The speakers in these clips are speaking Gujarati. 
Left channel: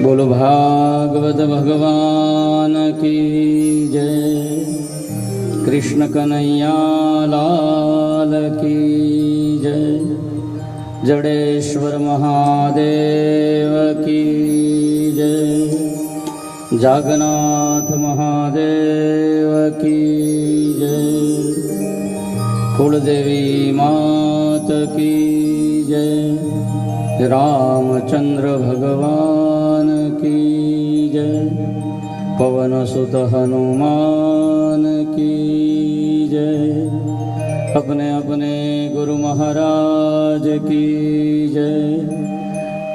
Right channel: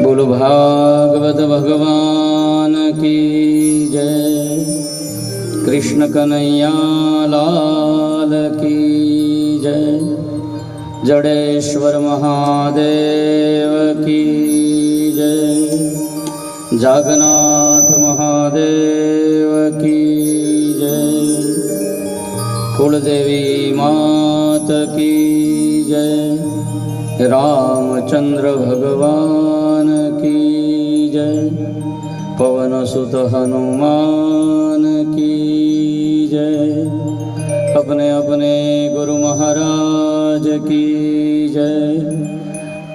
बोलो भागवत भगवान की जय। कृष्ण कन्हैया लाल की जय। जडेश्वर महादेव की जय। जागन्नाथ महादेव की जय। कुलदेवी मात की जय। रामचंद्र भगवान की जय। पवन सुत हनुमान की जय। अपने अपने गुरु महाराज की जय।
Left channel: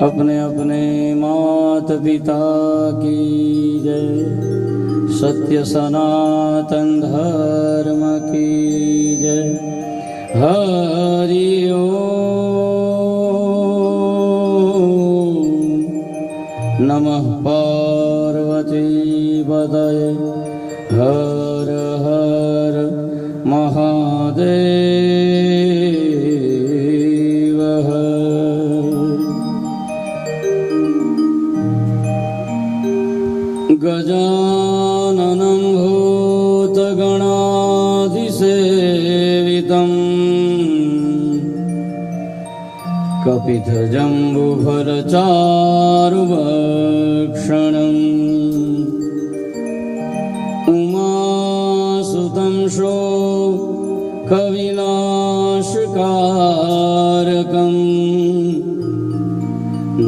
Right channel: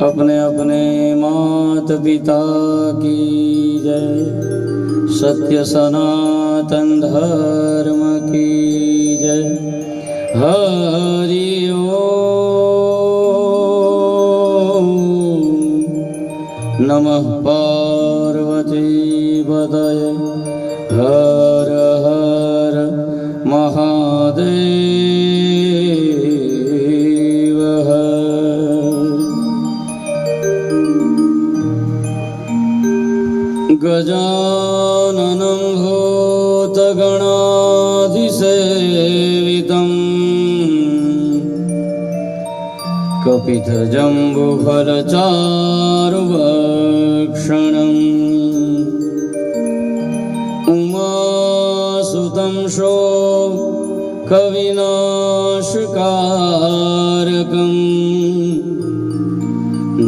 अपने अपने मात पिता की जय। सत्य सनातन धर्म की जय। हरि ओम नमः पार्वती पतये हर हर महादेव हर। गजाननं भूतगणाधिसेवितं कपितजम्बुफलचारुभक्षणम् उमासुतं शोकविनाशकारकम्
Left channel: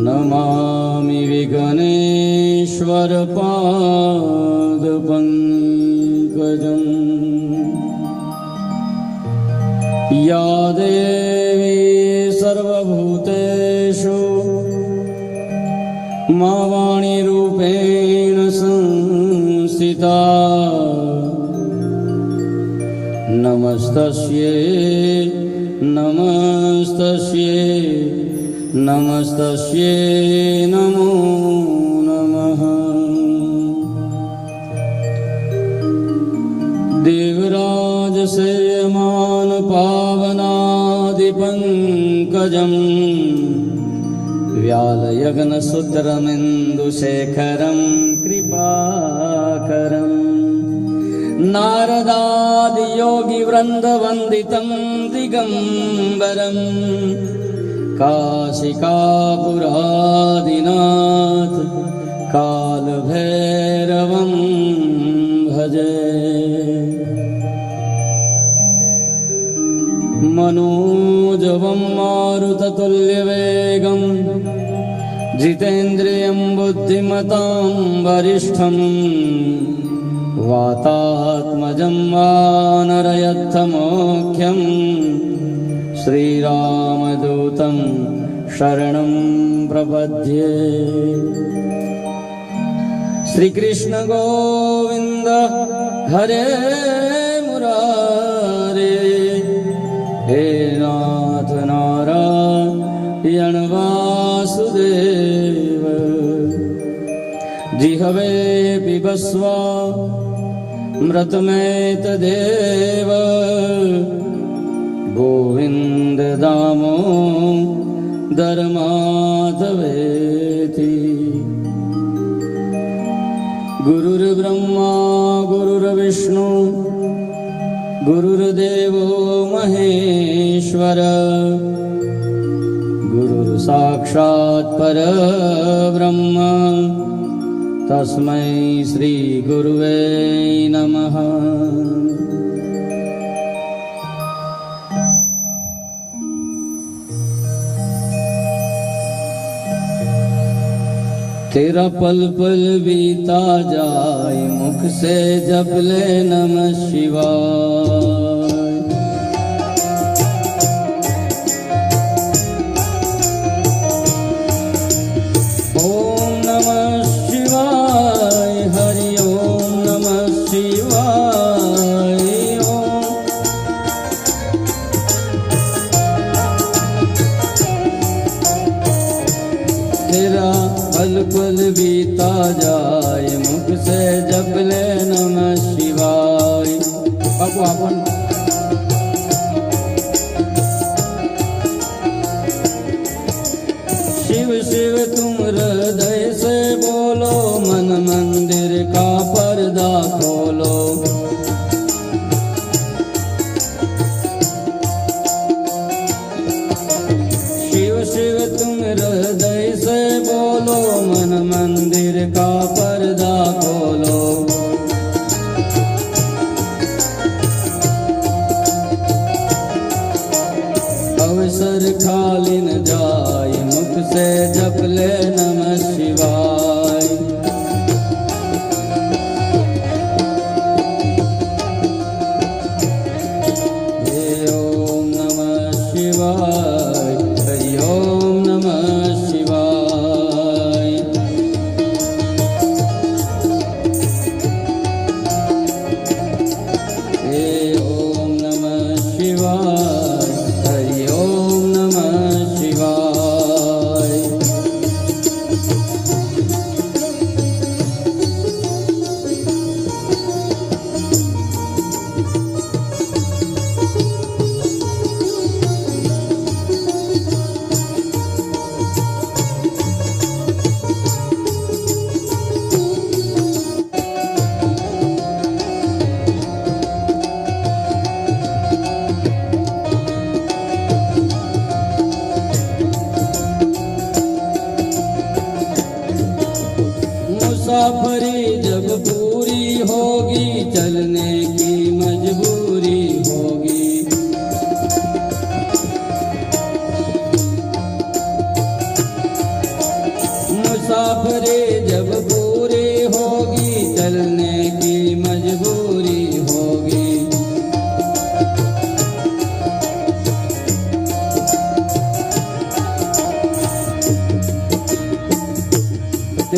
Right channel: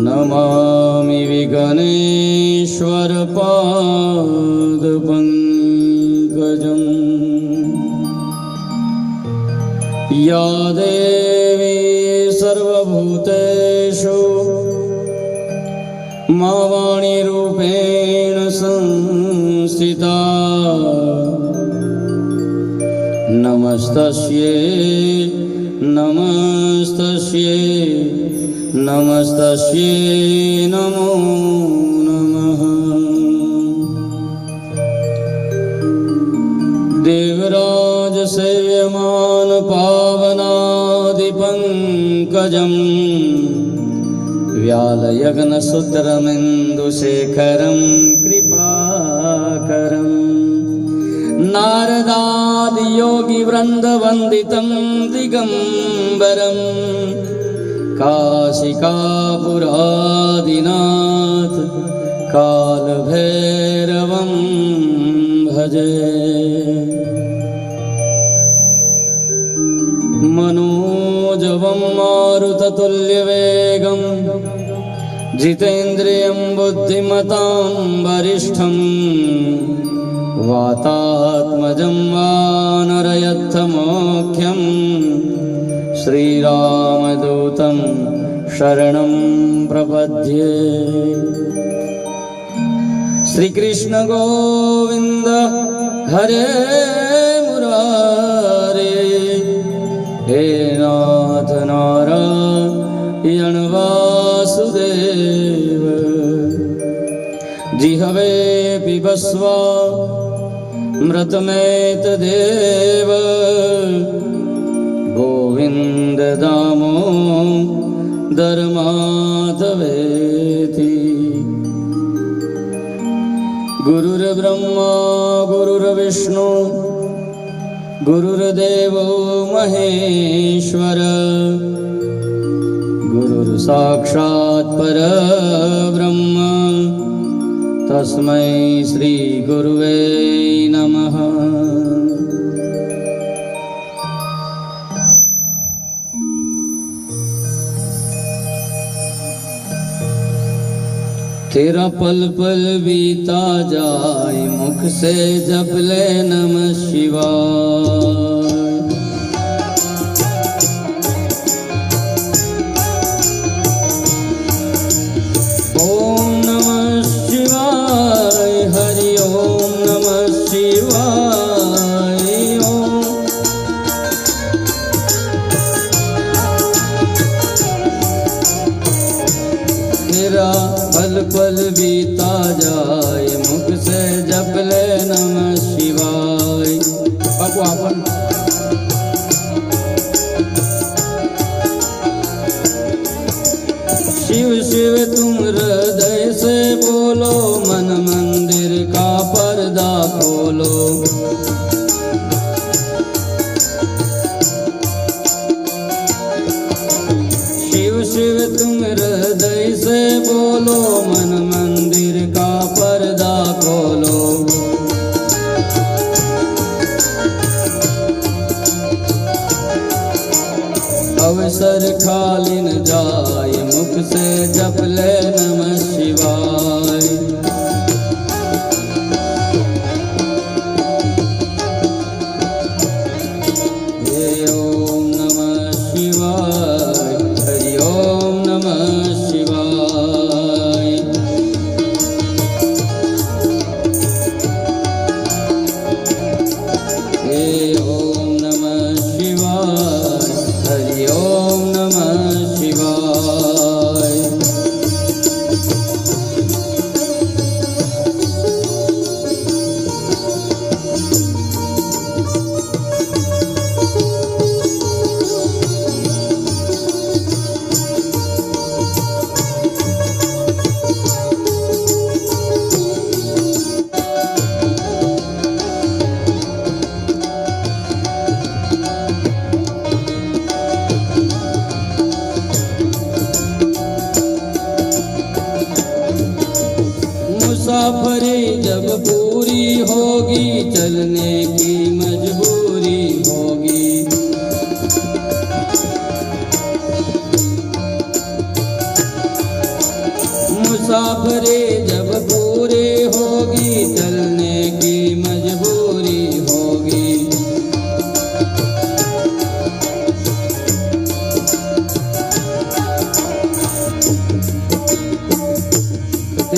नमामि विघ्नेश्वरपादपङ्कजम्। या देवी सर्वभूतेषु मा वाणीरूपेण संस्थिता नमस्तस्यै नमस्तस्यै नमस्तस्यै नमो नमः। देवराजसेव्यमान पावनादिपङ्कजम् व्यालयग्नसूत्रमिन्दुशेखरं कृपाकरम् नारदादियोगिवृन्दवन्दितं दिगम्बरम् काशिकापुरादिनाथ कालभैरवं भजे। मनोजवं मारुततुल्यवेगं जितेन्द्रियं बुद्धिमतां वरिष्ठं वातात्मजं वानरयत्तमोख्यं श्रीरामदूतं शरणं प्रपद्ये। श्रीकृष्ण गोविंद हरे मुरारे हे नाथ नारायण वासुदेव। जिह्वे पिबस्व मृतमेतदेव गोविंद दामोदर माधवेति। गुरुर्ब्रह्मा गुरुर्विष्णु गुरुर्देवो महेश्वर गुरुर्साक्षात् परब्रह्म तस्मै श्री गुरुवे नमः। तेरा पल पल बीता जाए मुख से जप ले नमः शिवाय। ओम नमः शिवाय हरि ओम नमः शिवाय। ओम तेरा पल पल बीता जाए मुख से जप ले नमः शिवाय। बापू आपण शिव शिव तुम हृदय से बोलो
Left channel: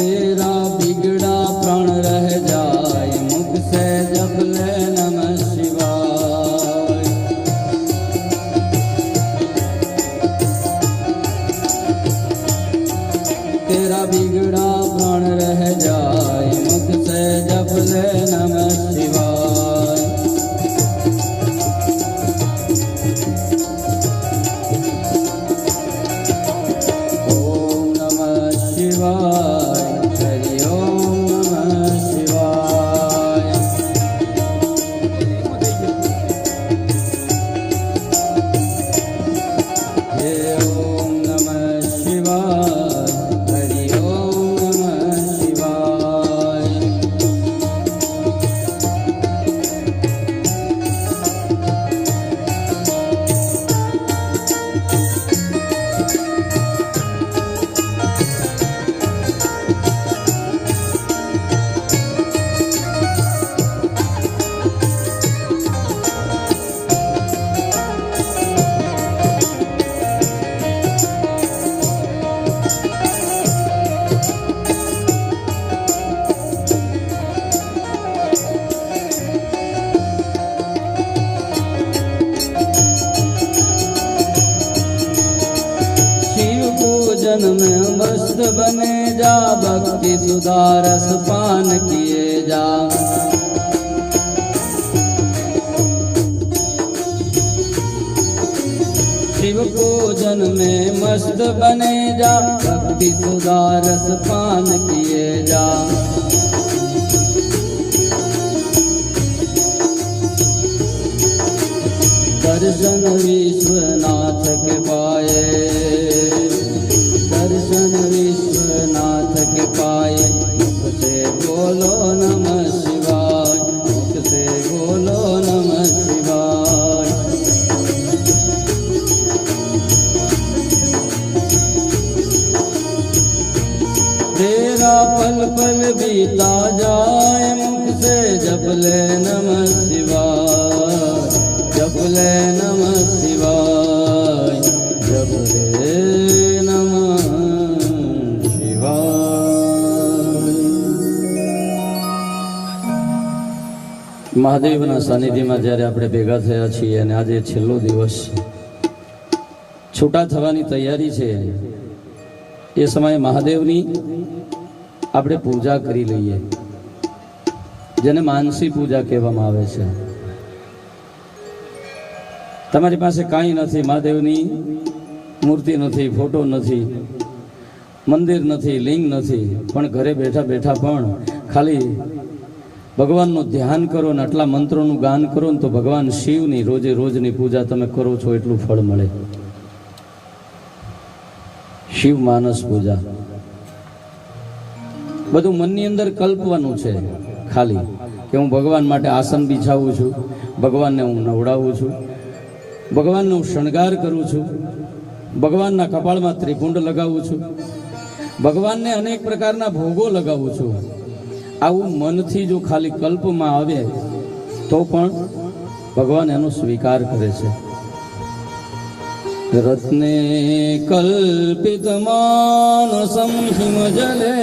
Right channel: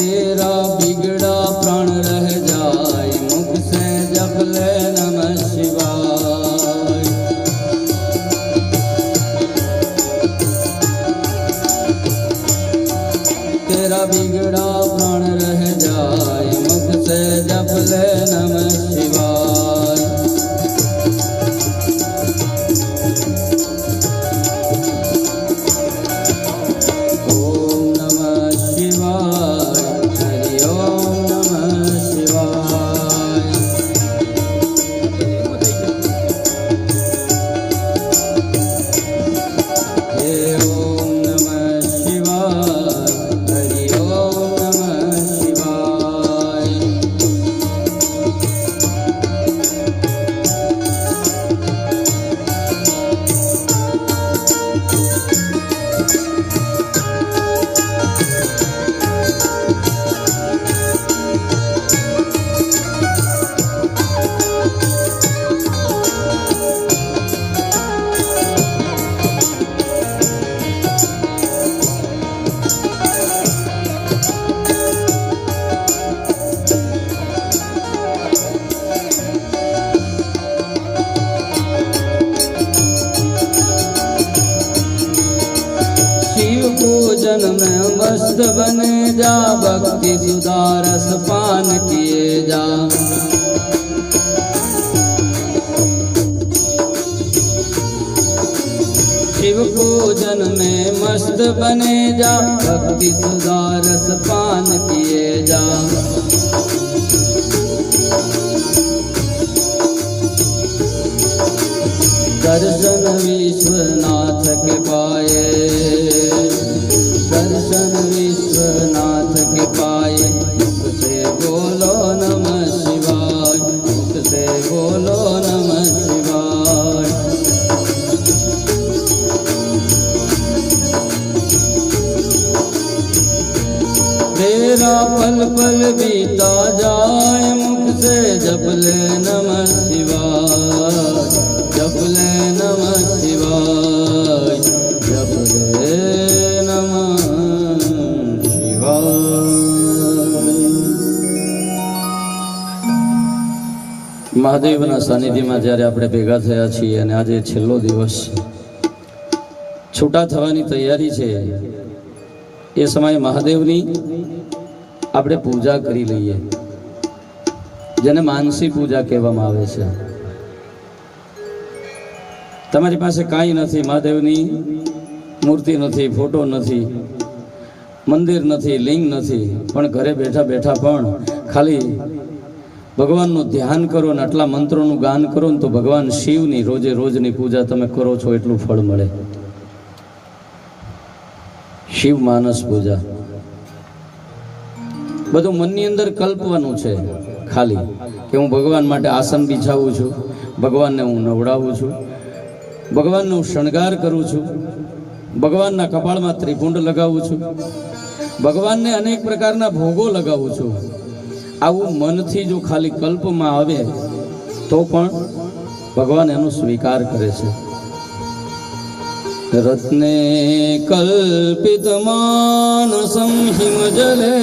तेरा बिगड़ा प्राण रह जाए मुख से जप ले नमः शिवाय। तेरा बिगड़ा प्राण रह जाए मुख से जप ले नमः शिवाय। ओम नमः शिवाय, हरि ओम नमः शिवाय। हे ओम नमः शिवाय, हरि ओम नमः शिवाय। शिव पूजन में मस्त बने जा भक्ति सुधारस पान किए जा। शिव पूजन में मस्त बने जा भक्ति सुधारस पान किए जा। दर्शन विश्वनाथ के पाए, दर्शन विश्वनाथ के पाए मुख से बोलो नमः शिवाय, मुख से बोलो नमः शिवाय। तेरा पल पल बीता जाए मुख से जप ले नमः शिवाय, जप ले नमः शिवाय, जप ले नमः शिवाय। મહાદેવના સાનિધ્યમાં જ્યારે આપણે ભેગા થયા છીએ અને આજે છેલ્લો દિવસ છૂટા થવાની તૈયારી છે, એ સમયે મહાદેવની આપણે પૂજા કરી લઈએ, જેને માનસી પૂજા કહેવામાં આવે છે। તમારી પાસે કાંઈ નથી, મહાદેવની મૂર્તિ નથી, ફોટો નથી, મંદિર નથી, લિંગ નથી, પણ ઘરે બેઠા બેઠા પણ ખાલી ભગવાનનું ધ્યાન કરો ને આટલા મંત્રોનું ગાન કરો ને તો ભગવાન શિવની રોજે રોજની પૂજા તમે કરો છો એટલું ફળ મળે। શિવ માનસ પૂજા બધું મનની અંદર કલ્પવાનું છે, ખાલી કે હું ભગવાન માટે આસન બિછાવું છું, ભગવાનને હું નવડાવું છું, ભગવાનનો શણગાર કરું છું, ભગવાનના કપાળમાં ત્રિપુંડ લગાવું છું, ભગવાનને અનેક પ્રકારના ભોગો લગાવું છું। આવું મનથી જો ખાલી કલ્પમાં આવે તો પણ ભગવાન એનો સ્વીકાર કરે છે। રત્ને કલ્પિત માનસં હિમજલે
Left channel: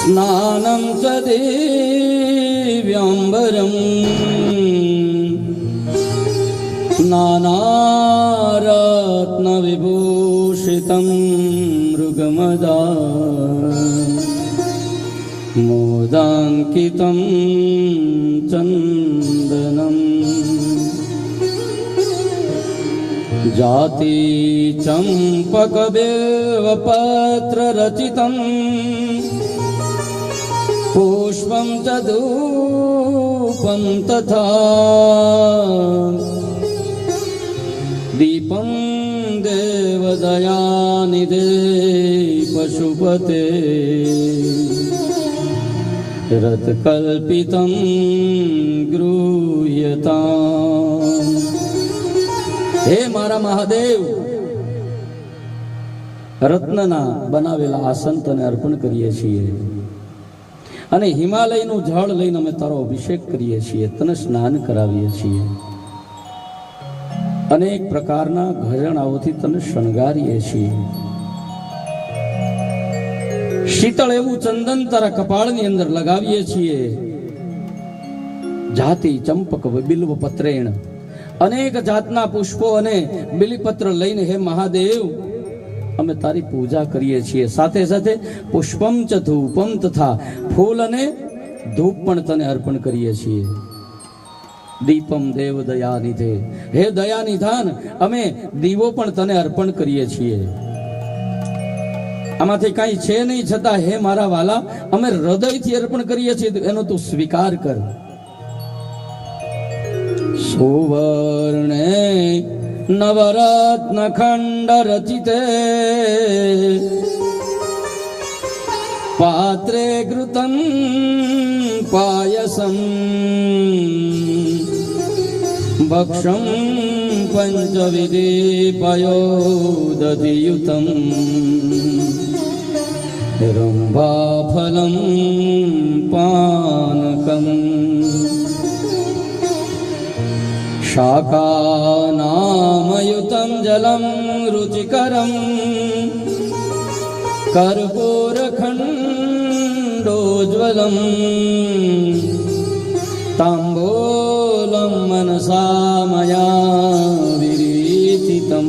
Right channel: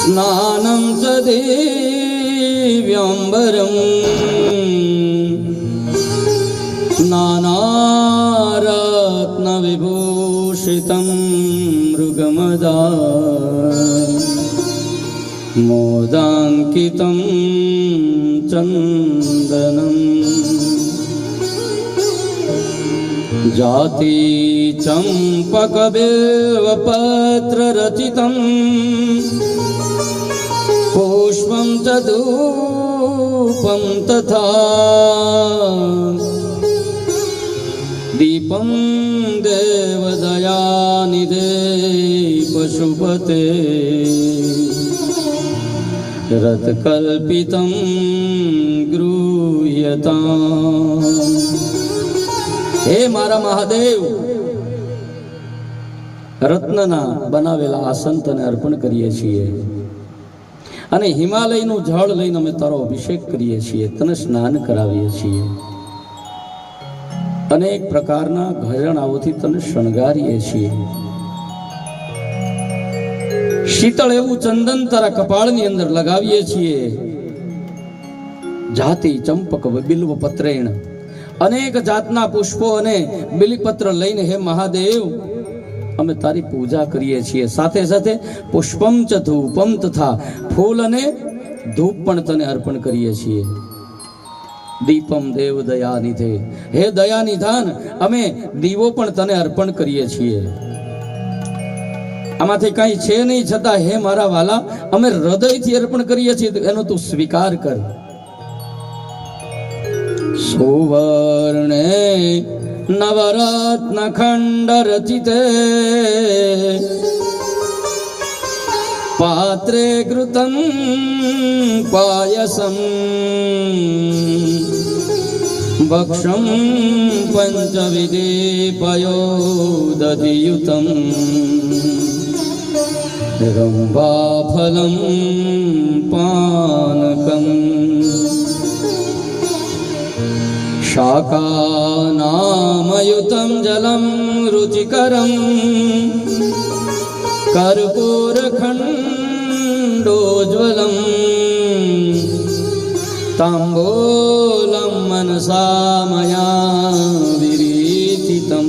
સ્નાનં ચ દિવ્યાંબરં નાનારત્ન વિભૂષિतं મૃગમદા મોદાંકિतं ચંદનં જાતિ ચંપક બિલ્વપત્ર રચિतं પુષ્પં ચ ધૂપં તથા દીપં દેવદયાનિધે પશુપતે રથકલ્પિतं ગૃહ્યતામ। હે મારા મહાદેવ, રત્નના બનાવેલા આસન તને અર્પણ કરીએ છીએ અને હિમાલયનું જળ લઈને અમે તારો અભિષેક કરીએ છીએ, તને સ્નાન કરાવીએ છીએ, અનેક પ્રકારના ઘરેણાઓથી તને શણગારીએ છીએ। શીતળ એવું ચંદન તારા કપાળની અંદર લગાવીએ છીએ. જાતિ ચંપક બિલ્વ પત્રેણ, અનેક જાતના પુષ્પો અને બિલીપત્ર લઈને હે મહાદેવ અમે તારી પૂજા કરીએ છીએ. સાથે સાથે પુષ્પમ ચ ધૂપમ તથા ફૂલ અને ધૂપ પણ તને અર્પણ કરીએ છીએ. દીપમ દેવ દયા નિધે, હે દયા નિધાન અમે દીવો પણ તને અર્પણ કરીએ છીએ. આમાંથી કઈ છે નહીં, છતાં હે મારા વાલા અમે હૃદયથી અર્પણ કરીએ છીએ, એનો તું સ્વીકાર કર. સુવર્ણે નવરત્ન ખંડ રચિતે પાત્રે ઘૃતં પાયસમ ભક્ષમ પંચવિધિ પયોદધિયુતમ રંભાફલમ પાનકમ શાકાનામયુતમ જલમ રુચિકરમ કર્પૂરખંડોજ્વલમ તાંબૂલમ મનસા મયા વિરીચિતમ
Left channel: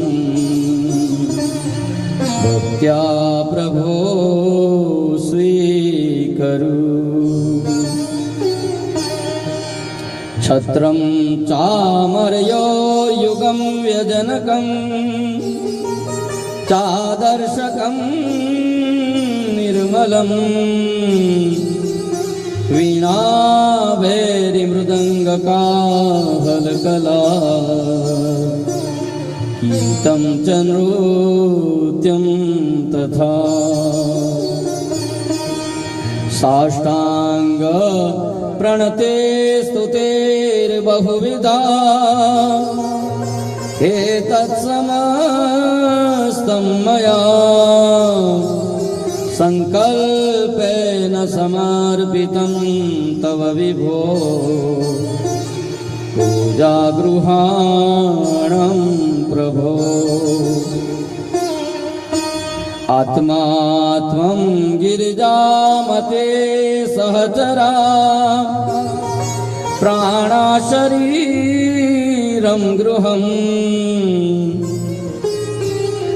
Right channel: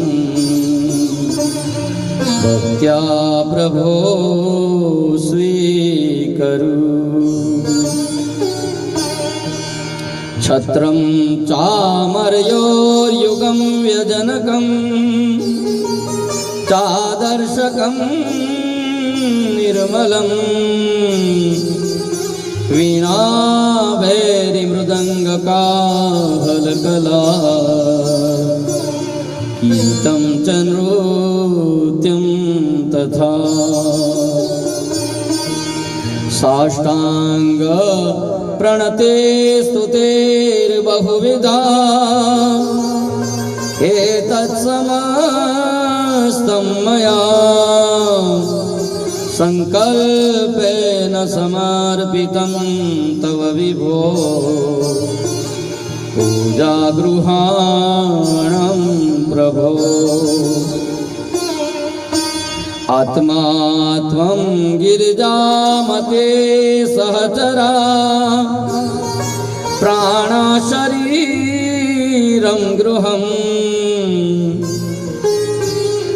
ભક્ત્યા પ્રભો સ્વીકરુ. છત્રમ ચામરયોર્યુગમ વ્યજનકમ ચાદર્શકમ નિર્મલમ વીણા ભૈરી મૃદંગ કાહલ કલા ગીતમ ચ નૃત્યમ તથા સાષ્ટાંગ પ્રણતે સ્તુતેર બહુવિધા એતત્સમસ્તં મયા સંકલ્પેન સમર્પિતં તવ વિભો પૂજા ગૃહાણં પ્રભો. આત્મા ત્વં ગિરિજામતે સહચરા પ્રાણા શરીરં ગૃહં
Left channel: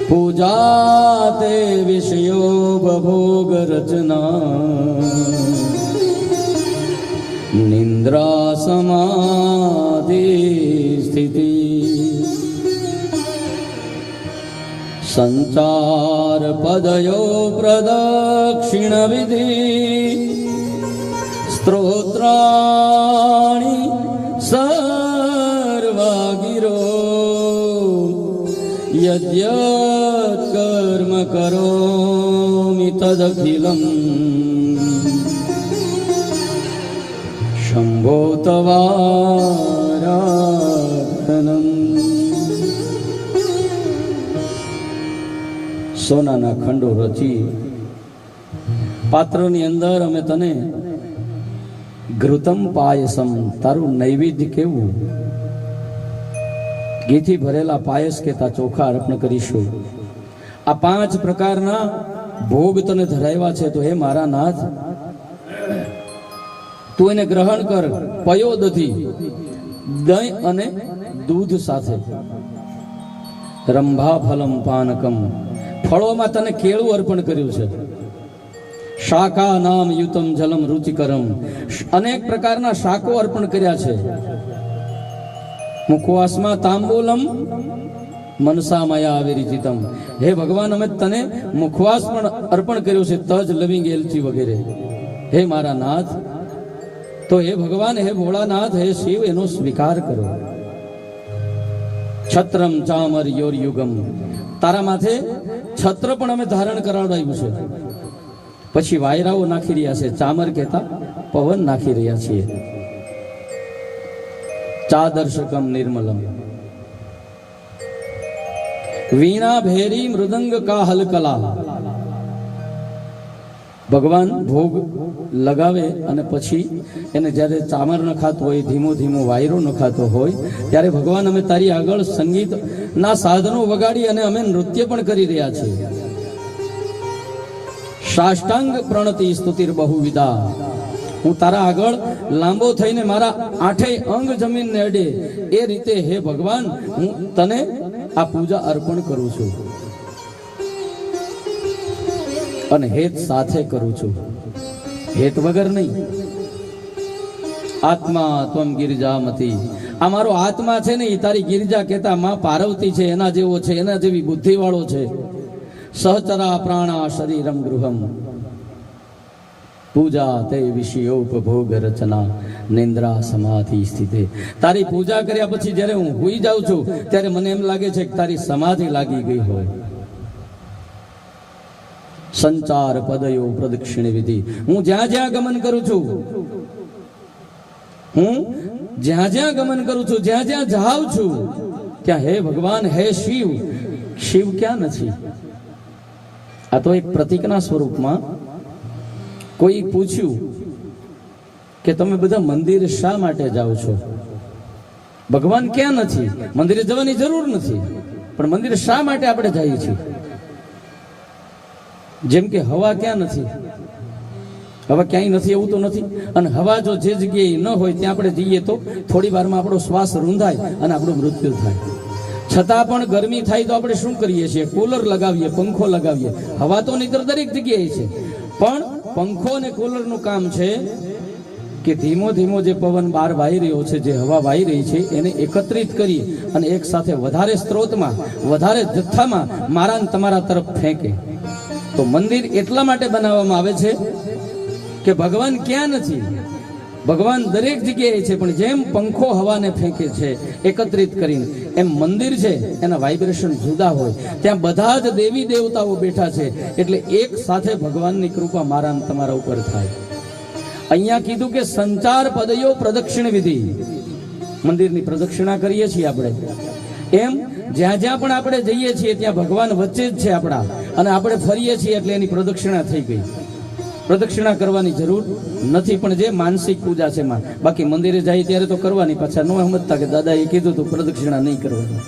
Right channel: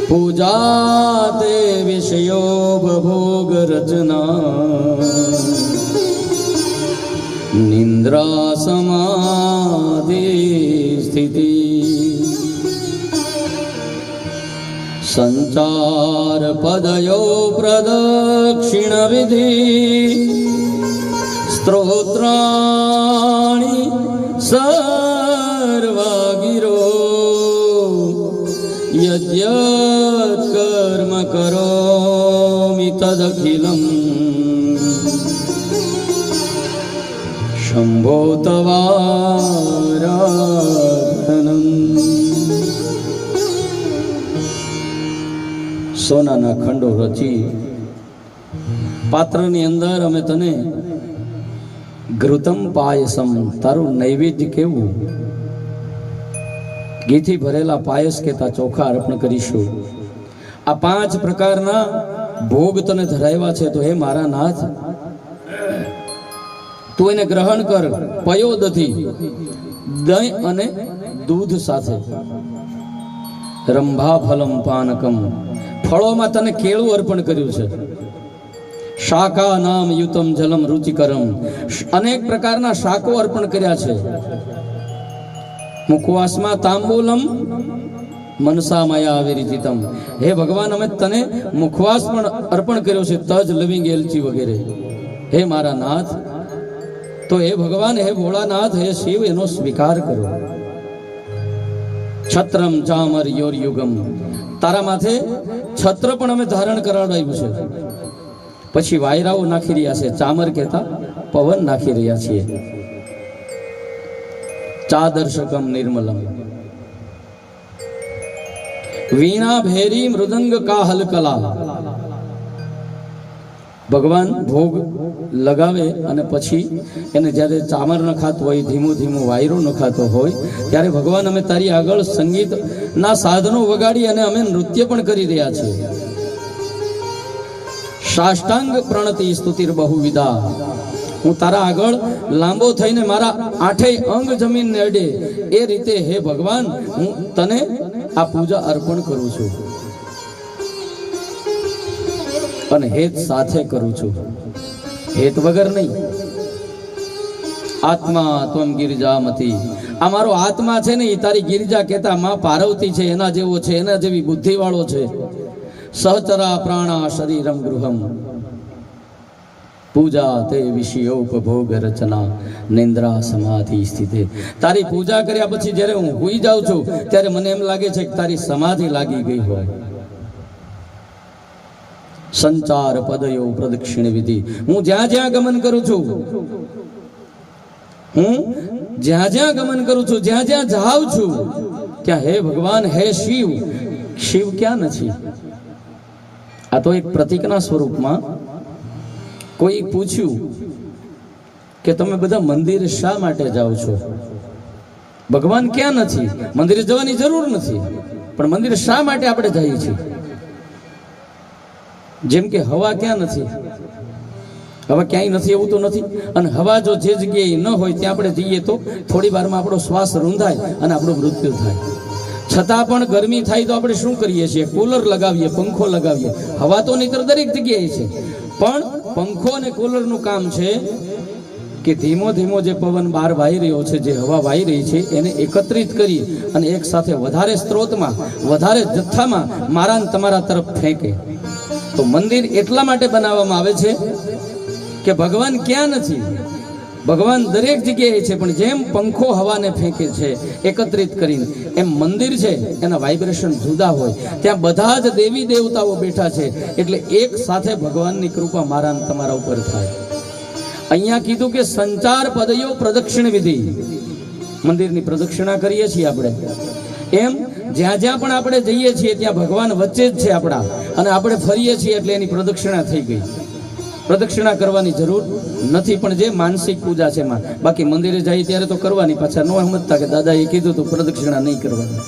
પૂજા તે વિષયો બભોગ રચના નિંદ્રા સમાધિ સ્થિતિ સંચાર પદયો પ્રદક્ષિણ વિધિ સ્ત્રોત્રાણિ સર્વાગિરો યદ્યત કર્મ કરોમિ તદખિલં શંભો તવારાધનમ. સોનાના ખંડો રચી પાત્રની અંદર અમે તને ઘૃતમ પાયસમ, તારું નૈવેદ્ય કેવું, ઘીથી ભરેલા પાયસ કેતા ચોખા અર્પણ કરીશું. આ 5 પ્રકારના ભોગ તને ધરાવ્યા છે, તો હે મારા નાથ તું એને ગ્રહણ કર. પયોદથી દહીં અને દૂધ સાથે. રંભા ફલમ પાનકમ, ફળોમાં તને કેળું અર્પણ કર્યું છે. શાકા નામ યુતમ જલમ રુચિકરમ, અનેક પ્રકારના શાકો અર્પણ કર્યા છે. મુખવાસમાં તાંબૂલમ મનસા માયા વિરીચિતમ, હે ભગવાન અમે તને મુખવાસ પણ અર્પણ કર્યો છે, તજ લવિંગ એલચી વગેરે. હે મારા નાથ, તો હે ભગવાન, હે ભોળાનાથ, હે શિવ, એનો સ્વીકાર કરો. છત્રમ ચામર યોર યુગમ, તારા માથે છત્ર પણ અમે ધારણ કરાવડાવ્યું છે. પછી વાયરાઓ નાખી રહ્યા છે, ચામર કહેતા પવન નાખી રહ્યા છીએ. ચાદર્શકમ નિર્મલમ વીણા ભેરી મૃદંગ કાહલ કલા. ભગવાન ભોગ લગાવે અને પછી એને જ્યારે ચામર નખાતો હોય, ધીમો ધીમો વાયરો નખાતો હોય, ત્યારે ભગવાન અમે તારી આગળ સંગીતના સાધનો વગાડી અને અમે નૃત્ય પણ કરી રહ્યા છીએ. સાષ્ટાંગ પ્રણતિ સ્તુતિર બહુવિધા. હું તારા આગળ લાંબો થઈને મારા આઠેય અંગ જમીનને અડે એ રીતે હે ભગવાન હું તને આ પૂજા અર્પણ કરું છું અને હેત સાથે કરું છું, હેત વગર નહીં. આત્મા ત્વમ ગિરિજામતી. આ મારો આત્મા છે ને એ તારી ગિરિજા કહેતા માં પાર્વતી છે, એના જેવો છે, એના જેવી બુદ્ધિ વાળો છે. સહચરા પ્રાણા શરીરમ ગૃહમ પૂજા તે વિષયોપભોગ રચના નિંદ્રા સમાધિ સ્થિતે. તારી પૂજા કર્યા પછી જ્યારે હું હુઈ જાઉં છું ત્યારે મને એમ લાગે છે કે તારી સમાધિ લાગી ગઈ હોય. સંચાર પદયો પ્રદક્ષિણ વિધિ. હું જ્યાં જ્યાં ગમન કરું છું, હું જ્યાં જ્યાં ગમન કરું છું, જ્યાં જ્યાં જાઉં છું ત્યાં હે ભગવાન, હે શિવ. શિવ ક્યાં નથી? આ તો એક પ્રતીકના સ્વરૂપમાં. કોઈ પૂછ્યું કે તમે બધા મંદિર શા માટે જાઓ છો? ભગવાન ક્યાં નથી? મંદિરે જવાની જરૂર નથી, પણ મંદિર શા માટે આપણે જઈએ છીએ? જેમ કે હવા ક્યાં નથી? હવા ક્યાંય નથી એવું તો નથી. અને હવા જો જે જગ્યાએ ન હોય ત્યાં આપણે જઈએ તો થોડી વારમાં આપણો શ્વાસ રૂંધાય અને આપણું મૃત્યુ થાય. છતાં પણ ગરમી થાય તો આપણે શું કરીએ છીએ? કુલર લગાવીએ, પંખો લગાવીએ. હવા તો નહીતર દરેક જગ્યાએ છે, પણ પંખો અને કુલરનું કામ છે કે ધીમો ધીમો જે પવન બહાર વાઈ રહ્યો છે, જે હવા વાઈ રહી છે, એને એકત્રિત કરી અને એક સાથે વધારે સ્ત્રોતમાં, વધારે જથ્થામાં મારા તમારા તરફ ફેંકે. તો મંદિર એટલા માટે બનાવવામાં આવે છે કે ભગવાન ક્યાં નથી? ભગવાન દરેક જગ્યાએ છે, પણ જેમ પંખો હવાને ફેંકે છે એકત્રિત કરીને, એમ મંદિર છે એના વાઇબ્રેશન જુદા હોય. ત્યાં બધા જ દેવી દેવતાઓ બેઠા છે, એટલે એક સાથે ભગવાનની કૃપા મારા અને તમારા ઉપર થાય. અહીંયા કીધું કે સંચાર પદયો પ્રદક્ષિણ વિધિ. મંદિરની પ્રદક્ષિણા કરીએ છીએ આપણે, એમ જ્યાં જ્યાં પણ આપણે જઈએ છીએ ત્યાં ભગવાન વચ્ચે જ છે આપણા, અને આપણે ફરીએ છીએ એટલે એની પ્રદક્ષિણા થઈ ગઈ. પ્રદક્ષિણા કરવાની જરૂર નથી, પણ જે માનસિક પૂજા છે એમાં. બાકી મંદિરે જાય ત્યારે તો કરવાની, પાછા ન સમજતા કે દાદાએ કીધું તો પ્રદક્ષિણા નહીં કરવાની.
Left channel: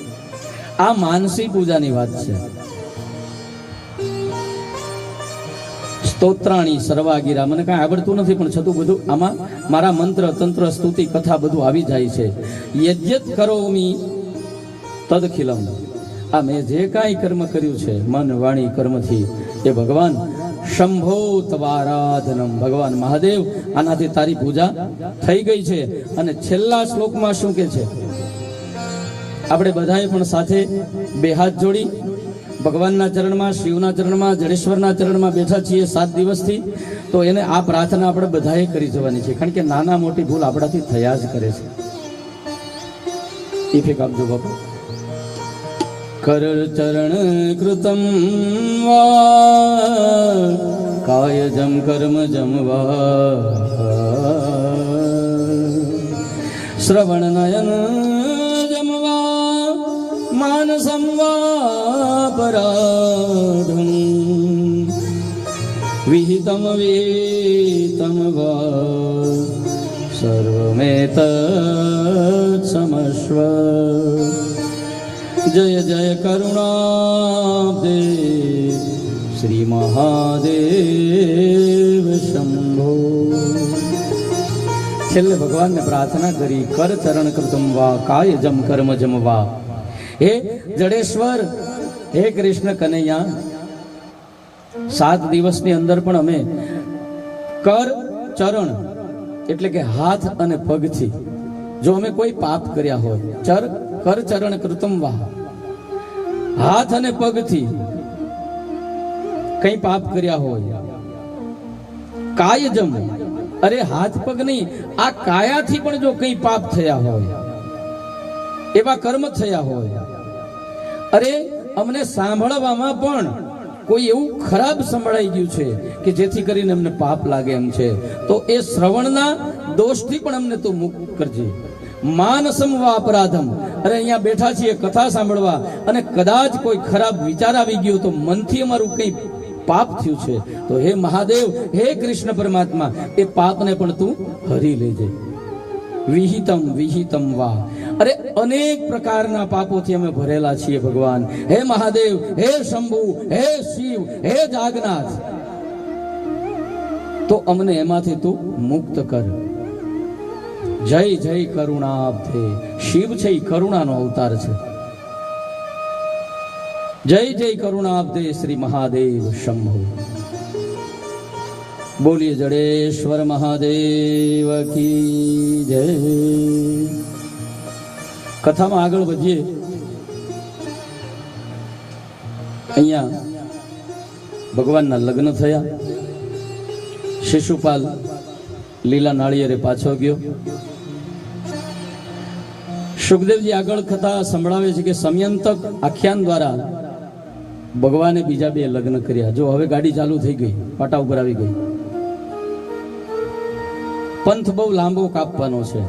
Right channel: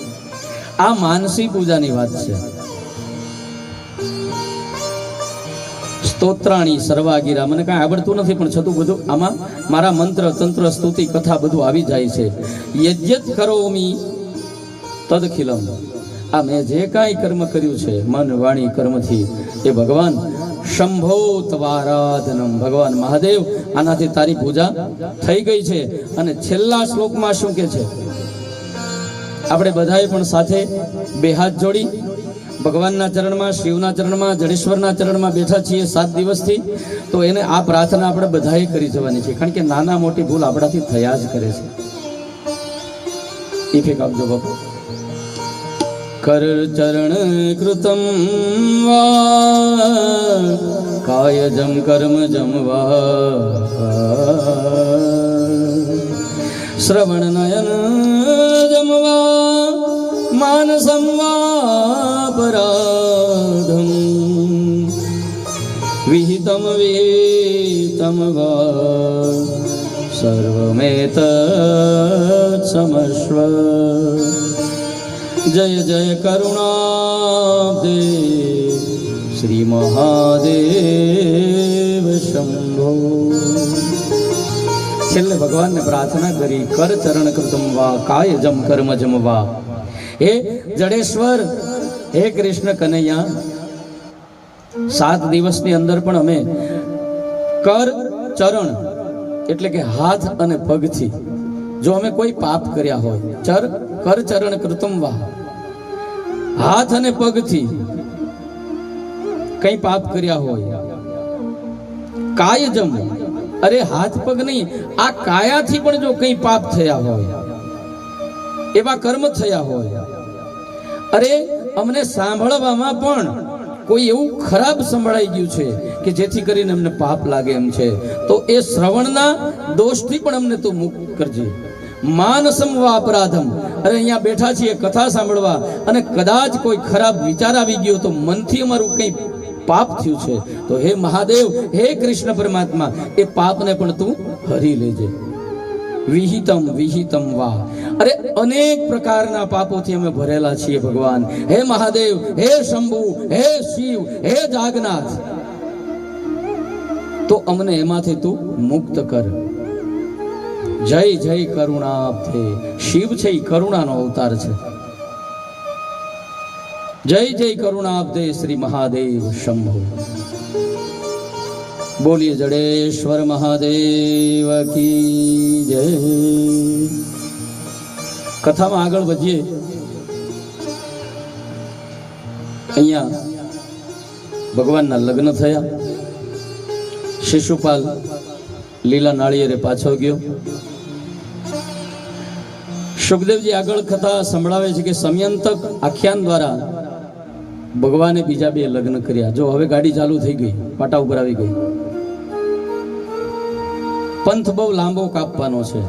આ માનસિક પૂજાની વાત છે. સ્તોત્રાણી સર્વાગીરા. મને કાંઈ આવડતું નથી, પણ છતું બધું આમાં મારા મંત્ર તંત્ર સ્તુતિ કથા બધું આવી જાય છે. યજ્ઞ કરોમી તદખિલમ. આ મેં જે કાંઈ કર્મ કર્યું છે મન વાણી કર્મથી, એ ભગવાન શંભો તવારાધનમ. ભગવાન મહાદેવ આનાથી તારી પૂજા થઈ ગઈ છે. અને છેલ્લા શ્લોકમાં શું કે છે? આપણે બધાએ પણ સાથે બે હાથ જોડી ભગવાનના ચરણમાં, શિવના ચરણમાં, જડેશ્વરના ચરણમાં બેઠા છીએ 7 દિવસથી. તો એને આ પ્રાર્થના આપણે બધાએ કરી જવાની છે, કારણ કે નાના મોટી ભૂલ આપણાથી થયા જ કરે છે. ઇફેક આપજો બાપુ. કર ચરણ કૃતમ વા કાયજમ કર્મજમ વા શ્રવણ નયન જમવા માનસમ વા પરાધમ વિહિતમ વેતમ વા સર્વમેત સમસ્વ. જય જય કરુણાબ્દે શ્રી મહાદેવ શંભો. છેલ્લે ભગવાનને પ્રાર્થના કરી, કર ચરણ કૃતમ વા કાય જમ કર્મ જમ વા. હે જડેશ્વર, હે કૃષ્ણ કનૈયા, 7 દિવસની અંદર પણ અમે કર ચરણ એટલે કે હાથ અને પગથી જો અમે કોઈ પાપ કર્યા હોય, કર ચરણ કૃતમ વા, હાથ અને પગથી કઈ પાપ કર્યા હોય, કાયજમ, અરે હાથ પગ નહીં, આ કાયાથી પણ જો કઈ પાપ થયા હોય, એવા કર્મ થયા હોય, અરે અમને સાંભળવામાં પણ કોઈ એવું ખરાબ સંભળાઈ ગયું છે કે જેથી કરીને અમને પાપ લાગે એમ છે, તો એ શ્રવણના દોષથી પણ અમને તું મુક્ત કરજે. માનસમ વા અપરાધમ, અરે અહીંયા બેઠા છીએ કથા સાંભળવા અને કદાચ કોઈ ખરાબ વિચાર આવી ગયો તો મનથી અમારું કઈ પાપ થયું છે, તો હે મહાદેવ, હે કૃષ્ણ પરમાત્મા, એ પાપને પણ તું હરી લેજે. વિહિતમ વિહિતમ વા, અરે અનેક પ્રકારના પાપોથી અમે ભરેલા છીએ ભગવાન. હે મહાદેવ, હે શંભુ, હે શિવ, હે જાગનાથ, તો અમને એમાંથી તું મુક્ત કર. જય જય કરુણાબ્ધે. શિવ છે એ કરુણાનો અવતાર છે. જય જય કરુણાબ્ધે શ્રી મહાદેવ શંભો. બોલીએ જડેશ્વર મહાદેવ કી જય. કથામાં આગળ વધીએ. અહીંયા ભગવાનના લગ્ન થયા. શિશુપાલ લીલા નાળિયેરે પાછો ગયો. સુખદેવજી આગળ કથા સંભળાવે છે કે સમયંતક આખ્યાન દ્વારા ભગવાને બીજા બે લગ્ન કર્યા. જો હવે ગાડી ચાલુ થઈ ગઈ, પાટા ઉપર આવી ગઈ. પંથ બહુ લાંબો કાપવાનો છે.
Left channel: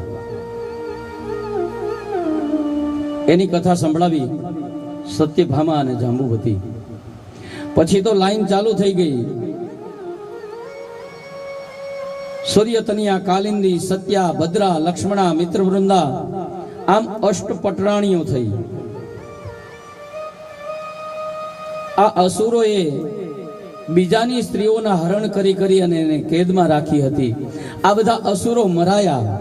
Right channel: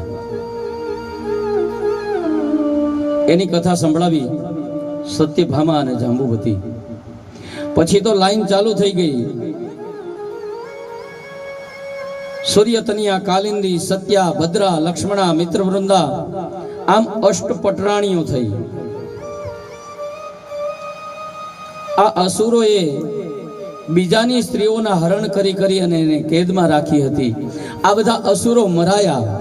એની કથા સંભળાવી સત્યભામા અને જાંબુવતી. પછી તો લાઈન ચાલુ થઈ ગઈ. સૂર્યતનિયા, કાલિંદી, સત્યા, ભદ્રા, લક્ષ્મણા, મિત્રવૃંદા, આમ અષ્ટપટરાણીઓ થઈ. આ અસુરોએ બીજાની સ્ત્રીઓના હરણ કરી કરી અને એને કેદમાં રાખી હતી. આ બધા અસુરો મરાયા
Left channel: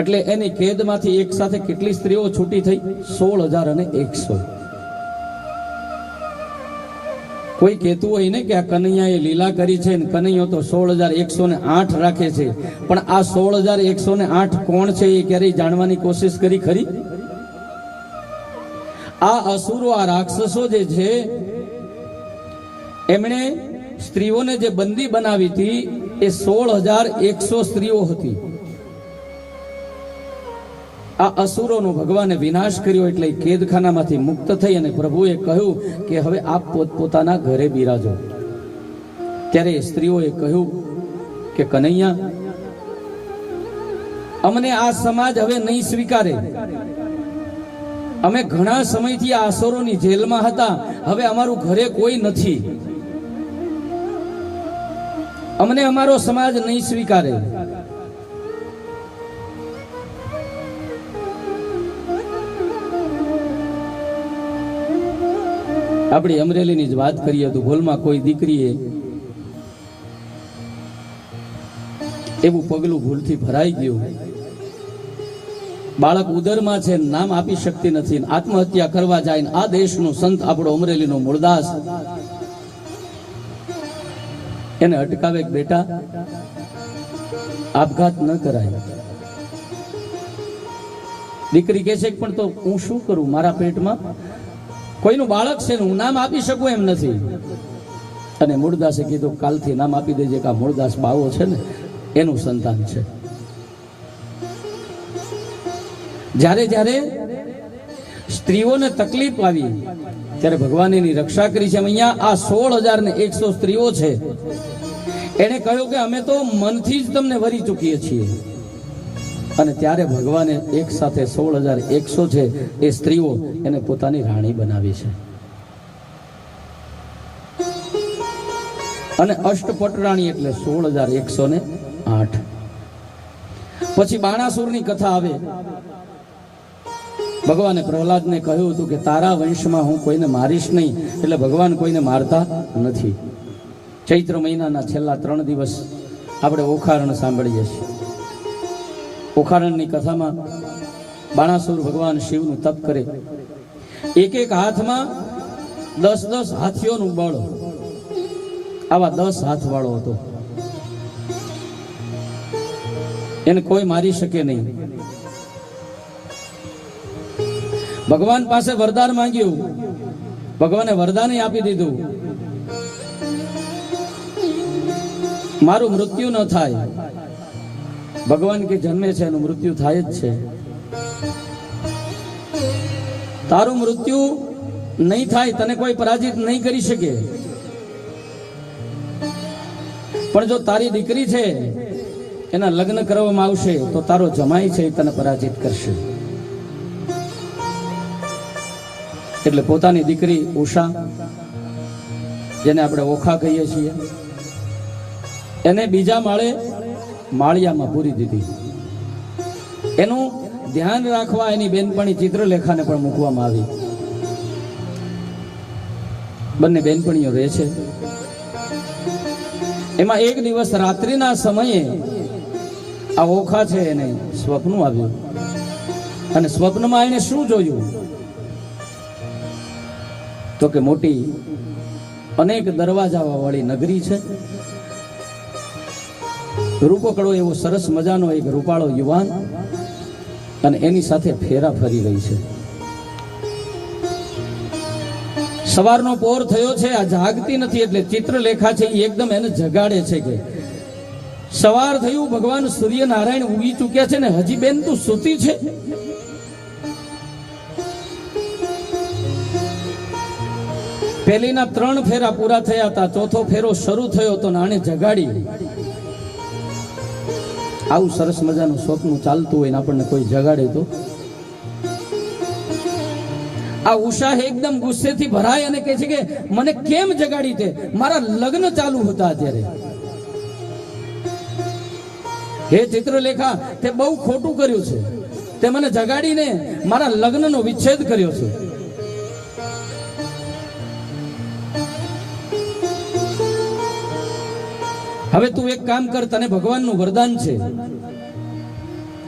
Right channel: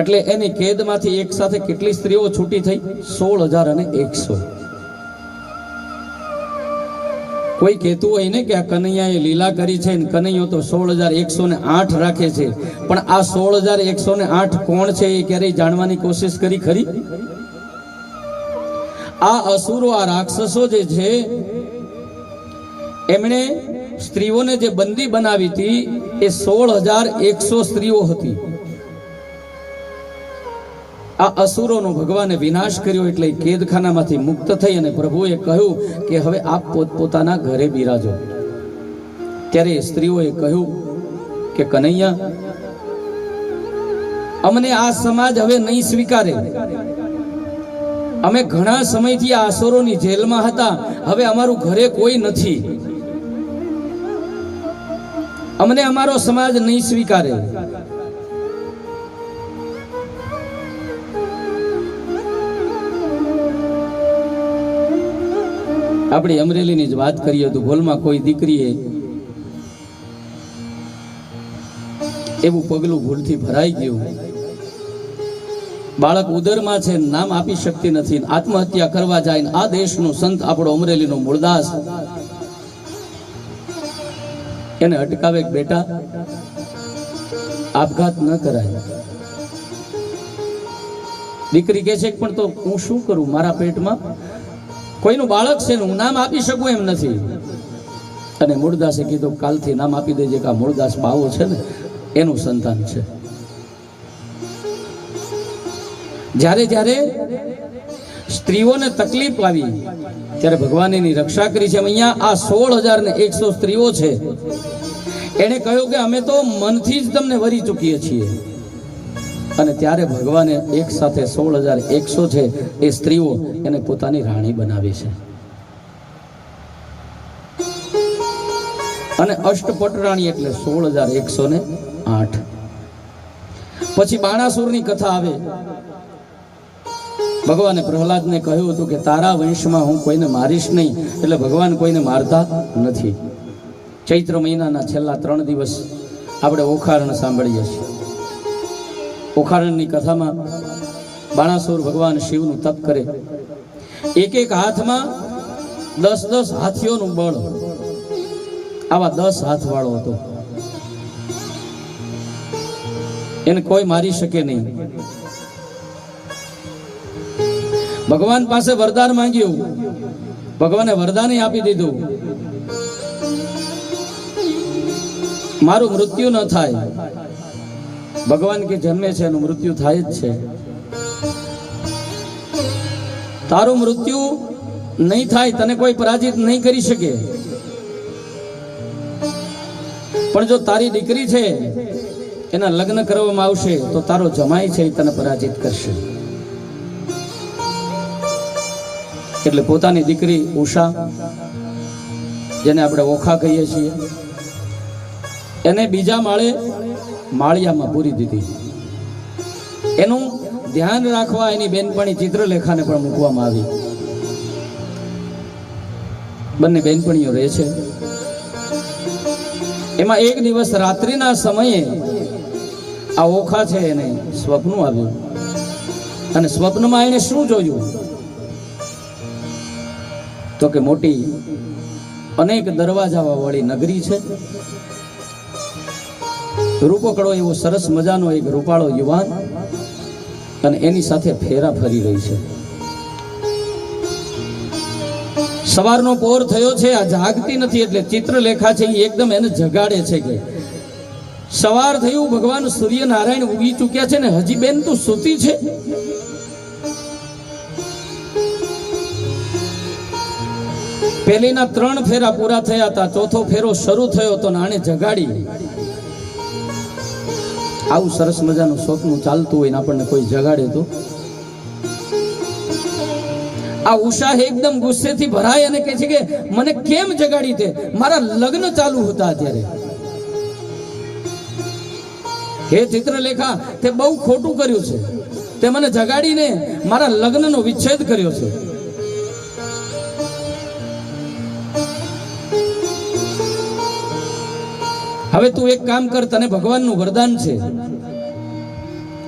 એટલે એની કેદમાંથી એક સાથે કેટલી સ્ત્રીઓ છૂટી થઈ? 16,100. કોઈ કહેતું હોય ને કે આ કનૈયાએ લીલા કરી છે ને કનૈયો તો 16,108 રાખે છે, પણ આ 16,108 કોણ છે એ ક્યારેય જાણવાની કોશિશ કરી ખરી? આ અસુરો, આ રાક્ષસો જે છે એમણે સ્ત્રીઓને જે બંદી બનાવી હતી એ 16,100 સ્ત્રીઓ હતી. આ અસુરોનો ભગવાને વિનાશ કર્યો એટલે કેદખાનામાંથી મુક્ત થઈ અને પ્રભુએ કહ્યું કે હવે આપ પોતપોતાના ઘરે બિરાજો. ત્યારે સ્ત્રીઓએ કહ્યું કે કનૈયા, અમને આ સમાજ હવે નહીં સ્વીકારે. અમે ઘણા સમયથી આ અસુરોની જેલમાં હતા, હવે અમારું ઘરે કોઈ નથી. અમને અમારો સમાજ નહીં સ્વીકારે. આપણી અમરેલીની જ વાત કરીએ તો ભૂલમાં કોઈ દીકરીએ એવું પગલું ભૂલથી ભરાઈ ગયું. બાળક ઉદરમાં છે, નામ આપી શકતી નથી, આત્મહત્યા કરવા જાય. આ દેશનો સંત આપણો અમરેલીનો મૂળદાસ એને અટકાવે, બેટા આપઘાત ન કરાય. દીકરી કહે છે પણ તો હું શું કરું, મારા પેટમાં કોઈનું બાળક છે ને હું નામ આપી શકું એમ નથી. અને મૂળદાસે કીધું કાલથી નામ આપી દેજે કે આ મૂળદાસ બાવો છે ને એનું સંતાન છે. જ્યારે જ્યારે સ્ત્રીઓને તકલીફ આવી ત્યારે ભગવાન એની રક્ષા કરી છે. અહીંયા આ 16,100 સ્ત્રીઓ છે. એને કહ્યું કે અમે તો મનથી જ તમને વરી ચૂકીએ છીએ. અને ત્યારે ભગવાને એક સાથે 16,100 છે એ સ્ત્રીઓ એને પોતાની રાણી બનાવી છે. અને અષ્ટપટરાણી એટલે 16,108. પછી બાણાસુરની કથા આવે. ભગવાને પ્રહલાદને કહ્યું હતું કે તારા વંશમાં હું કોઈને મારીશ નહીં. એટલે ભગવાન કોઈને મારતા નથી. ચૈત્ર મહિનાના છેલ્લા 3 દિવસ આપણે ઓખારણ સાંભળીએ છીએ. ઓખારણની કથામાં બાણાસુર ભગવાન શિવનું તપ કરે. એક એક હાથમાં 10 હાથીઓનું બળ. આવા 10 હાથ વાળો હતો. એને કોઈ મારી શકે નહીં. ભગવાન પાસે વરદાન માંગ્યું. ભગવાને વરદાન આપી દીધું, મારું મૃત્યુ ન થાય. ભગવાન કે જન્મે છે એનું મૃત્યુ થાય જ છે. તારું મૃત્યુ નહીં થાય, તને કોઈ પરાજિત નહીં કરી શકે. પણ જો તારી દીકરી છે એના લગ્ન કરવામાં આવશે તો તારો જમાઈ છે એ તને પરાજિત કરશે. એટલે પોતાની દીકરી ઉષા, જેને આપણે ઓખા કહીએ છીએ, એને બીજા માળે માળિયામાં પૂરી દીધી. એનું ધ્યાન રાખવા એની બેનપણી ચિત્રલેખાને પણ મૂકવામાં આવી. બંને બેનપણીઓ રહે છે. એમાં એક દિવસ રાત્રિના સમયે આ ઓખા છે એને સ્વપ્ન આવ્યું, અને સ્વપ્નમાં એને શું જોયું તો કે મોટી અનેક દરવાજા વાળી નગરી છે. રૂપકડો એવો સરસ મજાનો એક રૂપાળો યુવાન અને એની સાથે ફેરા ફરી રહી છે. સવારનો પહોર થયો છે, આ જાગતી નથી, એટલે ચિત્રલેખા છે એ એકદમ એને જગાડે છે કે સવાર થયું, ભગવાન સૂર્યનારાયણ ઉગી ચૂક્યા છે ને હજી બેન તું સૂતી છે? પહેલીના 3 ફેરા પૂરા થયા હતા, ચોથો ફેરો શરૂ થયો તો આને જગાડી. આવું સરસ મજાનું સ્વપ્ન ચાલતું હોય ને આપણને કોઈ જગાડે તો આ ઉષા એકદમ ગુસ્સેથી ભરાય અને કહે છે કે મને કેમ જગાડી તે? મારા લગ્ન ચાલુ હતા અત્યારે. હે ચિત્રલેખા, તે બહુ ખોટું કર્યું છે, તે મને જગાડીને મારા લગ્નનો વિચ્છેદ કર્યો છે. હવે તું એક કામ કર, તને ભગવાનનું વરદાન છે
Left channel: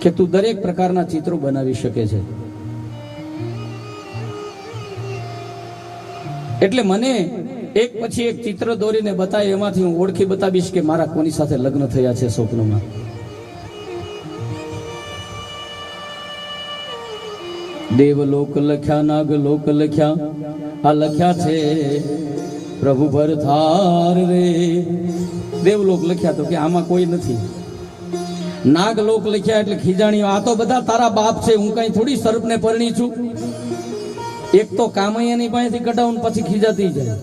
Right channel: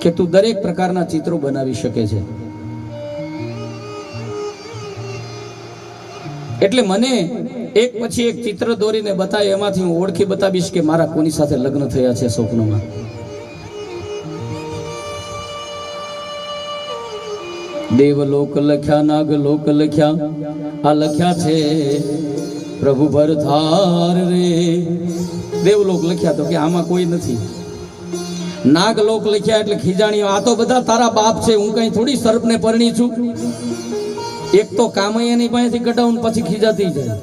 કે તું દરેક પ્રકારના ચિત્રો બનાવી શકે છે, એટલે મને એક પછી એક ચિત્ર દોરીને બતાય, એમાંથી હું ઓળખી બતાવીશ કે મારા કોની સાથે લગ્ન થયા છે સ્વપ્નમાં. દેવલોક લખ્યા, નાગલોક લખ્યા, આ લખ્યા છે પ્રભુ ભરથાર રે. દેવલોક લખ્યા તો કે આમાં કોઈ નથી. નાગલોક લખ્યા એટલે ખીજાણીઓ, આ તો બધા તારા બાપ છે, હું કઈ થોડી સર્પને પરણી છું. એક તો કામ એની પાસેથી કઢાવું પછી ખીજાતી જાય.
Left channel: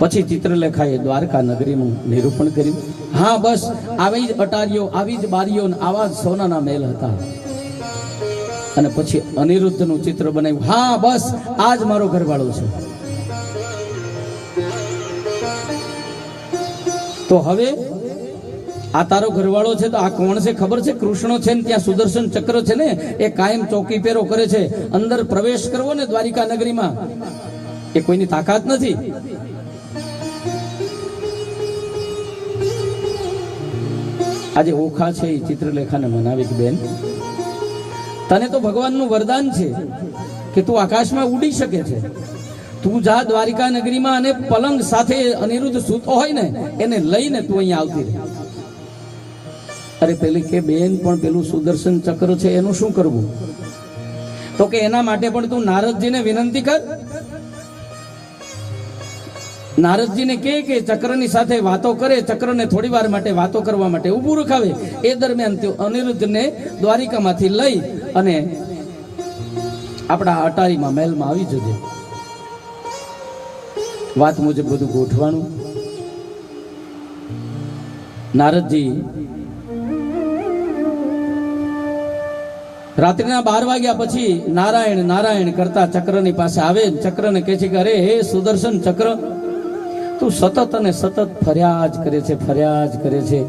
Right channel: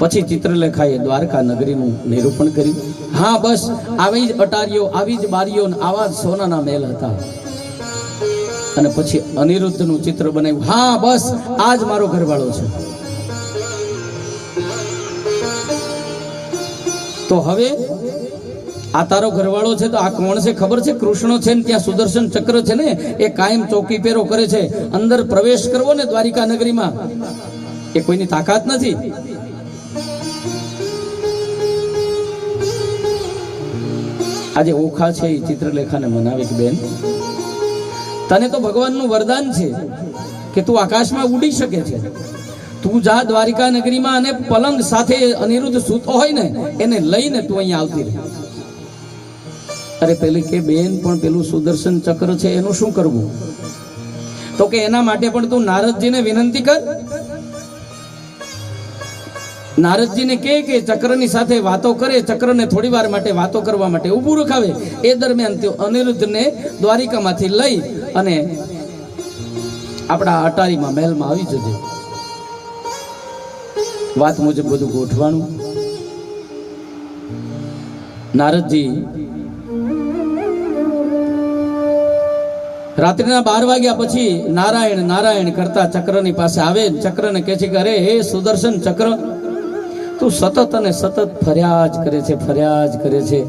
પછી ચિત્રલેખાએ દ્વારકા નગરીનું નિરૂપણ કર્યું. હા બસ આવી જ અટારીઓ, આવી જ બારીઓ, આવા જ સોનાના મહેલ હતા. અને પછી અનિરુદ્ધનું ચિત્ર બનાવ્યું. હા બસ આ જ મારો ઘરવાળો છે. તો હવે આ તારો ઘરવાળો છે તો આ કોણ છે ખબર છે? કૃષ્ણ છે ને ત્યાં સુદર્શન ચક્ર છે ને, એ કાયમ ચોકી પેરો કરે છે. અંદર પ્રવેશ કરવો ને દ્વારિકા નગરીમાં એ કોઈની તાકાત નથી. આજે ઓખા છે એ ચિત્રલેખાને મનાવે કે બેન, તને તો ભગવાનનું વરદાન છે કે તું આકાશમાં ઉડી શકે છે. તું જા દ્વારિકા નગરીમાં અને પલંગ સાથે અનિરુદ્ધ સૂતો હોય ને એને લઈને તું અહીંયા આવતી રહે. અરે પેલી કે બેન પણ પેલું સુદર્શન ચક્ર છે એનું શું કરવું? તો કે એના માટે પણ તું નારદજીને વિનંતી કર. નારદજીને કે ચક્રની સાથે વાતો કરે, ચક્રને થોડી વાર માટે વાતો કરવા માટે ઊભું રખાવે. એ દરમિયાન તે અનિરુદ્ધને દ્વારિકામાંથી લઈ અને આપણા અટારીમાં મહેલમાં આવી જજે. વાત મુજબ બધું ગોઠવાનું. નારદજી રાત્રિના 12 વાગ્યા પછી નારાયણ નારાયણ કરતા ચક્રની પાસે આવે. ચક્રને કહે છે કે અરે હે સુદર્શન ચક્ર, તું સતત અને સતત ફર્યા જ કરે છે, ફર્યા જ કરે છે.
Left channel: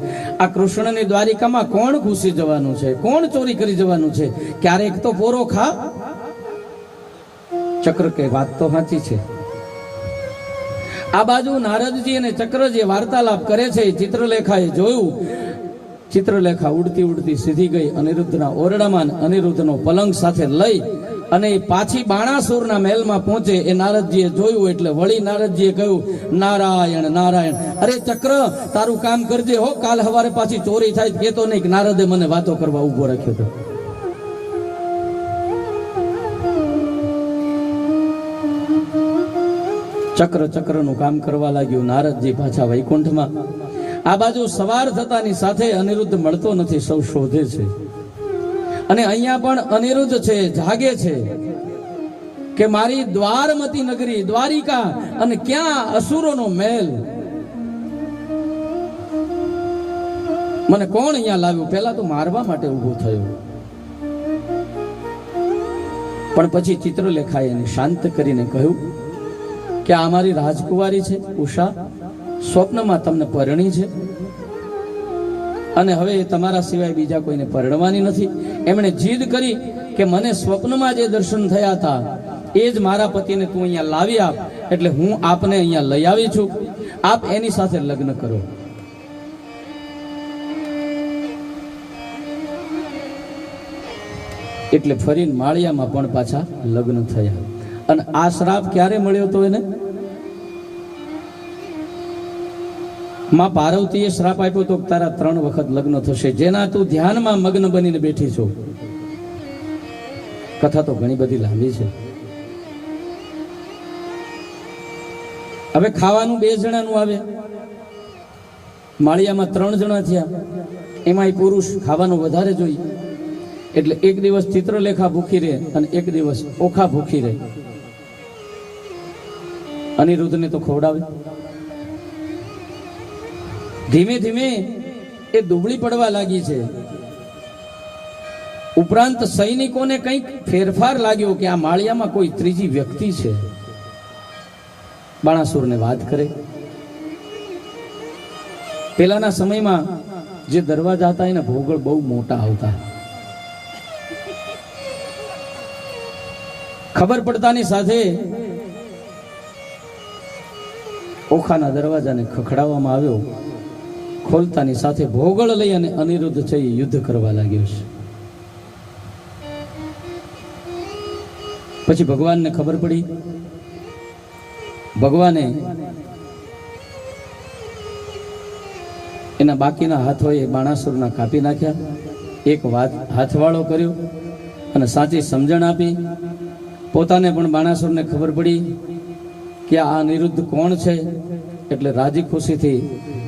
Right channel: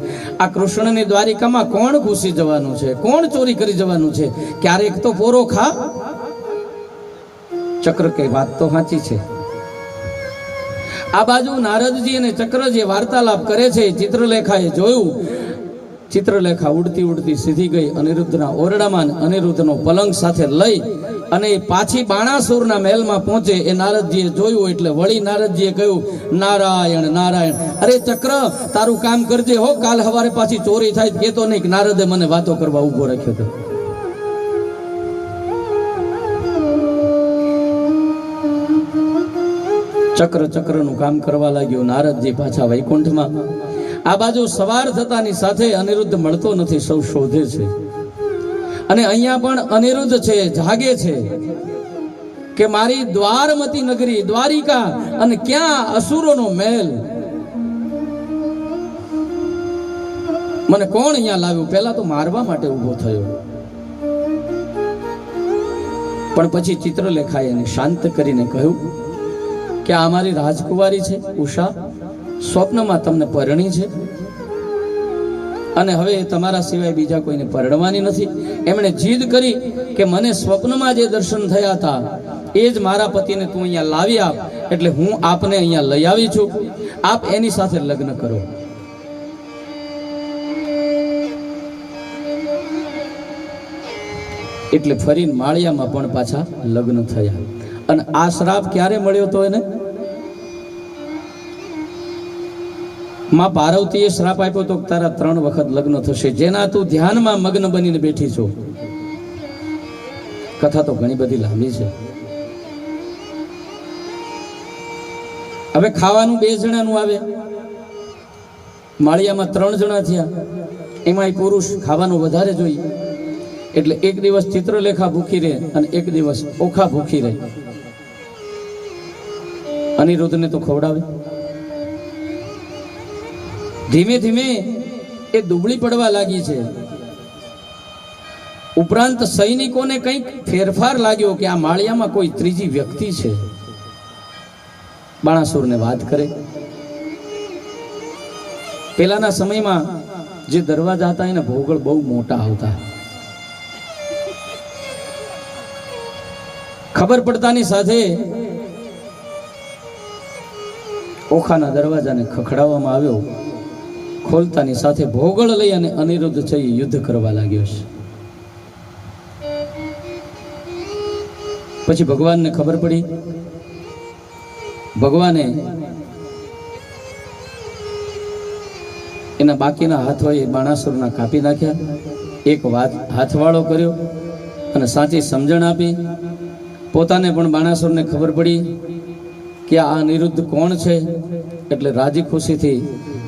આ કૃષ્ણની દ્વારિકામાં કોણ ઘૂસી જવાનું છે? કોણ ચોરી કરી જવાનું છે? ક્યારેક તો પોરો ખા. ચક્ર કે વાત તો સાચી છે. આ બાજુ નારદજી અને ચક્ર જે વાર્તાલાપ કરે છે, ચિત્રલેખાએ જોયું. ચિત્રલેખા ઉડતી ઉડતી સીધી ગઈ અનિરુદ્ધના ઓરડામાં, અનિરુદ્ધનો પલંગ સાથે લઈ અને પાછી બાણાસુરના મહેલમાં પહોંચે. એ નારદજીએ જોયું એટલે વળી નારદજીએ કહ્યું, નારાયણ નારાયણ, અરે ચક્ર તારું કામ કરજે હો, કાલ સવારે પાછી ચોરી થાય કેતો નહીં કે નારદે મને વાતો કરવા ઉભો રાખ્યો હતો. ચક્ર ચક્રનું કામ કરવા લાગ્યું. નારદજી પાછા વૈકુંઠમાં. આ બાજુ સવાર થતાની સાથે અનિરુદ્ધ મળતો નથી, સૌ શોધે છે. અને અહીંયા પણ અનિરુદ્ધ છે, જાગે છે કે મારી દ્વારમતી નગરી દ્વારિકા અને ક્યાં અસુરોનો મહેલ, મને કોણ અહીંયા લાવ્યું? પહેલા તો મારવા માટે ઉભો થયો, પણ પછી ચિત્રલેખાએ એને શાંત કરીને કહ્યું કે આ મારી રાજકુમારી છે ઉષા, સ્વપ્નમાં તમને પરણી છે અને હવે તમારા સિવાય બીજા કોઈને પરણવાની નથી. એમણે જીદ કરી કે મને સ્વપ્નમાં જે દર્શન થયા હતા એ જ મારા પતિને તું અહીંયા લાવી આપ, એટલે હું આપને અહીંયા લઈ આવી છું, આપ એની સાથે લગ્ન કરો. એટલે ફરીને માળિયામાં પણ પાછા લગ્ન થયા. અને આ શ્રાપ ક્યારે મળ્યો હતો એને? માં પાર્વતીએ શ્રાપ આપ્યો તો તારા 3 વખત લગ્ન થશે, જેના તું ધ્યાનમાં મગ્ન બનીને બેઠી છો. કથા તો ઘણી બધી લાંબી છે. હવે ખાવાનું 2 જણાનું આવે, માળિયામાં 3 જણા થયા, એમાંય પુરુષ ખાવાનું વધારે જોઈએ. એટલે એક દિવસ ચિત્રલેખા ભૂખી રહે અને એક દિવસ ઓખા ભૂખી રહે. અનિરુદ્ધને તો ખવડાવે. ધીમે ધીમે એ દુબળી પડવા લાગી છે. ઉપરાંત સૈનિકોને કંઈક ફેરફાર લાગ્યો કે આ માળિયામાં કોઈ ત્રીજી વ્યક્તિ છે. બાણાસુરને વાત કરે. પેલાના સમયમાં જે દરવાજા હતા એના ભોગળ બહુ મોટા આવતા. ખબર પડતાની સાથે ઓખાના દરવાજાને ખખડાવવામાં આવ્યો. ખોલતાની સાથે ભોગળ લઈ અને અનિરુદ્ધ થઈ યુદ્ધ કરવા લાગ્યો છે. પછી ભગવાનને ખબર પડી. ભગવાને એના બાકીના હાથ હોય એ બાણાસુરના કાપી નાખ્યા. એક હાથવાળો કર્યો અને સાચી સમજણ આપી. પોતાને પણ બાણાસુરને ખબર પડી કે આ અનિરુદ્ધ કોણ છે. એટલે રાજી ખુશીથી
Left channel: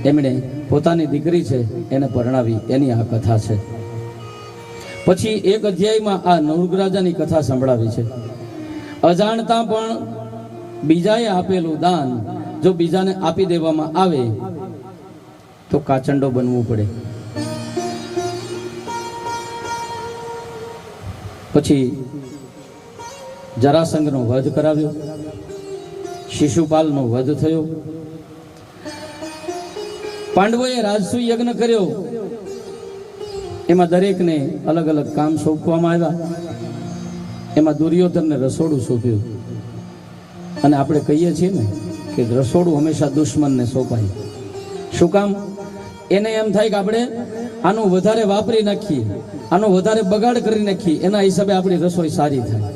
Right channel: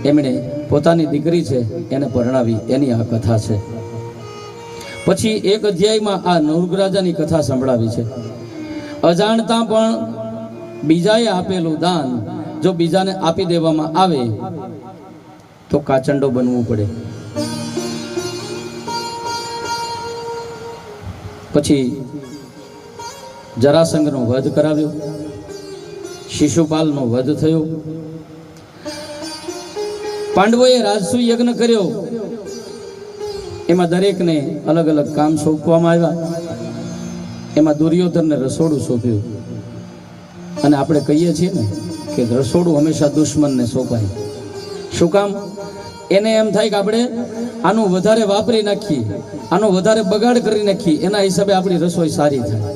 એમણે પોતાની દીકરી છે એને પરણાવી. એની આ કથા છે. પછી એક અધ્યાયમાં આ નૃગરાજાની કથા સંભળાવી છે. અજાણતા પણ બીજાએ આપેલું દાન જો બીજાને આપી દેવામાં આવે તો કાચંડો બનવું પડે. પછી જરાસંઘનો વધ કરાવ્યો. શિશુપાલનો વધ થયો. પાંડવોએ રાજસુ યજ્ઞ કર્યો. એમાં દરેકને અલગ અલગ કામ સોંપવામાં આવ્યા. એમાં દુર્યોધનને રસોડું સોંપ્યું. અને આપણે કહીએ છીએ ને કે રસોડું હંમેશા દુશ્મનને સોંપાય. શું કામ? એને એમ થાય કે આપણે આનું વધારે વાપરી નાખીએ, આનો વધારે બગાડ કરી નાખીએ, એના હિસાબે આપણી રસોઈ સારી થાય.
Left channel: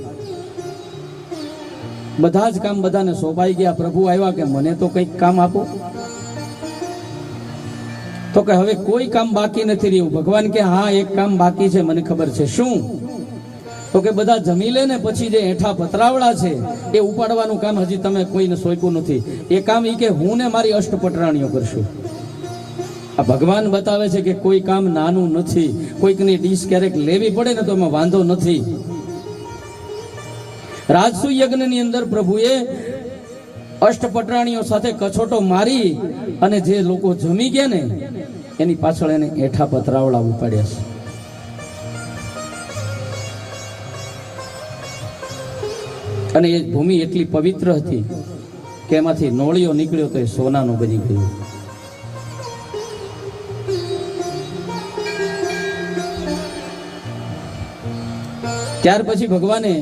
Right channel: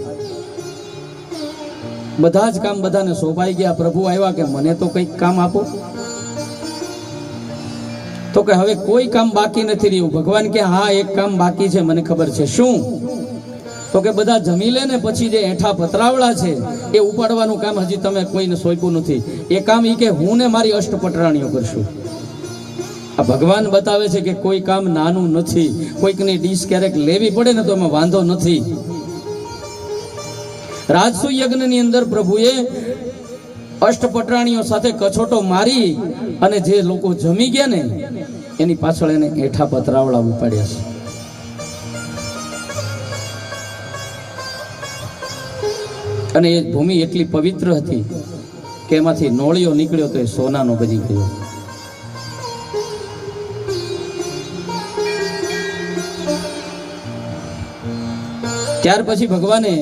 બધા જ કામ બધાને સોંપાઈ ગયા. પ્રભુ આવ્યા કે મને તો કંઈક કામ આપો. તો કે હવે કોઈ કામ બાકી નથી રહ્યું. ભગવાન કે હા, એક કામ બાકી છે, મને ખબર છે. શું? તો કે બધા જમી લે ને પછી જે એઠા પતરાવડા છે એ ઉપાડવાનું કામ હજી તમે કોઈને સોંપ્યું નથી. એ કામ ઈ કે હું ને મારી અષ્ટપટરાણીઓ કરશું. આ ભગવાન બતાવે છે કે કોઈ કામ નાનું નથી. કોઈકની ડીશ ક્યારેક લેવી પડે ને તો એમાં વાંધો નથી. રાજસુ યજ્ઞની અંદર પ્રભુએ અષ્ટપટરાણીઓ સાથે કછોટો મારી અને જે લોકો જમી ગયા ને એની પાછળ એને એઠા પતરાવડા ઉપાડ્યા છે. અને એ ભૂમિ એટલી પવિત્ર હતી કે એમાંથી નોળિયો નીકળ્યો તો એ સોનાનો બની ગયો. ત્યાર પછી ભગવાને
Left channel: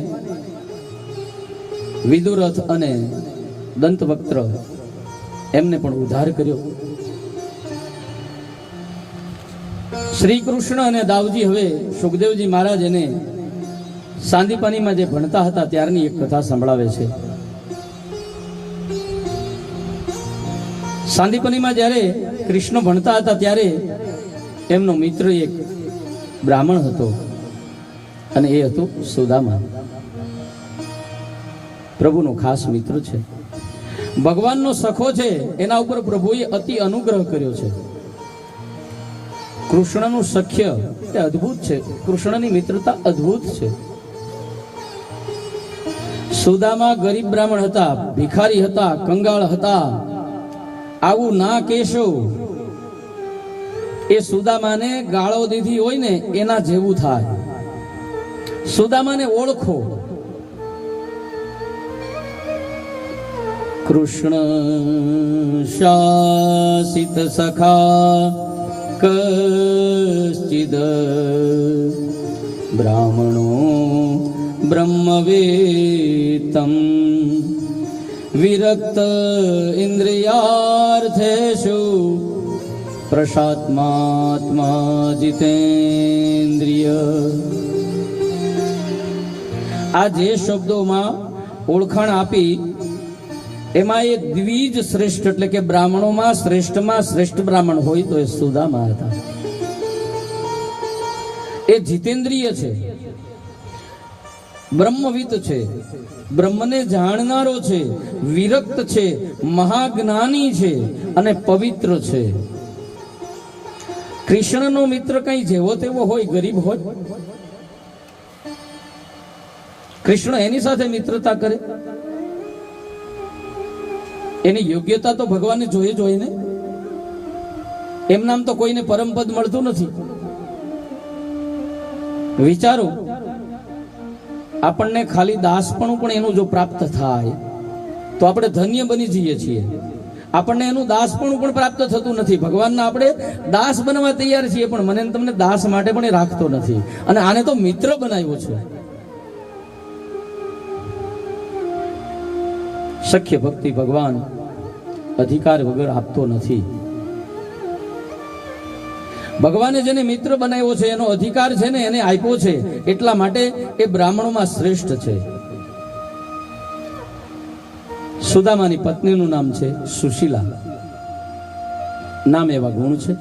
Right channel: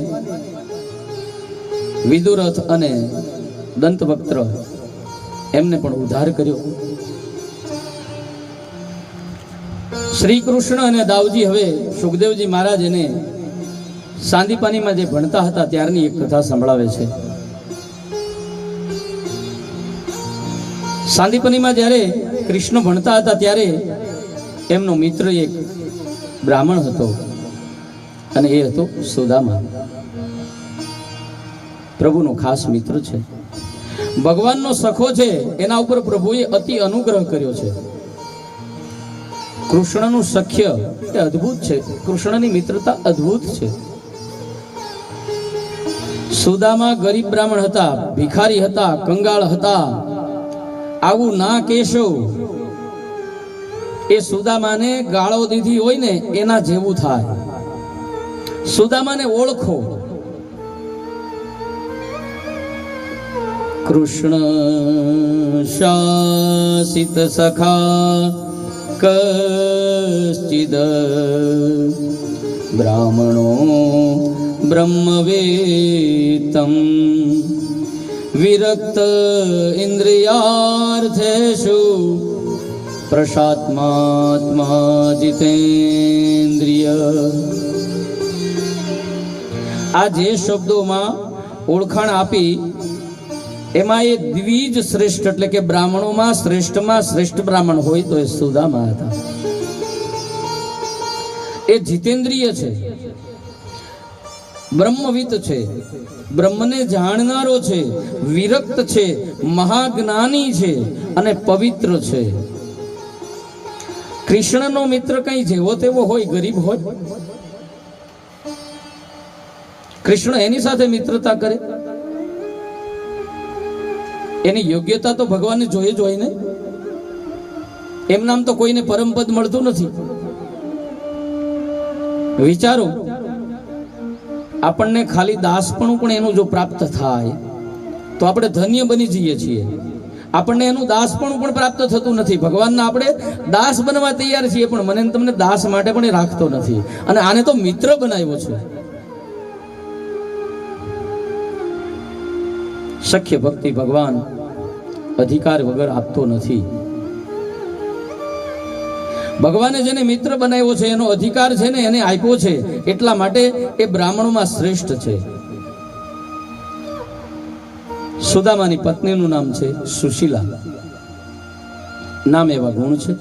વિદુરથ અને દંતવક્ત્ર એમને પણ ઉદ્ધાર કર્યો. શ્રી કૃષ્ણ અને દાઉજી હવે સુખદેવજી મહારાજ એને સાંદીપાનીમાં જે ભણતા હતા ત્યારની એક કથા સંભળાવે છે. સાંદીપનીમાં જ્યારે કૃષ્ણ ભણતા હતા ત્યારે એમનો મિત્ર એક બ્રાહ્મણ હતો અને એ હતો સુદામા. પ્રભુનો ખાસ મિત્ર છે, ભગવાનનો સખો છે. એના ઉપર પ્રભુએ અતિ અનુગ્રહ કર્યો છે. કૃષ્ણનું સખ્ય એ અદ્ભુત છે. કૃષ્ણની મિત્રતા અદ્ભુત છે. સુદામા ગરીબ બ્રાહ્મણ હતા, ભિખારી હતા, કંગાળ હતા. આવું ના કહેશો. એ સુદામાને ગાળો દીધી હોય ને એના જેવું થાય. સુદામાને ઓળખો. કૃષ્ણ શાસિત સખા કશ્ચિદ બ્રાહ્મણો બ્રહ્મવેત્તમ વિરક્ત ઇન્દ્રિયાર્થેષુ પ્રશાત્માત્મા જીતેન્દ્રિય. આ જે શબ્દોમાં ઓળખાણ આપી એમાં એ દ્વિજ શ્રેષ્ઠ એટલે કે બ્રાહ્મણોમાં શ્રેષ્ઠમાં શ્રેષ્ઠ બ્રાહ્મણ હોય તો એ સુદામા હતા. એ જીતેન્દ્રિય છે, બ્રહ્મવિદ છે, બ્રહ્મને જાણનારો છે, વિરક્ત છે, મહાજ્ઞાની છે અને પવિત્ર છે. કૃષ્ણનો મિત્ર કઈ જેવો તેવો હોય, ગરીબ હોય? કૃષ્ણ એની સાથે મિત્રતા કરે? એની યોગ્યતા તો ભગવાનને જોઈએ જ હોય ને. એમ નામ તો કોઈને પરમપદ મળતું નથી. વિચારો, આપણને ખાલી દાસપણું પણ એનું જો પ્રાપ્ત થાય તો આપણે ધન્ય બની જઈએ છીએ. આપણને એનું દાસપણું પણ પ્રાપ્ત થતું નથી. ભગવાનના આપણે દાસ બનવા તૈયાર છીએ, પણ મને તમને દાસ માટે પણ એ રાખતો નથી. અને આને તો મિત્ર બનાવ્યો છે. શક્ય ભક્તિ ભગવાન અધિકાર વગર આપતો નથી. ભગવાને જેને મિત્ર બનાવ્યો છે એનો અધિકાર છે ને એને આપ્યો છે, એટલા માટે એ બ્રાહ્મણોમાં શ્રેષ્ઠ છે. સુદામાની પત્નીનું નામ છે સુશીલા. નામ એવા ગુણ છે.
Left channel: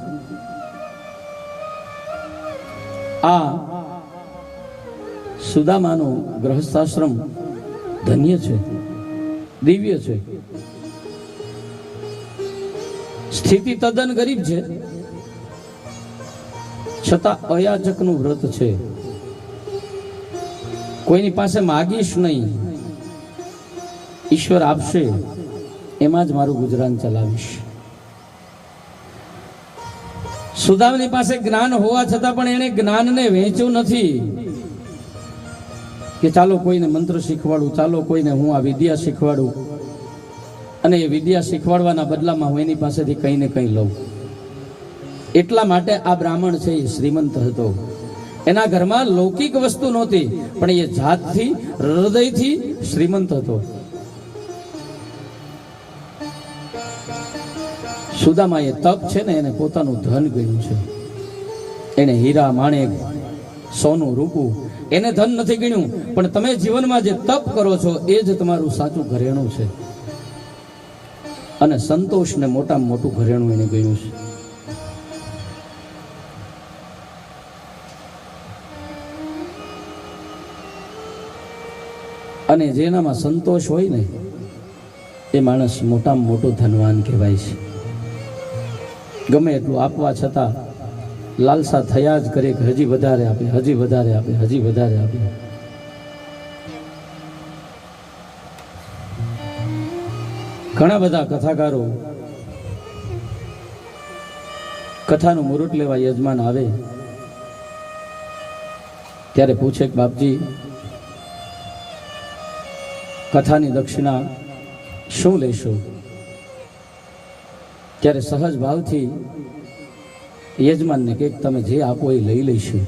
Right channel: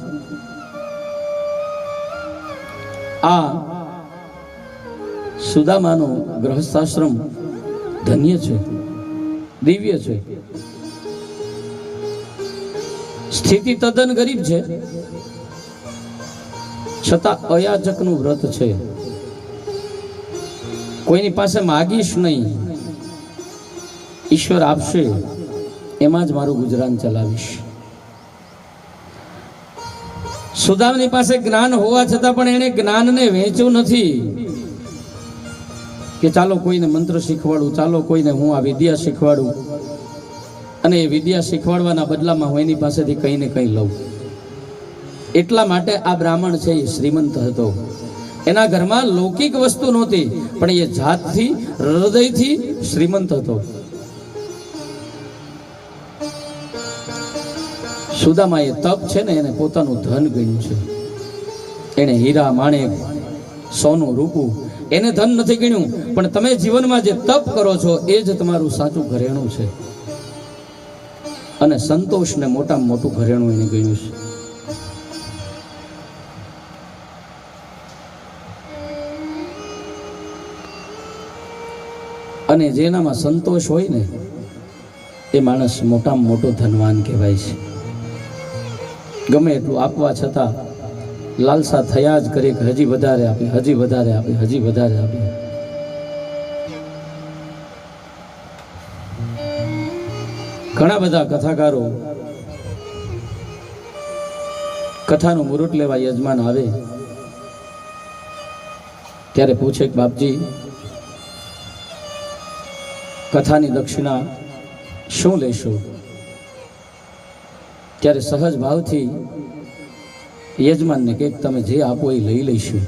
આ સુદામાનો ગૃહસ્થાશ્રમ ધન્ય છે, દિવ્ય છે. સ્થિતિ તદ્દન ગરીબ છે, છતાં અયાચકનું વ્રત છે. કોઈની પાસે માગીશ નહીં, ઈશ્વર આપશે એમાં જ મારું ગુજરાન ચલાવીશ. સુદામની પાસે જ્ઞાન હોવા છતાં પણ એને જ્ઞાનને વહેંચ્યું નથી કે ચાલો કોઈને મંત્ર શીખવાડું, ચાલો કોઈને હું આ વિદ્યા શીખવાડું, અને એ વિદ્યા શીખવાડવાના બદલામાં હું એની પાસેથી કંઈ ને કંઈ લઉં. એટલા માટે આ બ્રાહ્મણ છે એ શ્રીમંત હતો. એના ઘરમાં લૌકિક વસ્તુ નહોતી, પણ એ જાતથી, હૃદયથી શ્રીમંત હતો. સુદામાએ તપ છે ને એને પોતાનું ધન ગણ્યું છે. એને હીરા માણેક, સોનું રૂપું એને ધન નથી ગણ્યું, પણ તમે જીવનમાં જે તપ કરો છો એ જ તમારું સાચું ઘરેણું છે. અને સંતોષને મોટામાં મોટું ઘરેણું એને ગણ્યું છે. અને જેનામાં સંતોષ હોય ને એ માણસ મોટામાં મોટો ધનવાન કહેવાય છે. ગમે એટલું આપવા છતાં લાલસા થયા જ કરે કે હજી વધારે આપે, હજી વધારે આપે, હજી વધારે આપે. ઘણા બધા કથાકારો કથાનું મુહૂર્ત લેવા યજમાન આવે ત્યારે પૂછે કે બાપજી, કથાની દક્ષિણા શું લેશો? ત્યારે સહજ ભાવથી યજમાનને કે તમે જે આપો એ લઈ લઈશું.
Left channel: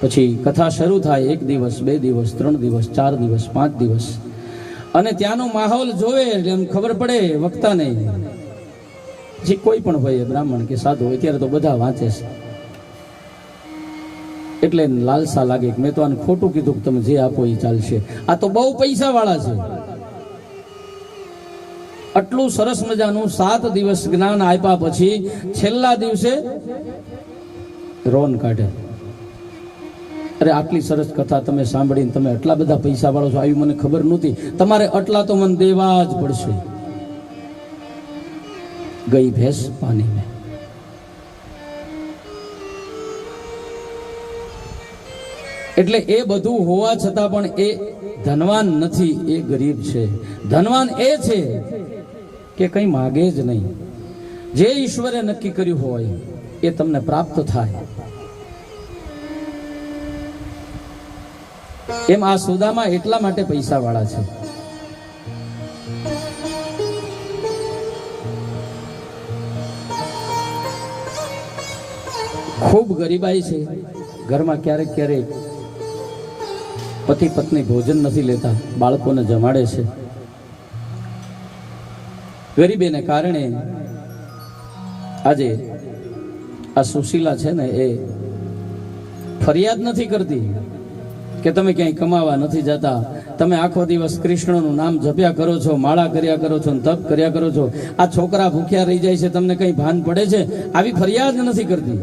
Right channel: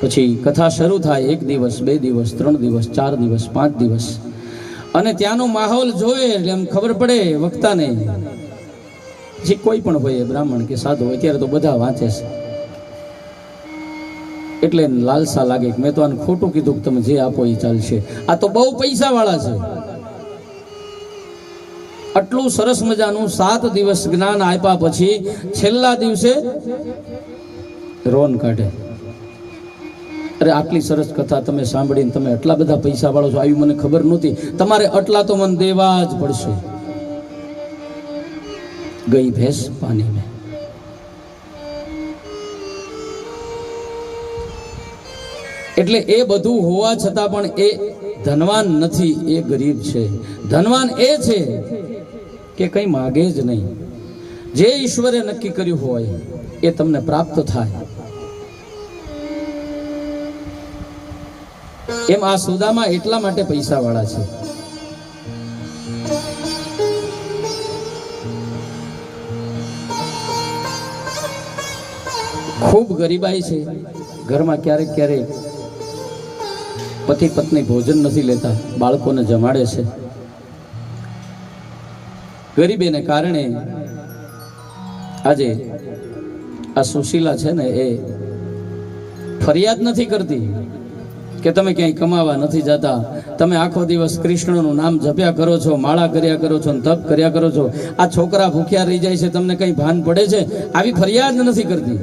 પછી કથા શરૂ થાય. 1 દિવસ, 2 દિવસ, 3 દિવસ, 4 દિવસ, 5 દિવસ, અને ત્યાંનો માહોલ જોવે એમ ખબર પડે વક્તાને. જે કોઈ પણ હોય, બ્રાહ્મણ કે સાધુ, અત્યારે તો બધા વાંચે છે, એટલે લાલસા લાગે કે મેં તો આને ખોટું કીધું કે તમે જે આપો એ ચાલશે. આ તો બહુ પૈસા વાળા છે. આટલું સરસ મજાનું 7 દિવસ જ્ઞાન આપ્યા પછી છેલ્લા દિવસે રોન કાઢે. અરે આટલી સરસ કથા તમે સાંભળીને તમે આટલા બધા પૈસા વાળો છો, આવી મને ખબર નહોતી. તમારે આટલા તો મને દેવા જ પડશે. ગઈ ભેંસ પાણીમાં. એટલે એ બધું હોવા છતાં પણ એ ધનવાન નથી, એ ગરીબ છે. ધનવાન એ છે કે કંઈ માગે જ નહીં. જે ઈશ્વરે નક્કી કર્યું હોય એ તમને પ્રાપ્ત થાય. એમ આ સુદામા એટલા માટે પૈસા વાળા છે. ખૂબ ગરીબાઈ છે ઘરમાં. ક્યારેક ક્યારેક પતિ પત્ની ભોજન નથી લેતા, બાળકોને જમાડે છે. ગરીબીને કારણે આજે આ સુશીલા છે ને એ ફરિયાદ નથી કરતી કે તમે ક્યાંય કમાવા નથી જતા, તમે આખો દિવસ કૃષ્ણનું નામ જપ્યા કરો છો, માળા કર્યા કરો છો, તપ કર્યા કરો છો, આ છોકરા ભૂખ્યા રહી જાય છે, તમને કઈ ભાન પડે છે? આવી ફરિયાદ નથી કરતી.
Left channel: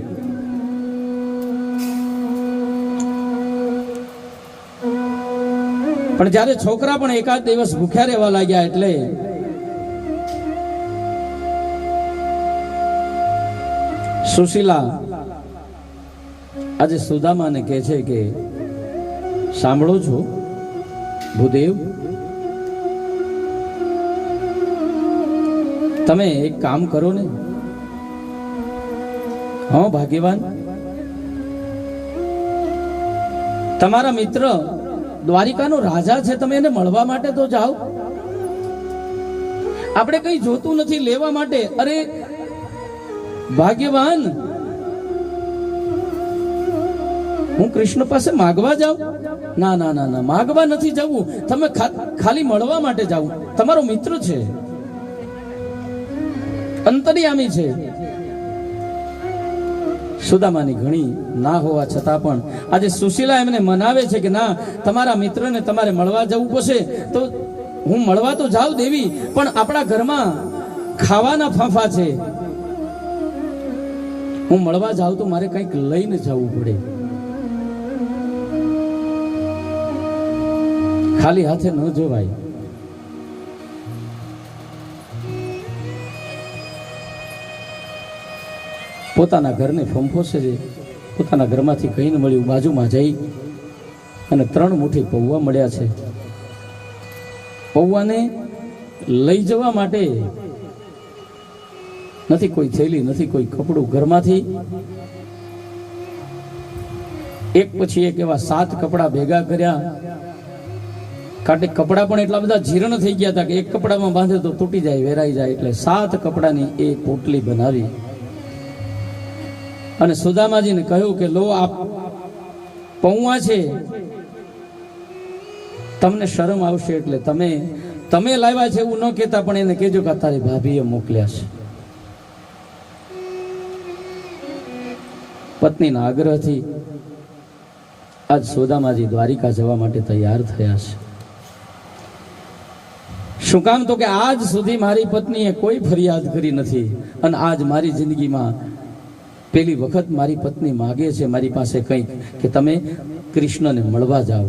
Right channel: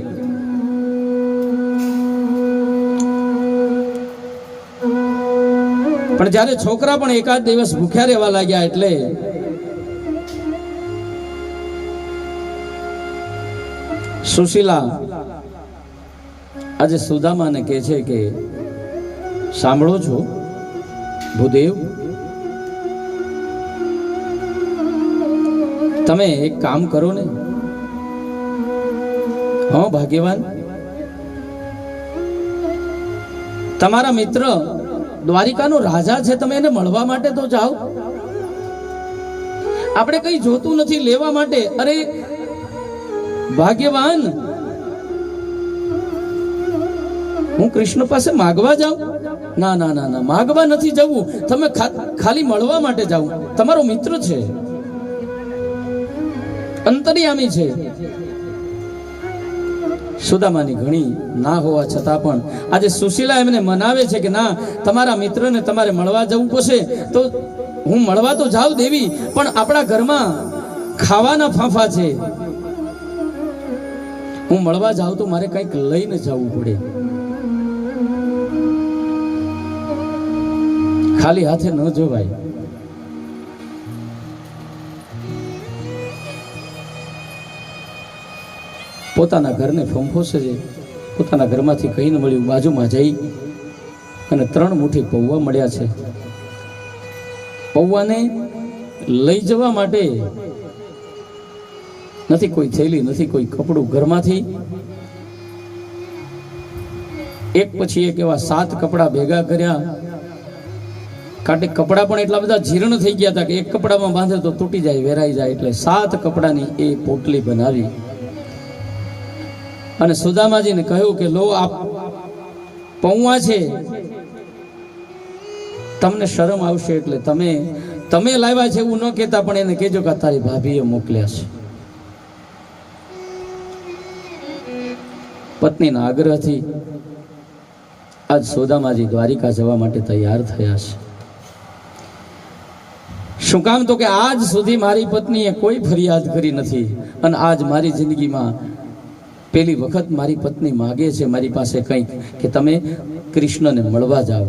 પણ જ્યારે છોકરા પણ એકાદ દિવસ ભૂખ્યા રહેવા લાગ્યા એટલે સુશીલા આજે સુદામાને કહે છે કે સાંભળો છો ભૂદેવ, તમે એક કામ કરો ને. હા ભાગ્યવાન, તમારા મિત્ર દ્વારિકાનો રાજા છે, તમે એને મળવા માટે તો જાઓ. આપણે કઈ જોતું નથી લેવા માટે. અરે ભાગ્યવાન, હું કૃષ્ણ પાસે માગવા જાઉં? ના ના ના ના, માગવા નથી જવું, તમે ખાલી મળવા માટે જાઓ. તમારો મિત્ર છે, અંતર્યામી છે. સુદામાની ઘણી ના હોવા છતાં પણ આજે સુશીલા એમને મનાવે છે કે ના, તમારા મિત્રને તમારે મળવા જવું પડશે. તો હું મળવા તો જાઉં દેવી, પણ આપણા ઘરમાં ખાવાના ફાંફા છે. હું મળવા જાઉં તો મારે કંઈક લઈને જવું પડે. ખાલી હાથે ન જોવાય. પોતાના ઘરને ફંફોશે છે. પોતાના ઘરમાંથી કઈ ન મળ્યું, બાજુમાં જઈ અને 3 મુઠ્ઠી પૌવા મળ્યા છે. પૌવાને લઈ જવા માટે નથી કોઈ થેલી, નથી કોઈ કપડું. ઘરમાંથી એક પછી એક એવા 7 કપડા ભેગા કર્યા. કારણ કે કપડા પણ એટલા બધા જીર્ણ થઈ ગયા હતા કે એક કપડામાં બાંધે તો તૂટી જાય, વેરાઈ જાય. એટલે 7 કપડાની એ પોટલી બનાવી અને સુદામાજીને કહ્યું કે લો, આ પૌવા છે, તમને શરમ આવશે એટલે તમે લાવ્યા છે એવું ન કહેતા, પણ એને કહેજો કે તારી ભાભીએ મોકલ્યા છે. પત્નીના આગ્રહથી આજ સુદામાજી દ્વારિકા જવા માટે તૈયાર થયા છે. શું કામ? તો કે આજ સુધી મારી પત્નીએ કોઈ ફરિયાદ કરી નથી, અને આજ મારી જિંદગીમાં પહેલી વખત મારી પત્ની માગે છે મારી પાસે કંઈક કે તમે કૃષ્ણને મળવા જાઓ.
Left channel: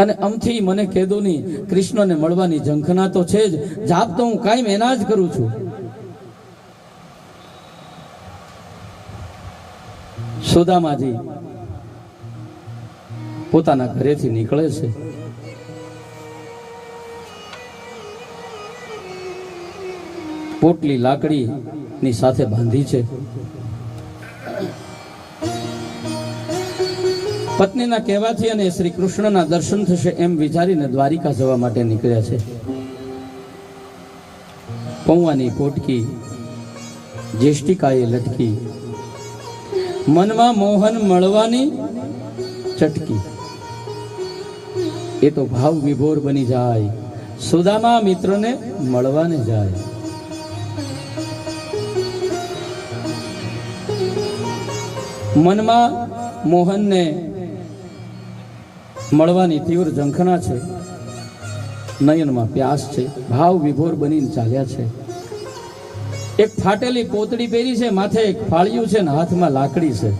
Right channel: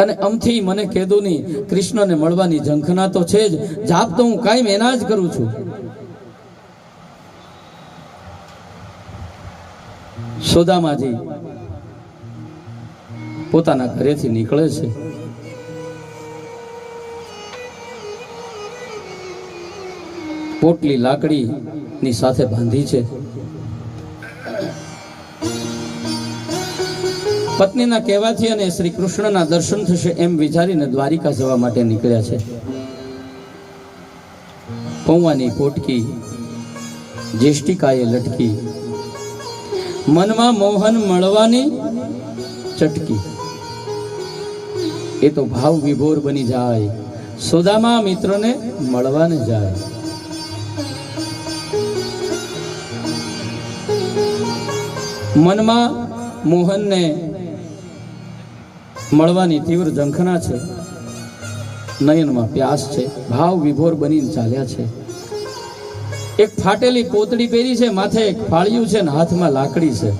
અને અમથી મને કહેતો નહીં, કૃષ્ણને મળવાની ઝંખના તો છે જ, જાપ તો હું કાયમ એના જ કરું છું. સુદામાજી પોતાના ઘરેથી નીકળે છે. પોટલી લાકડીની સાથે બાંધી છે. પત્નીના કહેવાથી અને શ્રી કૃષ્ણના દર્શન થશે એમ વિચારીને દ્વારિકા જવા માટે નીકળ્યા છે. પૌવાની પોટકી જેષ્ટિકાએ લટકી, મનમાં મોહન મળવાની ચટકી. એ તો ભાવ વિભોર બની જાય, સુદામા મિત્રને મળવાને જાય. મનમાં મોહનને મળવાની તીવ્ર ઝંખના છે, નયનમાં પ્યાસ છે, ભાવ વિભોર બનીને ચાલ્યા છે. એક ફાટેલી પોતડી પહેરી છે, માથે એક ફાળિયું છે ને હાથમાં લાકડી છે.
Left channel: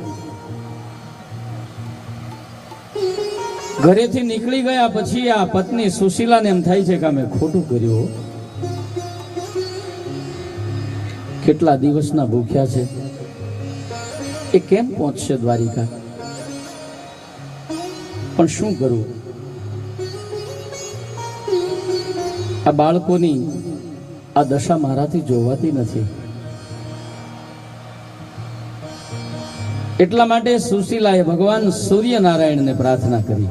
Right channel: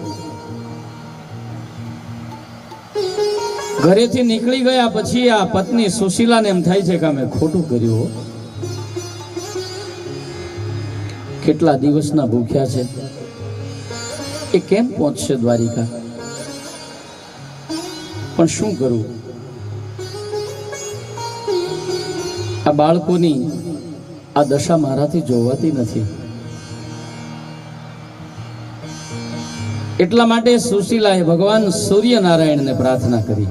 ઘરેથી નીકળી ગયા પછી આ પત્ની સુશીલાને એમ થાય છે કે અમે ખોટું કર્યું, કેટલા દિવસના ભૂખ્યા છે, એ કેમ પહોંચશે દ્વારિકા? પણ શું કરું? આ બાળકોની આ દશા મારાથી જોવાતી નથી. એટલા માટે સુશીલાએ ભગવાન સૂર્યનારાયણને પ્રાર્થના કરી.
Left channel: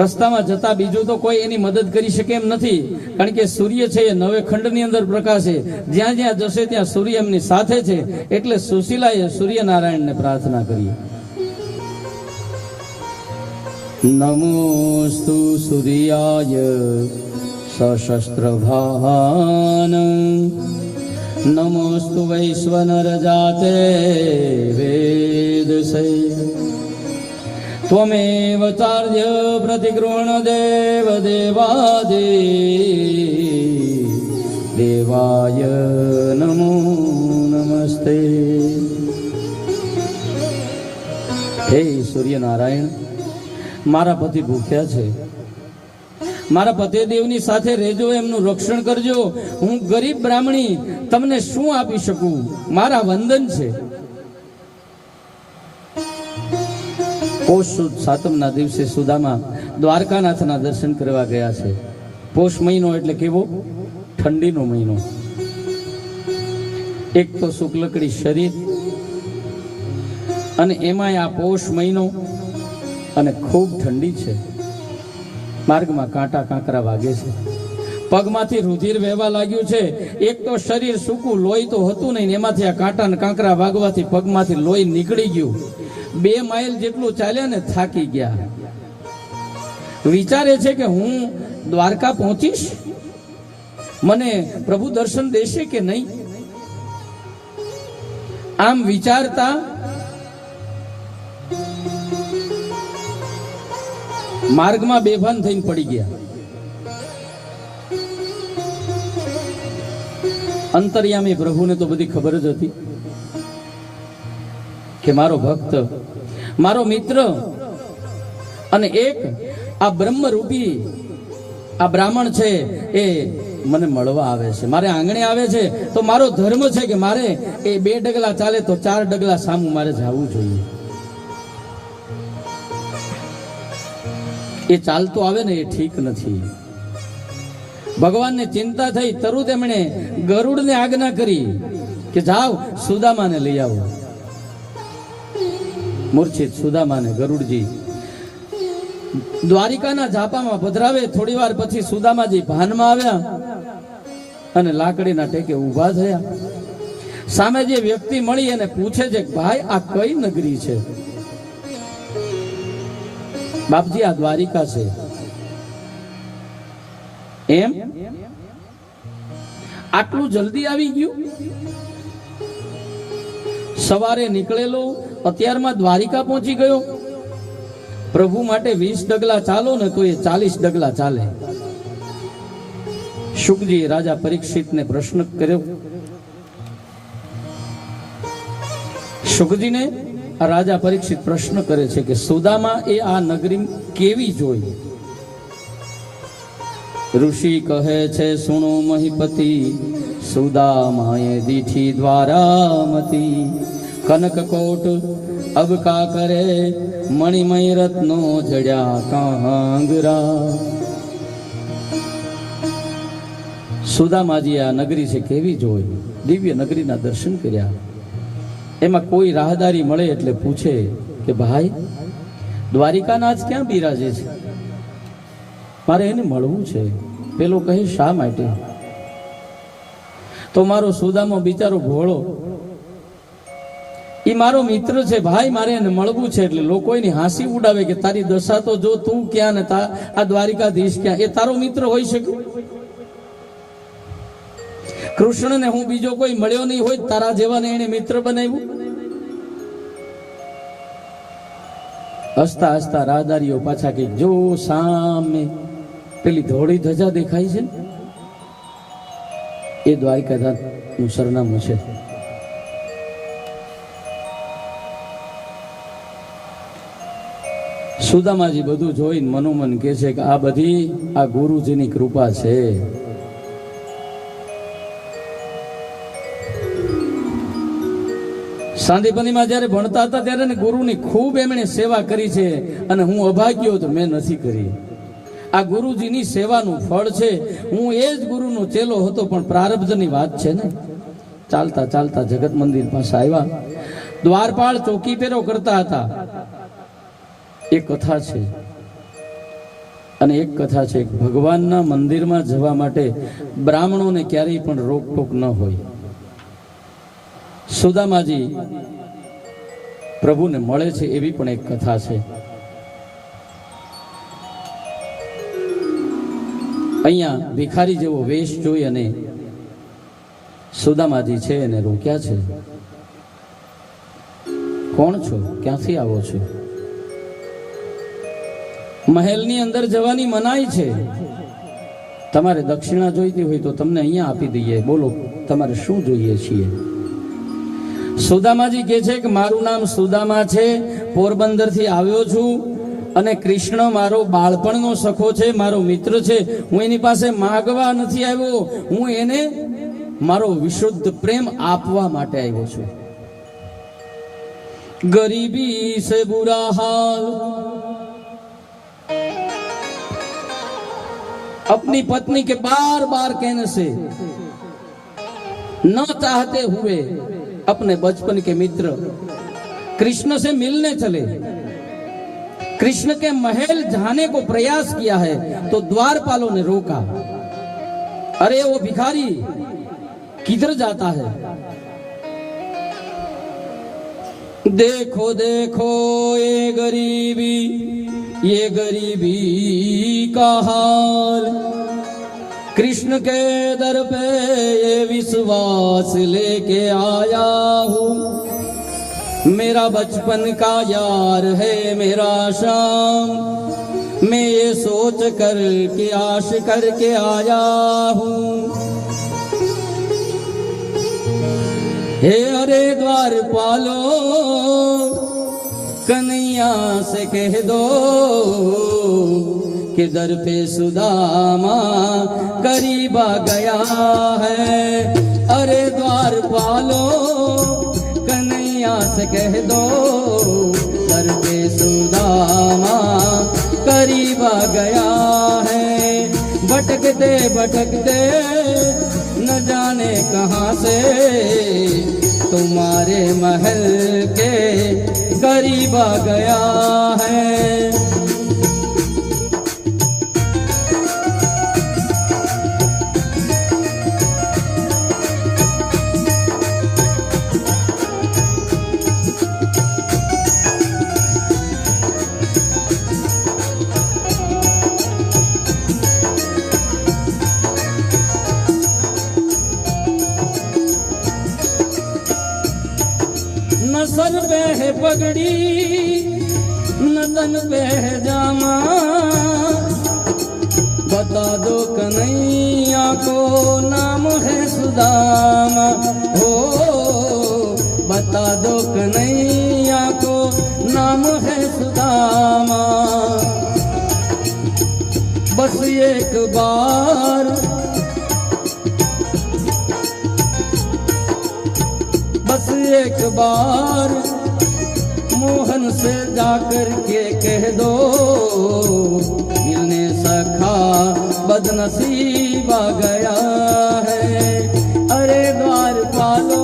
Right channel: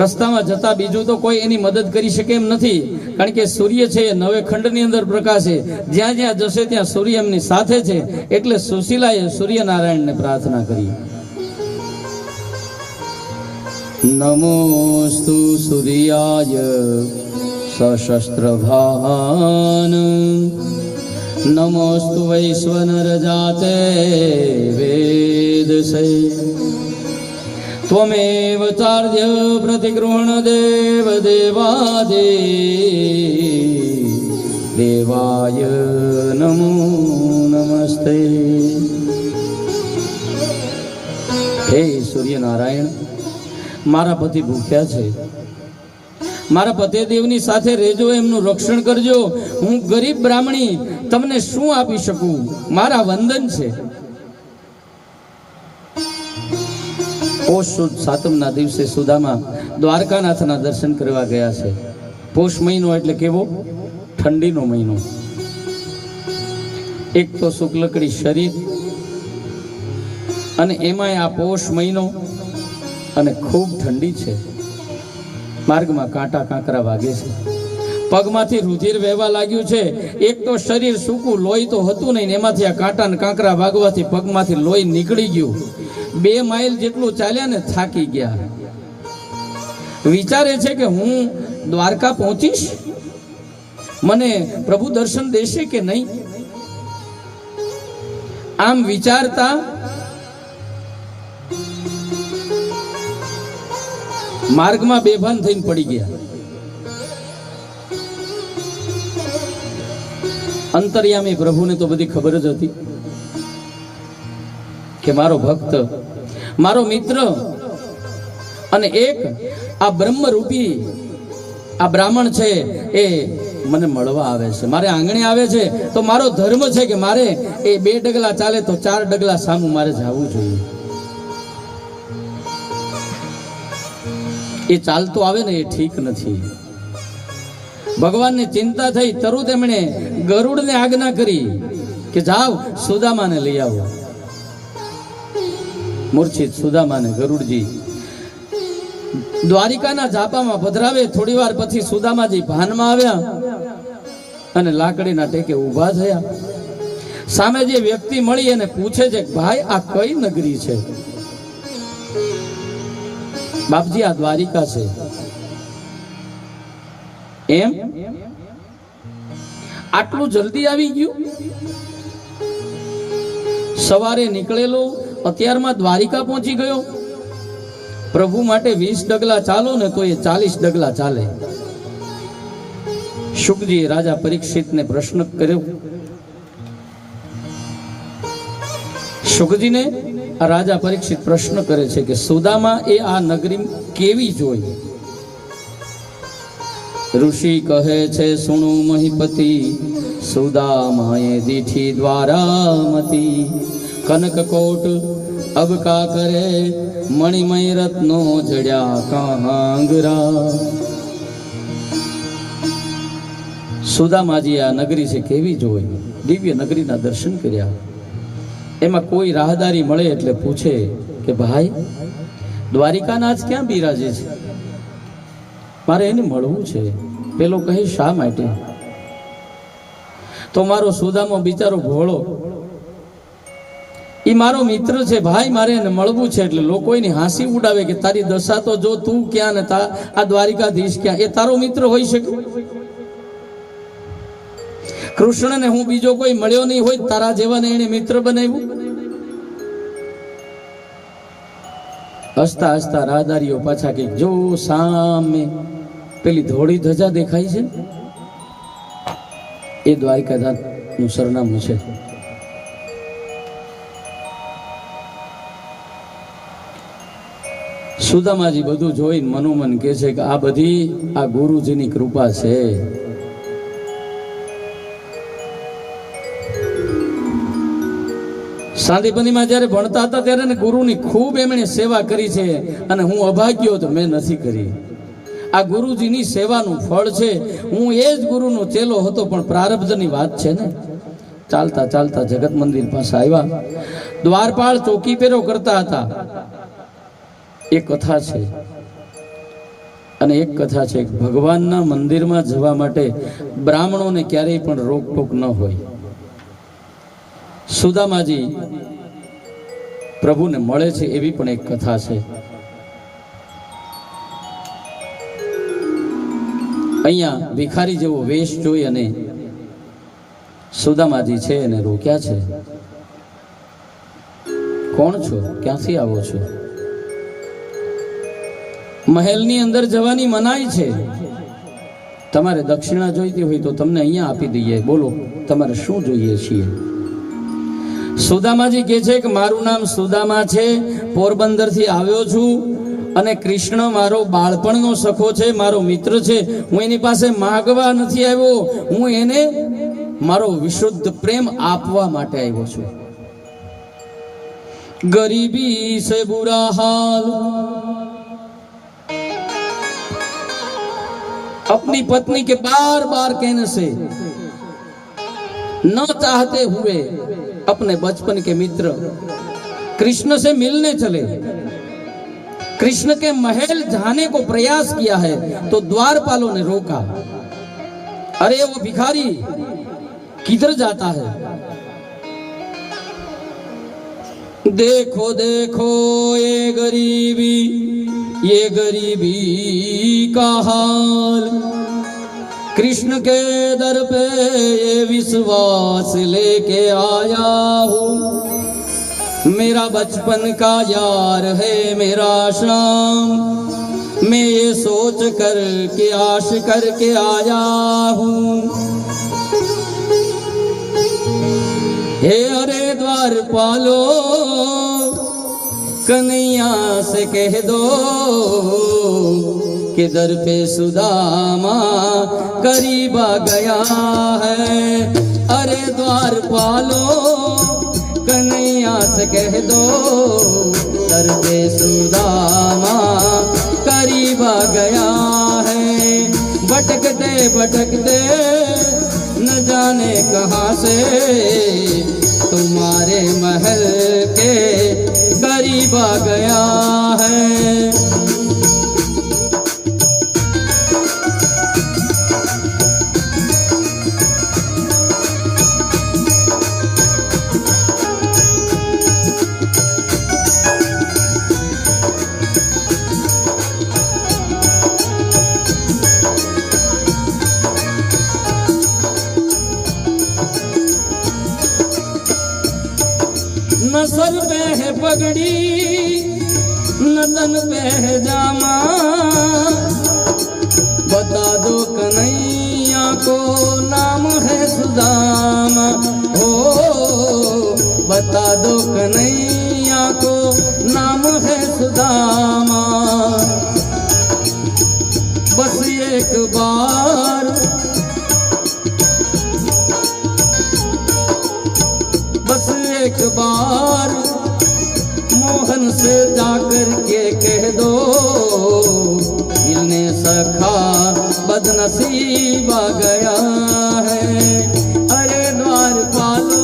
રસ્તામાં જતા બીજું તો કોઈ એની મદદ કરી શકે એમ નથી, કારણ કે સૂર્ય છે એ 9 ખંડની અંદર પ્રકાશે, જ્યાં જ્યાં જશે ત્યાં સૂર્ય એમની સાથે છે. એટલે સુશીલાએ સૂર્યનારાયણને પ્રાર્થના કરી. નમોસ્તુ સૂર્યાય સશસ્ત્રભાન નમોસ્તુ વૈશ્વનરજાતે વેદસે ત્વમેવ ચાર્ય પ્રતિગૃહણ દેવ દેવાદે દેવાય નમો નમસ્તે. હે સૂર્યનારાયણ, મારા પતિ ભૂખ્યા છે, મારા પતિદેવની સાથે રહેજો, એમનું રક્ષણ કરજો. હું ગરીબ બ્રાહ્મણી તમને શું આપી શકું? મારા વંદન છે. પોષ સુદ સાતમના દિવસે સુદામા દ્વારકાનાથના દર્શન કરવા ગયા છે. પોષ મહિનો એટલે કેવો? ઠંડીનો મહિનો. એક તો શુક્લકડી શરીર અને એમાંય આ પોષ મહિનો અને ખૂબ ઠંડી છે. માર્ગમાં કાંટા કાંકરા વાગે છે, પગમાંથી રુધિર વહેવા લાગ્યું છે. એક તો શરીર સૂકું, લોહી તો હતું નહીં, એમાંથી આ કાંટા ને કાંકરા વાગવાથી પગમાંથી લોહી નીકળી ગયું. 2 માઇલ જેટલું ચાલ્યા ને થાકી ગયા. વિચારે છે કે હું દ્વારકા પહોંચીશ, મને પ્રભુ દર્શન દેશે કે નહીં. આમ વિચારતા માર્ગમાં બેભાન થઈને પડી ગયા. અંતર્યામી પ્રભુને તો બધી ખબર જ હતી કે મારો ભક્ત, મારો મિત્ર અને એક આ બ્રહ્મરૂપી આ બ્રાહ્મણ છે એ મને મળવા આવે છે, મારે આંગણે આવે છે. તો મારો ધર્મ છે કે મારે એ 2 ડગલા ચાલે તો 4 ડગલા સામું મારે જવું જોઈએ. એ ચાલતો આવે ને એ ઠીક નથી. ભગવાનને ચિંતા થઈ, તરત એમણે ગરુડને આજ્ઞા કરી કે જાઓ સુદામાને લઈ આવો. મૂર્છિત સુદામાને ગરુડજી દ્વારિકાના ઝાપામાં પધરાવે. થોડી વાર પછી સુદામાજી ભાનમાં આવ્યા અને લાકડીના ટેકે ઊભા થયા. સામે જે વ્યક્તિ મળી એને પૂછે છે, ભાઈ આ કઈ નગરી છે? બાપજી આ દ્વારિકા છે. એમ? આટલું જલ્દી આવી ગયું? સવારે નીકળેલો અત્યારમાં દ્વારિકા પહોંચી ગયો. પ્રભુ માટે 20 ડગલા ચાલો ને તો એ 40 ડગલા ચાલે. શુકજી રાજા પરીક્ષિતને પ્રશ્ન કર્યો. શુકજીને આ રાજા પરીક્ષિત પ્રશ્ન કરે છે કે સુદામા એ આ નગરી કેવી જોઈ? ઋષિ કહે છે, સુણો મહીપતિ, સુદામાએ દીઠી દ્વારામતી. કનકકોટ અબકા કરે, મણિમય રત્નો જડ્યા કાંગરા. સુદામાજી આ નગરી છે કેવી જોઈ? દિવ્ય નગરીના દર્શન કર્યા. એમાં કોઈ રાહદારી મળે એટલે પૂછે કે ભાઈ દ્વારિકાનાથ ક્યાં બિરાજે છે? મારે એને મળવું છે. પેલો કહે શા માટે? તો મારો સુદામો બિચારો ભોળો, એ મારો મિત્ર છે ભાઈ, મારે એને મળવું છે. એટલે લોકો એની હાંસી ઉડાવે કે તારી દશા તો જો, તું ક્યાં ને આ દ્વારિકાધીશ ક્યાં? એ તારો મિત્ર હોઈ શકે? કૃષ્ણને હું બીજો કોઈ મળ્યો નહીં હોય, તારા જેવાને એને મિત્ર બનાવ્યું? હસતા હસતા રાહદારીઓ પાછા કે જો સામે પેલી ધોળી ધજા દેખાય છે ને, એ દ્વારિકાનાથનું સરનામું છે. સુદામાજી બધું જોઈને મનોમન કહે છે કે આ બધી આ ગુરુજીની કૃપા છે. સાંદીપનીમાં જ્યારે ભણતા હતા ત્યારે ને ગુરુની ખૂબ એમણે સેવા કરી છે, અને હું અભાગ્યો તો મેં નથી કરી. આ ગુરુજીની સેવાનું ફળ છે. હું એ જ ગુરુનો ચેલો હતો, પણ પ્રારબ્ધની વાત છે ને. ચાલતા ચાલતા જગત મંદિર પાસે આવ્યા. દ્વારપાળ ચોકી પેરો કરતા હતા. એક કથા છે, અને એક કથા છે ભગવાનના મંદિરમાં જવા માટે બ્રાહ્મણોને ક્યારેય પણ રોકટોક ન હોય. સુદામાજી પ્રભુને મળે છે એવી પણ એક કથા છે. અહીંયા ભિખારી જેવો વેશ જોઈ અને સુદામાજી છે એને રોક્યા છે. કોણ છો? ક્યાંથી આવો છો? મહેલની અંદર જવાની મનાઈ છે. તમારે દક્ષિણા જોઈતી હોય તો તમને અહીંયા આપી દઈએ. બોલો તમારે શું જોઈએ છીએ? સુદામાજી કહે છે કે મારું નામ સુદામા છે, પોરબંદરથી આવ્યો છું અને કૃષ્ણ મારો બાળપણનો સખો છે, મારો મિત્ર છે. હું એની પાસે માગવા નથી આવ્યો, હું એને મારો વિશુદ્ધ પ્રેમ આપવા માટે આવ્યો છું. ગરીબી સે બુરા હાલ, अपनी पत्नी के बार बार कहने से न चाहते हुए अपने बचपन के मित्र कृष्ण से मिलने चले. कृष्ण के महल जाने को प्रयास किया है तो द्वारपालों ने रोका. अरे वो भिखारी किधर जाता है? देखो देखो ये गरीबी का हाल, कृष्ण के दर पे ये विश्वास लेके आया हूँ. मेरा बचपन का यार है मेरा शाम, मैं ये सोच कर के आश करके आया हूँ. हे अरे द्वारपालो, कन्हैया से कह दो कि दर पे सुदामा करीब आ गया है. अरे द्वारपालो, कन्हैया से कह दो दर पे सुदामा करीब आ गया है. भटकते भटकते न जाने कहाँ से तुम्हारे महल के करीब आ गया है. न सर पे है पगड़ी न तन पे है जामा, बता दो कन्हैया को नाम है सुदामा. हो बता दो कन्हैया को नाम है सुदामा. बस एक बार एक बार मोहन से जाकर के कह दो मिलने सखा बदनसीब आ गया है. अरे द्वारपालो,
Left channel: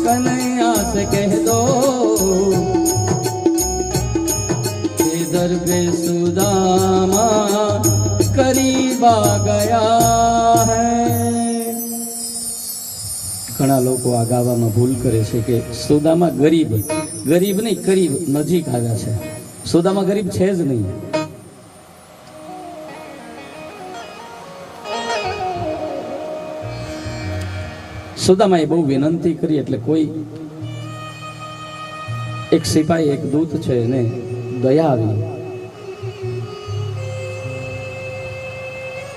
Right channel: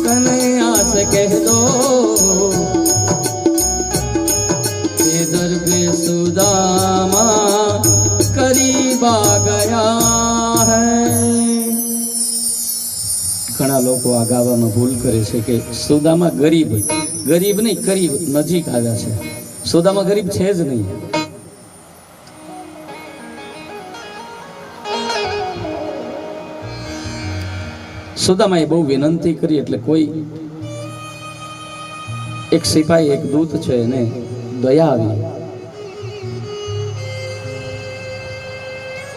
कन्हैया से कह दो इधर पे सुदामा करीब आ गया है. ઘણા લોકો આ ગાવાનો ભૂલ કરે છે કે સુદામા ગરીબ નહીં, કરીબ નજીક આવ્યા છે. સુદામા ગરીબ છે જ નહીં. સુદામાએ બહુ વિનંતી કરી એટલે કોઈ એક સિપાહી, એક દૂત છે, એને દયા આવી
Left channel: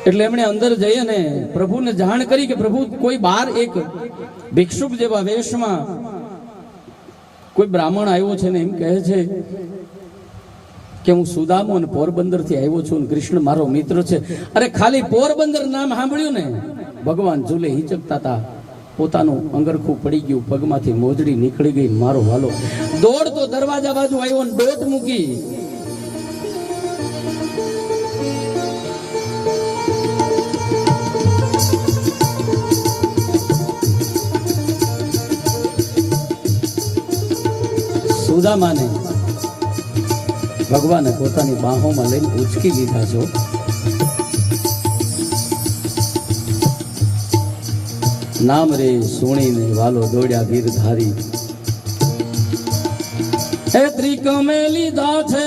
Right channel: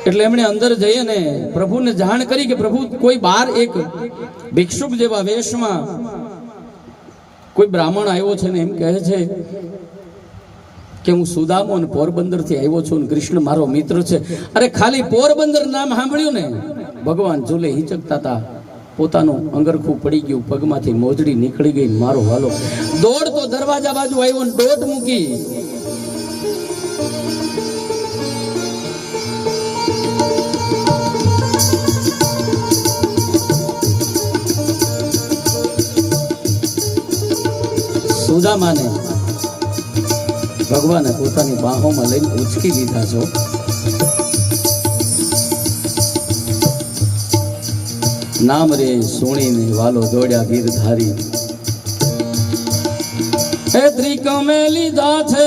એટલે એમણે અંદર જઈ અને પ્રભુને જાણ કરી કે પ્રભુ, કોઈ બાર એક ભિક્ષુક જેવા વેશમાં કોઈ બ્રાહ્મણ આવ્યો છે ને એમ કહે છે કે હું સુદામો અને પોરબંદર થી આવ્યો છું અને કૃષ્ણ મારો મિત્ર છે. અરે ખાલી પોરબંદર નામ સાંભળ્યું ને, ભગવાન ઝૂલે હિચકતા હતા, પોતાનું અંગરખું પડી ગયું, પગમાંથી મોજડી નીકળી ગઈ. મારો વાલો દોડતો દરવાજા બાજુ આવ્યો ને દોટ મૂકી. સુદામાને ભગવાને પોતાની બાહોમાં લઈને ઉચકી લીધા છો. નામ રે સુણીને વાલો દોડ્યા ગીરધારી. એ ત્રિકમે લીધા છે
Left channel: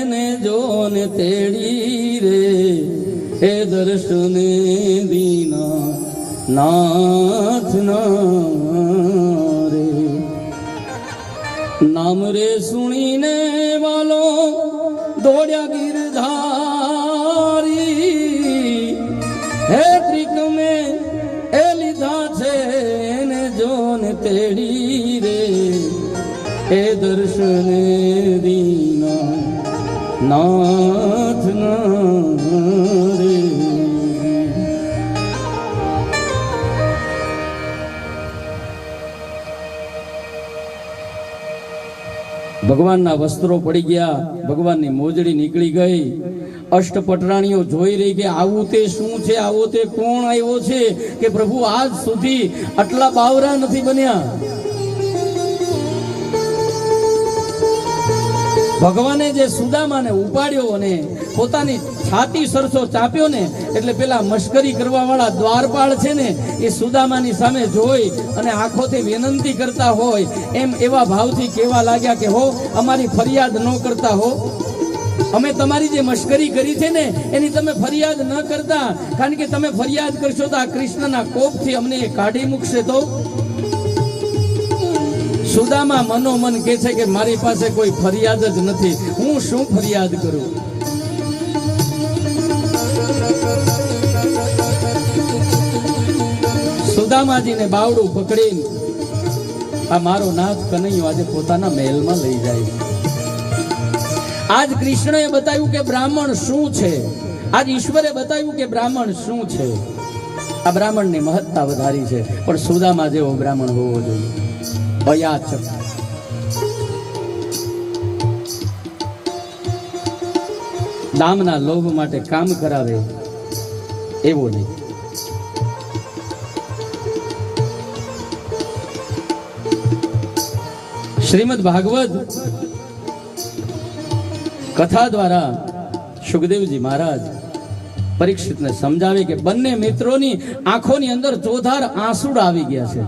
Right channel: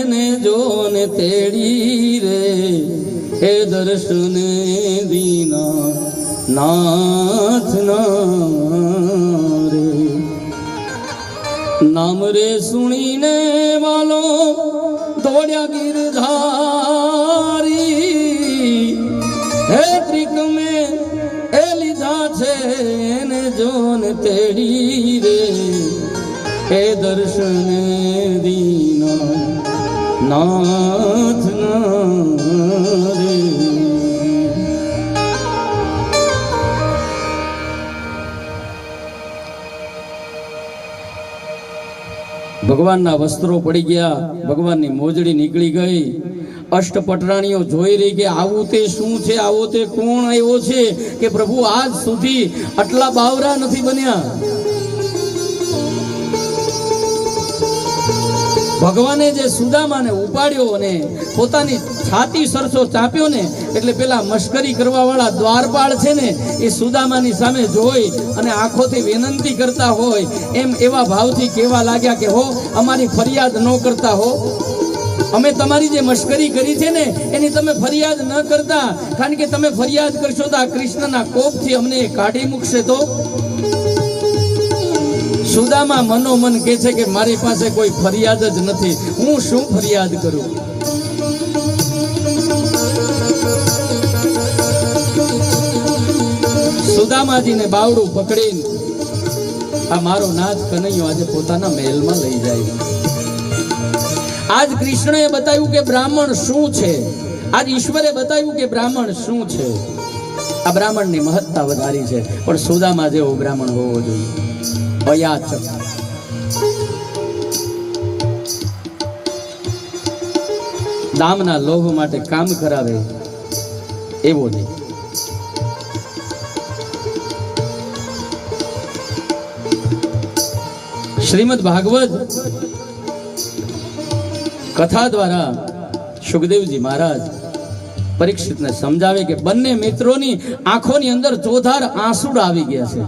એને જોને તેડી રે, હે દર્શન દીના નાથ રે નામ રે સુણીને વાલો દોડ્યા ગીરધારી હે ક્રિક મે એ લીધા છે ને જોન તેડી રે હે દર્શન દીના નાથ રે ભગવાનના વસ્ત્રો પડી ગયા, ભગવાનની મોજડી નીકળી ગઈ. અષ્ટપટરાણીઓ જોઈ રહી કે આવું તે શું છે, આવો તે કોણ આવ્યો છે કે પ્રભુ આજ સુધી આટલા બાવરા નથી બન્યા. ભગવાને જે સુદામાને ઉપાડ્યો અને પોતાની છાતી સરસો ચાપ્યો ને એટલે પેલા મશ્કરી કરવા વાળા દ્વારપાળ છે ને એ સુદામાની સામે જોઈ અને આંખોથી વિનંતી કરતા હોય એમ એવા ભાવથી કહેવા લાગ્યા કે હો અમારી ફરિયાદ ન કરતા હો, અમે તમારી જે મશ્કરી કરી છે ને એની તમે ફરિયાદ ન કરતા, કારણ કે તમે ફરિયાદ કરશો તો આ કૃષ્ણના કોપથી અમને એ કાઢી મૂકશે. તો સુદામા મનોમન કહે છે કે મારી પાસે કોઈ ફરિયાદ જ નથી, હું શું ફરિયાદ કરું. સુદામાજીને બાવડું પકડીને આ મારો નાથ કનૈયો આજે પોતાના મહેલમાં લઈ જાય. આજ કૃષ્ણએ બતાવ્યું કે બ્રાહ્મણ શું છે, આજ ઈશ્વરે બતાવ્યું કે બ્રાહ્મણ શું છે. આ બ્રાહ્મણની મહત્તા વધારી છે, પણ સુદામા જેવો બ્રાહ્મણ હોવો જોઈએ. અયાચક દામના લોભ માટે કામ કરાવે એવો નહીં. શ્રીમદ ભાગવત કથા દ્વારા સુખદેવજી મહારાજ પરીક્ષિતને સમજાવે કે બંને મિત્રોની આંખોની અંદર ચોધાર આંસુડા આવી ગયા છે.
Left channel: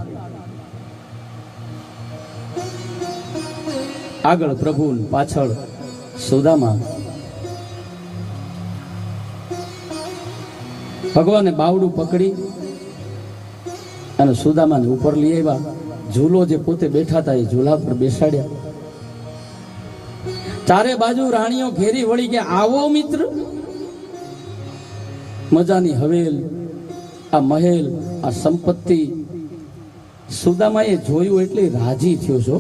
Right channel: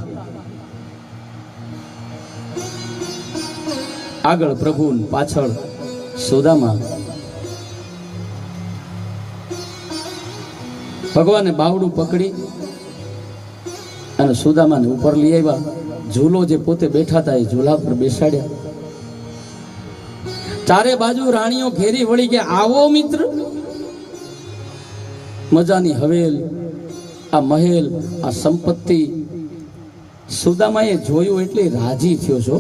આગળ પ્રભુ પાછળ સુદામા. ભગવાને બાવડું પકડી અને સુદામાને ઉપર લઈ આવ્યા. ઝૂલો જે પોતે બેઠા હતા એ ઝૂલા પર બેસાડ્યા. ચારે બાજુ રાણીઓ ઘેરી વળી કે આવો મિત્ર, મજાની હવેલ, આ મહેલ, આ સંપત્તિ. સુદામાએ જોયું એટલે રાજી થયો છો.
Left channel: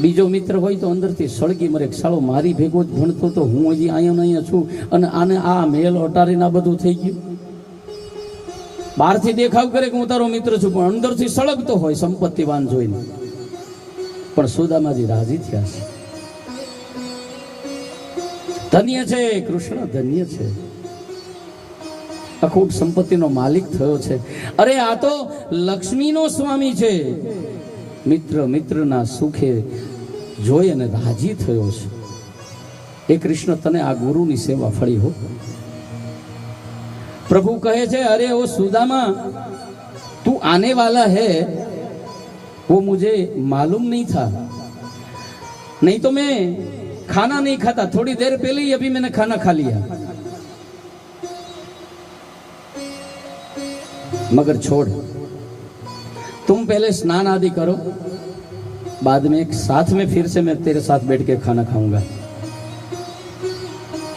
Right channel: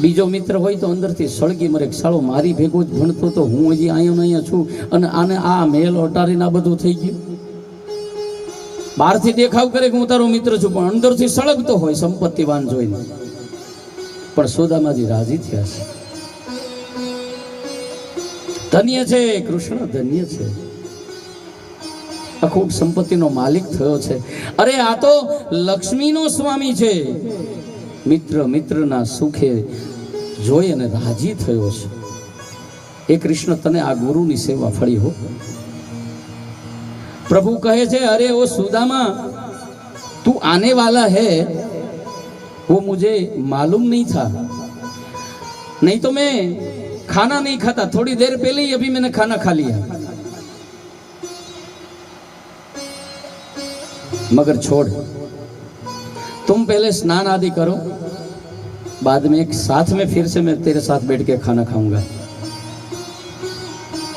બીજો મિત્ર હોય તો અંદરથી સળગી મરે, સાળો મારી ભેગો જ ભણતો તો હું હજી અહીંયા છું અને આને આ મહેલ અટારીને આ બધું થઈ ગયું. બહારથી દેખાવ કરે કે હું તારો મિત્ર છું, પણ અંદરથી સળગતો હોય સંપત્તિવાન જોઈને. પણ સુદામાજી રાજી થયા છે. ધન્ય છે કૃષ્ણ, ધન્ય છે, અખૂટ સંપત્તિનો માલિક થયો છે. અરે આ તો લક્ષ્મીનો સ્વામી છે. મિત્ર મિત્રના સુખે જોઈ અને રાજી થયો છે. એ કૃષ્ણ તને આ ગુરુની સેવા ફળી હો. प्रभु कहे छे अरे वो सुदामा तू आने वाला है वो मुझे मालूम नहीं था, नहीं तो मैं खाना नहीं खाता. थोड़ी देर पहले ही अभी मैंने खाना खा लिया. मगर छोड़, तुम पहले स्नान आदि करो, बाद में एक साथ में फिर से मैं तेरे साथ बैठ के खाना खाऊंगा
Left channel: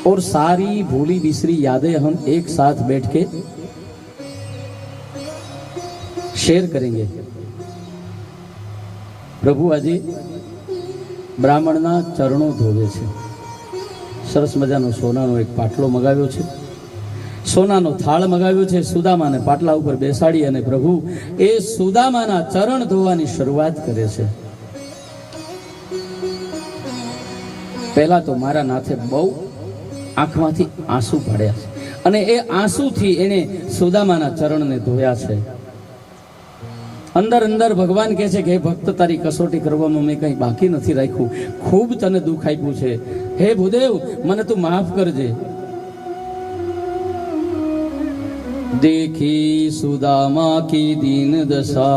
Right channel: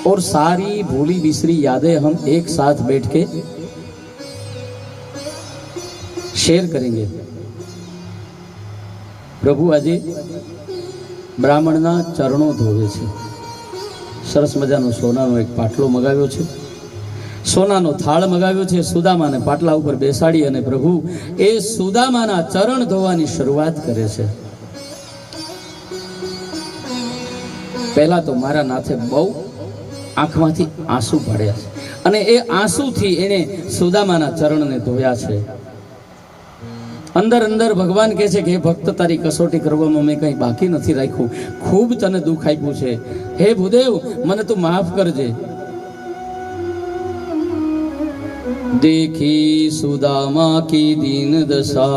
और सारी भूली बिसरी यादें हम एक साथ बैठ के शेयर करेंगे. प्रभु આજે બ્રાહ્મણના ચરણો ધોવે છે. સરસ મજાનો સોનાનો એક પાટલો મગાવ્યો છે, સોનાનો થાળ મગાવ્યો છે. સુદામાને પાટલા ઉપર બેસાડી અને પ્રભુ એ સુદામાના ચરણ ધોવાની શરૂઆત કરે છે. પહેલા તો મારા નાથે બહુ આંખમાંથી આંસુ પડ્યા છે અને એ આંસુથી એને સુદામાના ચરણને ધોયા છે. અંદર અંદર ભગવાન કહે છે કે હે ભક્ત, તારી કસોટી કરવામાં મેં કંઈ બાકી નથી રાખ્યું. ખૂબ તને દુઃખ આપ્યું છે. હે ભૂદેવ, મને તું માફ કરજે. देखी सुदामा की दीन दशा,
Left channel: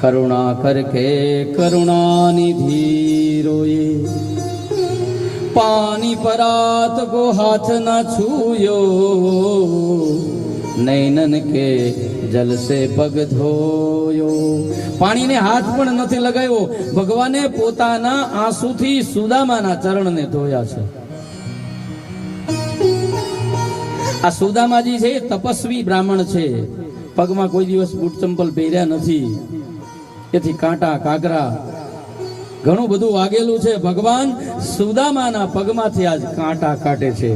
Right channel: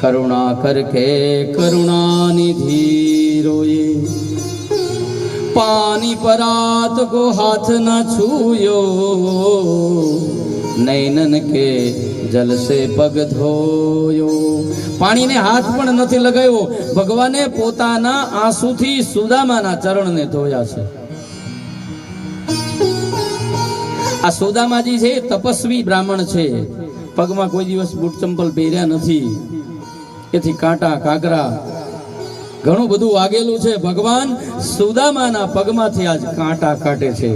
करुणा करके करुणा निधि रोए. पानी पानी परात को हाथ न छूयो, नैनन के जल से पग धोयो। पानी ने हाथ पण નથી લગાવ્યો, ભગવાને પોતાના આંસુથી સુદામાના ચરણને ધોયા છે। આ સુદામાજી છે તપસ્વી બ્રાહ્મણ છે, પગમાં કોઈ દિવસ બૂટ ચંપલ પહેર્યા નથી, એથી કાંટા કાગરા ઘણું બધું વાગેલું છે। ભગવાન સુદામાના પગમાંથી આજ કાંટા કાઢે છે,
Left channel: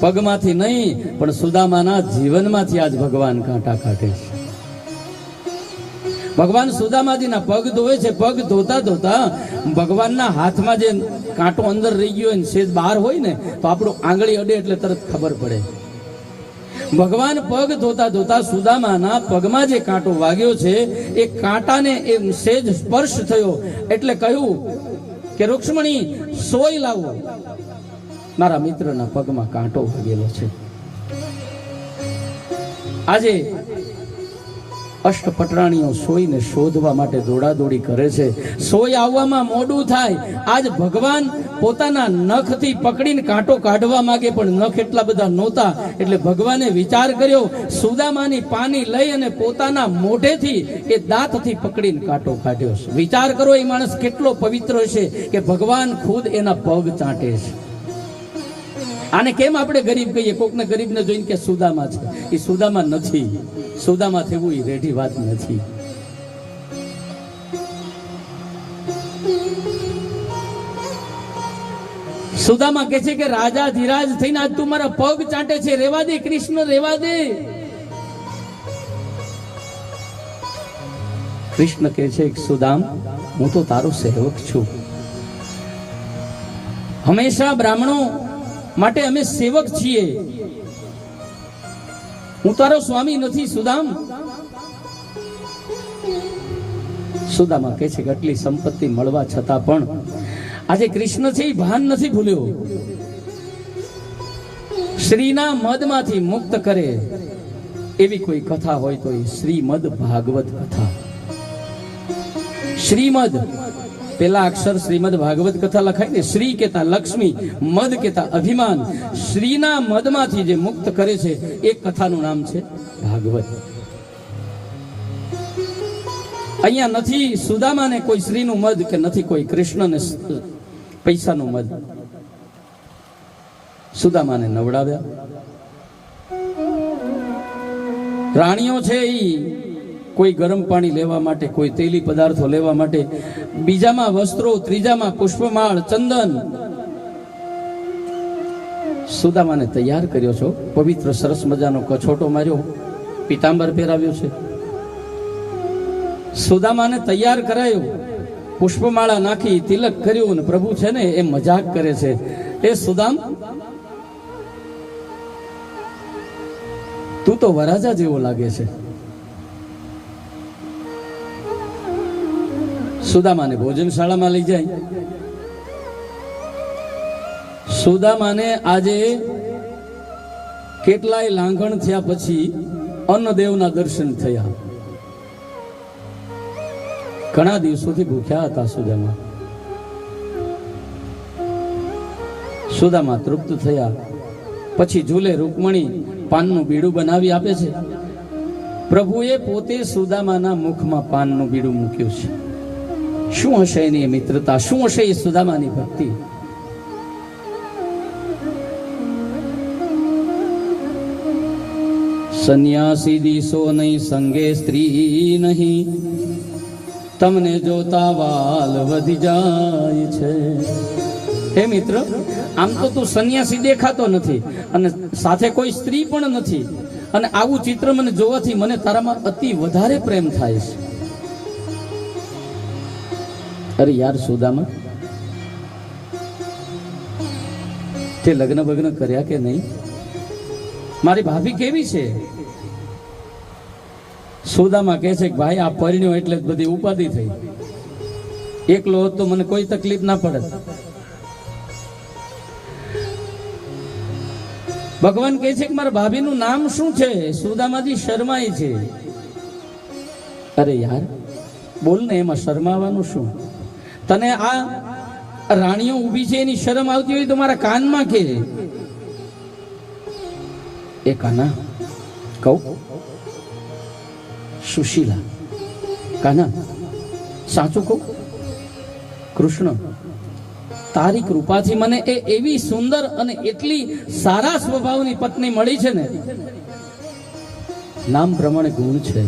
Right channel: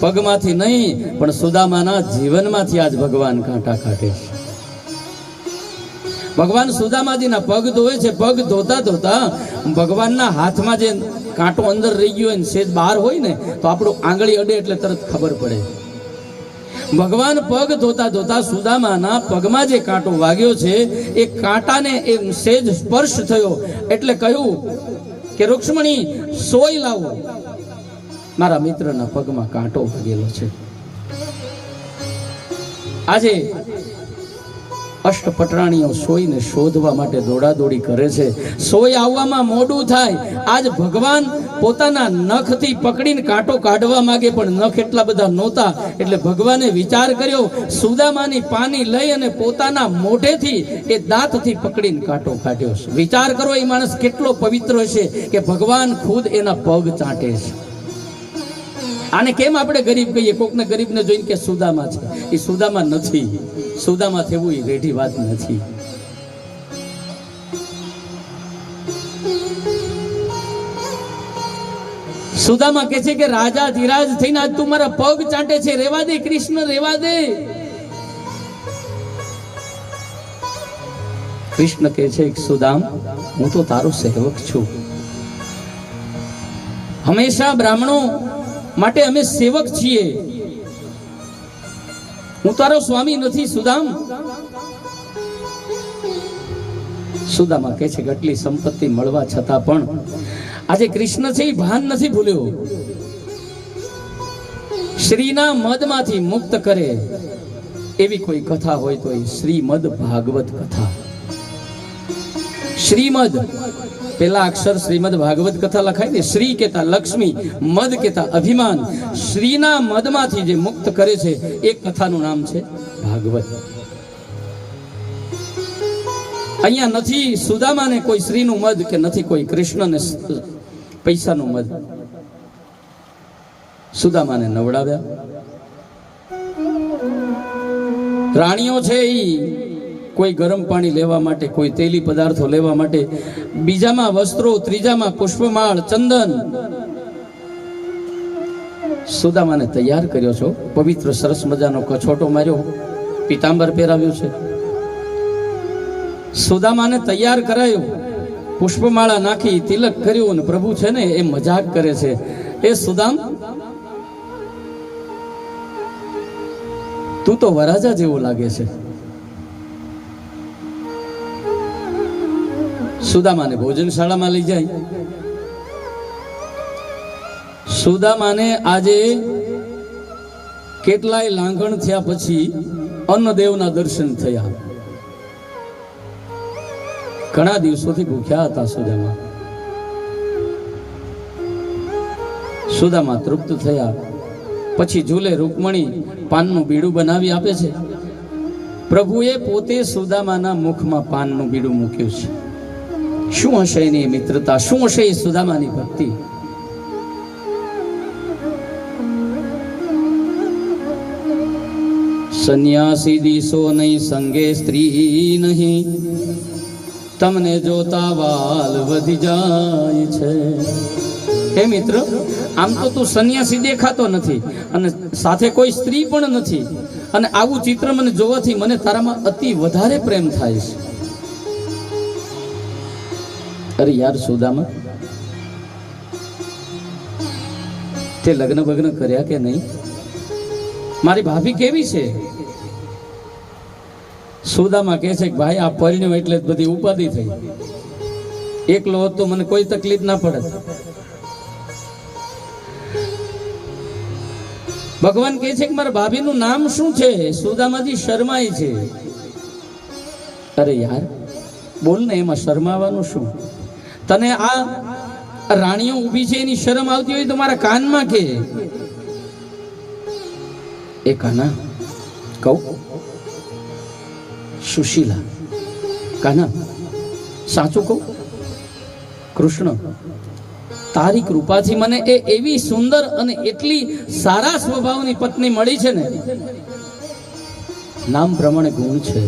પગમાંથી નહીં પણ સુદામાના જીવનમાંથી આજ ભગવાન કાંટા કાઢે છે। ભગવાન સુદામાજીના પગ ધોવે છે, પગ ધોતા ધોતા ભગવાનના હાથમાં જે કાંટો અંદર રહી ગયો હોય ને સેજ બહાર હોય ને તો આપણું આંગળી અડે એટલે તરત ખબર પડે। ભગવાન પગ ધોતા ધોતા સુદામાના પગમાં જે કાંટો વાગ્યો છે એ કાંટાને એ સેજ સ્પર્શ થયો એટલે કહ્યું કે રૂક્ષ્મણી સોય લાવો, મારા મિત્રના પગમાં કાંટો વાગેલો છે। આજે અષ્ટપટરાણીઓ સોયને શોધવા માટે દોડાદોડી કરે છે, સોય આવવામાં મોડું થાય। આજ ભગવાન પોતાના નખથી પકડીને કાંટો કાઢવા માંગે પણ નખ એટલા બધા નહોતા એટલે ભગવાને વિચાર કર્યો, સુદામાની પાની લઈ અને પોતાના મોઢેથી એ દાંતથી પકડીને કાંટો કાઢ્યો છે। વિચાર કરો એ માણસ કેટલો પવિત્ર હશે કે ભગવાન ખુદ એના પગ ચાટે છે। આને કેમ આપણે ગરીબ કહીએ? કોકને ગરીબને જોઈને કે સુદામા છે, એ સુદામા નથી, સુદામા થવું એ રેઢી વાત નથી। સુદામા કહે છે કે રાજા ધીરાજ થઈને આજ તું મારા પગ ચાટે છે, રેવા દે કૃષ્ણ, રેવા દે। કૃષ્ણ કહે છે સુદામ, હું તો તારો સેવક છું, હંમેશા બ્રાહ્મણો માટે અમે સેવક છીએ, હું તારો સ્વામી નથી સુદામ। સુદામા કહે છે કે આટલી સંપત્તિ મળવા છતાં પણ આજે કૃષ્ણ છે એ ભાન નથી ભૂલ્યો, શ્રીના મદમાંથી મુક્ત કરે એવી કોઈ કથા હોય તો એ શ્રીમદ ભાગવત કથા। શ્રીમદ પેલા અક્ષર શ્રીમદ ભાગવત કથા લખાય ને, શ્રી કેતા લક્ષ્મી, મદ કેતા અભિમાન, શ્રીના મદમાંથી જે મુક્ત કરે છે એ કથાનું નામ છે ભાગવત। અહીંયા નથી સુદામાને કોઈ શ્રીનું મદ કે નથી કોઈ કૃષ્ણને પૈસાનું મદ, સુદામાને નવડાવ્યા। રાણીઓ છે એ કોઈ ગરમ પાણી લેવા માટે, કોઈ તેલી પદાર્થો લેવા માટે, બીજામાં વસ્ત્રો, ત્રીજામાં પુષ્પમાળ, ચંદન, સુદામાને તૈયાર કર્યો છો, પવિત્ર સરસ મજાનો કછોટો માર્યો, પીતાંબર પહેરાવ્યું છે, સુદામાને તૈયાર કરાયો, પુષ્પમાળા નાખી તિલક કર્યું અને પ્રભુ છે ને એ મજાક કરે છે, એ સુદામ તું તો વરાજા જેવો લાગે છે। સુદામાને ભોજનશાળામાં લઈ જાય। સુદામાને આજે કેટલાય લાંઘણ થયા પછી અન્નદેવના દર્શન થયા। ઘણા દિવસોથી ભૂખ્યા હતા સુદામા। સુદામા તૃપ્ત થયા પછી ઝૂલે રૂકમણી પાનનું બીડું બનાવી આપે છે। પ્રભુએ પોતે સુદામાના મુખમાં પાનનું બીડું મૂક્યું છે। શું હશે એની મિત્રતા, શું હશે એ સુદામાની ભક્તિ? સંન્યાસી દીસો નહીં, સંગે સ્ત્રી નહીં, તમને જોતા વાલ વધી જાય છે। હે મિત્ર, આમ તો તું સંન્યાસી દેખાતો નથી અને સાથે કોઈ સ્ત્રી પણ નથી, અને આવું ચિત્ર મને જોવાથી મને તારામાં અતિ વધારે પ્રેમ થાય છે। અરે યાર સુદામા, તે લગ્ન બગ્ન કર્યા કે નહીં? મારી ભાભી કેવી છે? સુદામા કહે છે કે ભાઈ આ પરણ્યો એટલે બધી ઉપાધિ થઈ, એકલો હોત તો મને કોઈ તકલીફ ના પડે। ભગવાન કહે છે કે મારા ભાભીનું નામ શું છે? સુદામાજી શરમાય છે। અરે યાર બોલ ને, એમાં શરમાવાનું શું? તને આ રાણીઓ ઊભી છે એની શરમ આવતી હોય તો મારા કાનમાં કે એ કાના કહું, સુશીલા કાના સાચું કહું, કૃષ્ણ તારી કૃપાથી મને એ એવી સુંદર અને એટલી સારા સ્વભાવની પત્ની મળી છે ને, નામ પ્રમાણે ગુણ છે.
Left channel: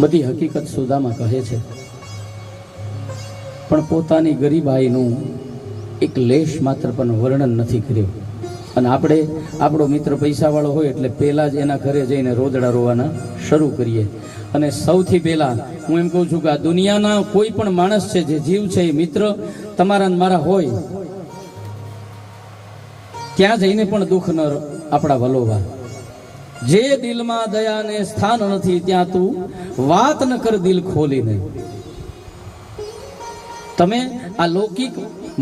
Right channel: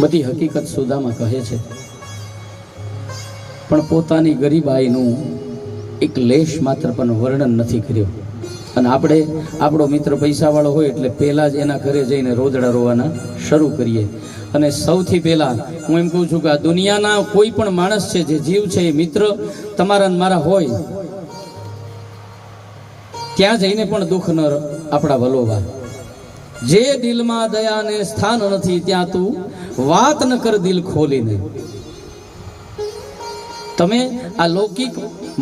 બધી હકીકત સુદામા કહે છે, પણ પોતાની ગરીબાઈનું એક લેશ માત્ર પણ વર્ણન નથી કર્યું. અને આપણે આપણો મિત્ર પૈસાવાળો હોય એટલે પહેલા જ એના ઘરે જઈને રોદડા રોવાના શરૂ કરીએ. અને સૌથી પહેલા હું એમ કહું છું કે આ દુનિયાના કોઈ પણ માણસ છે જે જીવ છે એ મિત્ર તમારા ને મારા હોય, ત્યાં જઈને પણ દુઃખ ન આપણા વલોવા. જે દિલમાં દયાને સ્થાન નથી ત્યાં તું વાત ન કર દિલ ખોલીને. તમે આ લૌકિક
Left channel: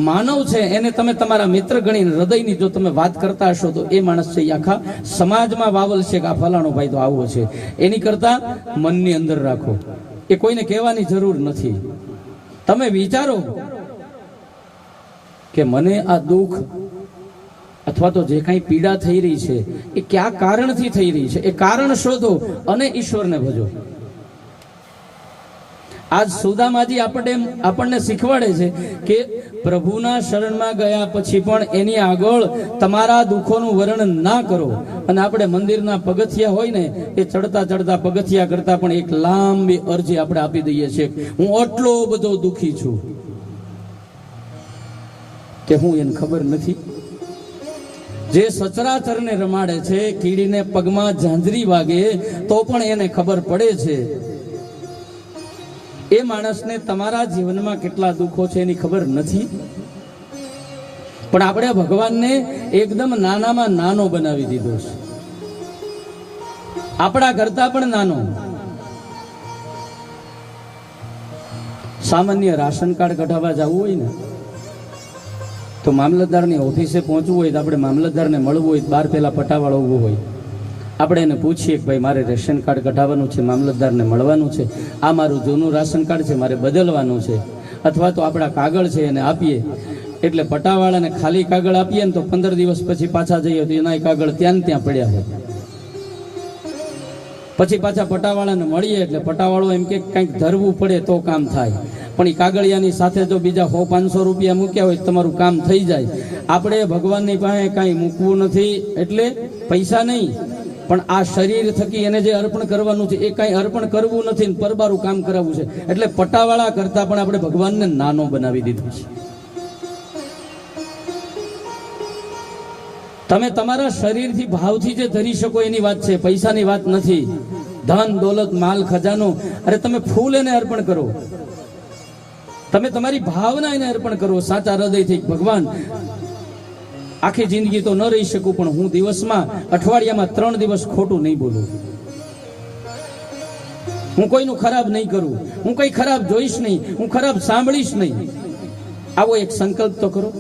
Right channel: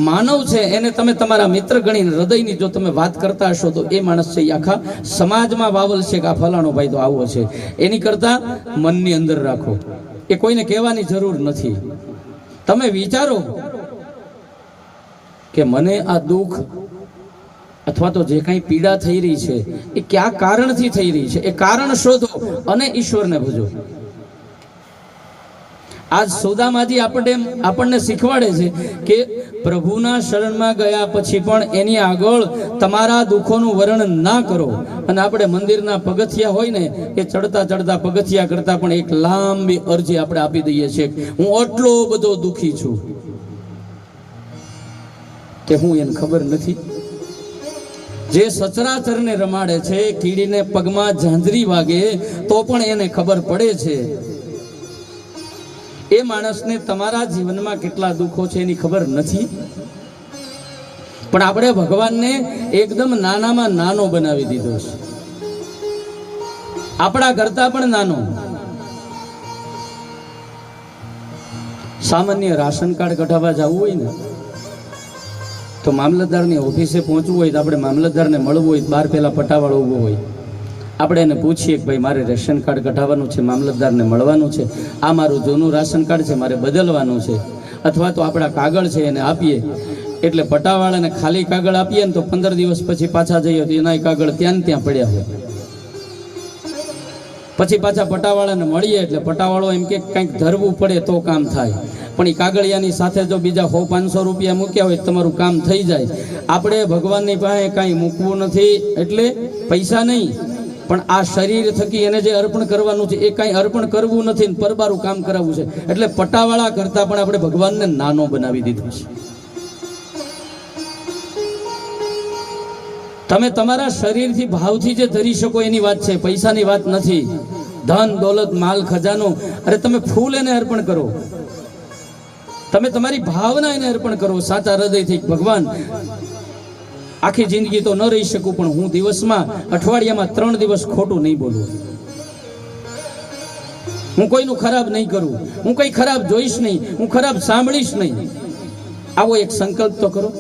માનવ છે એને તમે તમારા મિત્ર ગણીને હૃદયની જો તમે વાત કરતા હશો તો એ માણસ છે આખા સમાજમાં વાવલ છે કે આ ફલાણો ભાઈ તો આવો છે. એની કરતા મનની અંદર રાખો, એ કોઈને કહેવાની જરૂર નથી. તમે વિચારો કે મને આ દુઃખ અથવા તો જે કંઈ પીડા થઈ રહી છે એ કયા કારણથી થઈ રહી છે, એ કારણ શોધો અને ઈશ્વરને ભજો. આજ સુદામાજી આપણને શીખવાડે છે કે પ્રભુના શરણમાં ગયા પછી પણ એની આગળ તમારા દુઃખોનું વર્ણન ના કરો. અને આપણે મંદિરના પગથિયા હોય ને એ ચડતા ચડતા પગથિયા કરતા પણ એક લાંબી અરજી આપણે આપી દઈએ છીએ, હું આટલો બધો દુઃખી છું કે હું એને ખબર નથી. જે સચરાચરને રમાડે છે, કીડીને પગમાં ઝાંઝરી વાગે તો પણ એને ખબર પડે છે. એ માણસને તમારા જીવનમાં કેટલા દુઃખો છે એની ખબર નથી. પણ આપણે ભગવાનને એકદમ નાનામાં નાનો બનાવી દીધો છે, આપણા કરતા પણ નાનો. સામાન્ય રાશન કાર્ડ કઢાવવા જવું હોય ને તો મામલતદારની ઓફિસે પહોંચવું હોય તો આપણે મામલતદારને મળવું હોય, બહાર પહેલા પટાવાળો ઊભો હોય, આપણે એને પૂછીએ કે ભાઈ મારે રેશન કાર્ડ કઢાવવાનું છે, મામલતદારને મળવાનું છે, આ મારું જૂનું રાશન કાર્ડ છે મારે બદલવાનું છે, અથવા તો આપણા કાગળ છે એને આપીએ. એટલે પટાવાળાને ખાલી કાગળ આપીએ ને તો 15 દિવસ પછી પાછા જઈએ તો એના કાગળ ત્યાં પડ્યા હોય. પછી પાછા પટાવાળાને મળીએ એટલે પટાવાળો એમ કે કંઈક ધરવું પડે તો કામ થાય, પણ એ કાગળિયાની સાથે જો બીજા 100-500 રૂપિયા મૂક્યા હોય તમારું કામ થઈ જાય. આપણે ભગવાનની પાસે કાંઈ મૂકવું નથી, એટલે પૈસા નહીં પણ આ શરીર થકી એને જે અર્પણ કરવાનું છે એ કાંઈ અર્પણ કરવું નથી ને પરબારું કામ કરાવવું છે. એટલે પટાવાળા કરતા પણ આપણે ભગવાનને નાનો બનાવી દીધો છે. તમે તમારા શરીરથી ભાવથી જે ધરી શકો એની વાત છે, પૈસાની વાત નથી. ધન દોલત માલ ખજાનો, અરે તમે ફૂલ એને અર્પણ કરો, તમે તમારી ભાવના એને અર્પણ કરો સાચા હૃદયથી. ભગવાન આખી જિંદગી તો ન રહી શકું પણ હું દિવસમાં અઠવાડિયામાં 3 દિવસ ખોટું નહીં બોલું, હું કોઈનું ખરાબ નહીં કરું, હું કઈ ખરાબ જોઈશ નહીં, હું ખરાબ સાંભળીશ નહીં. આવો એક સંકલ્પ તો કરો.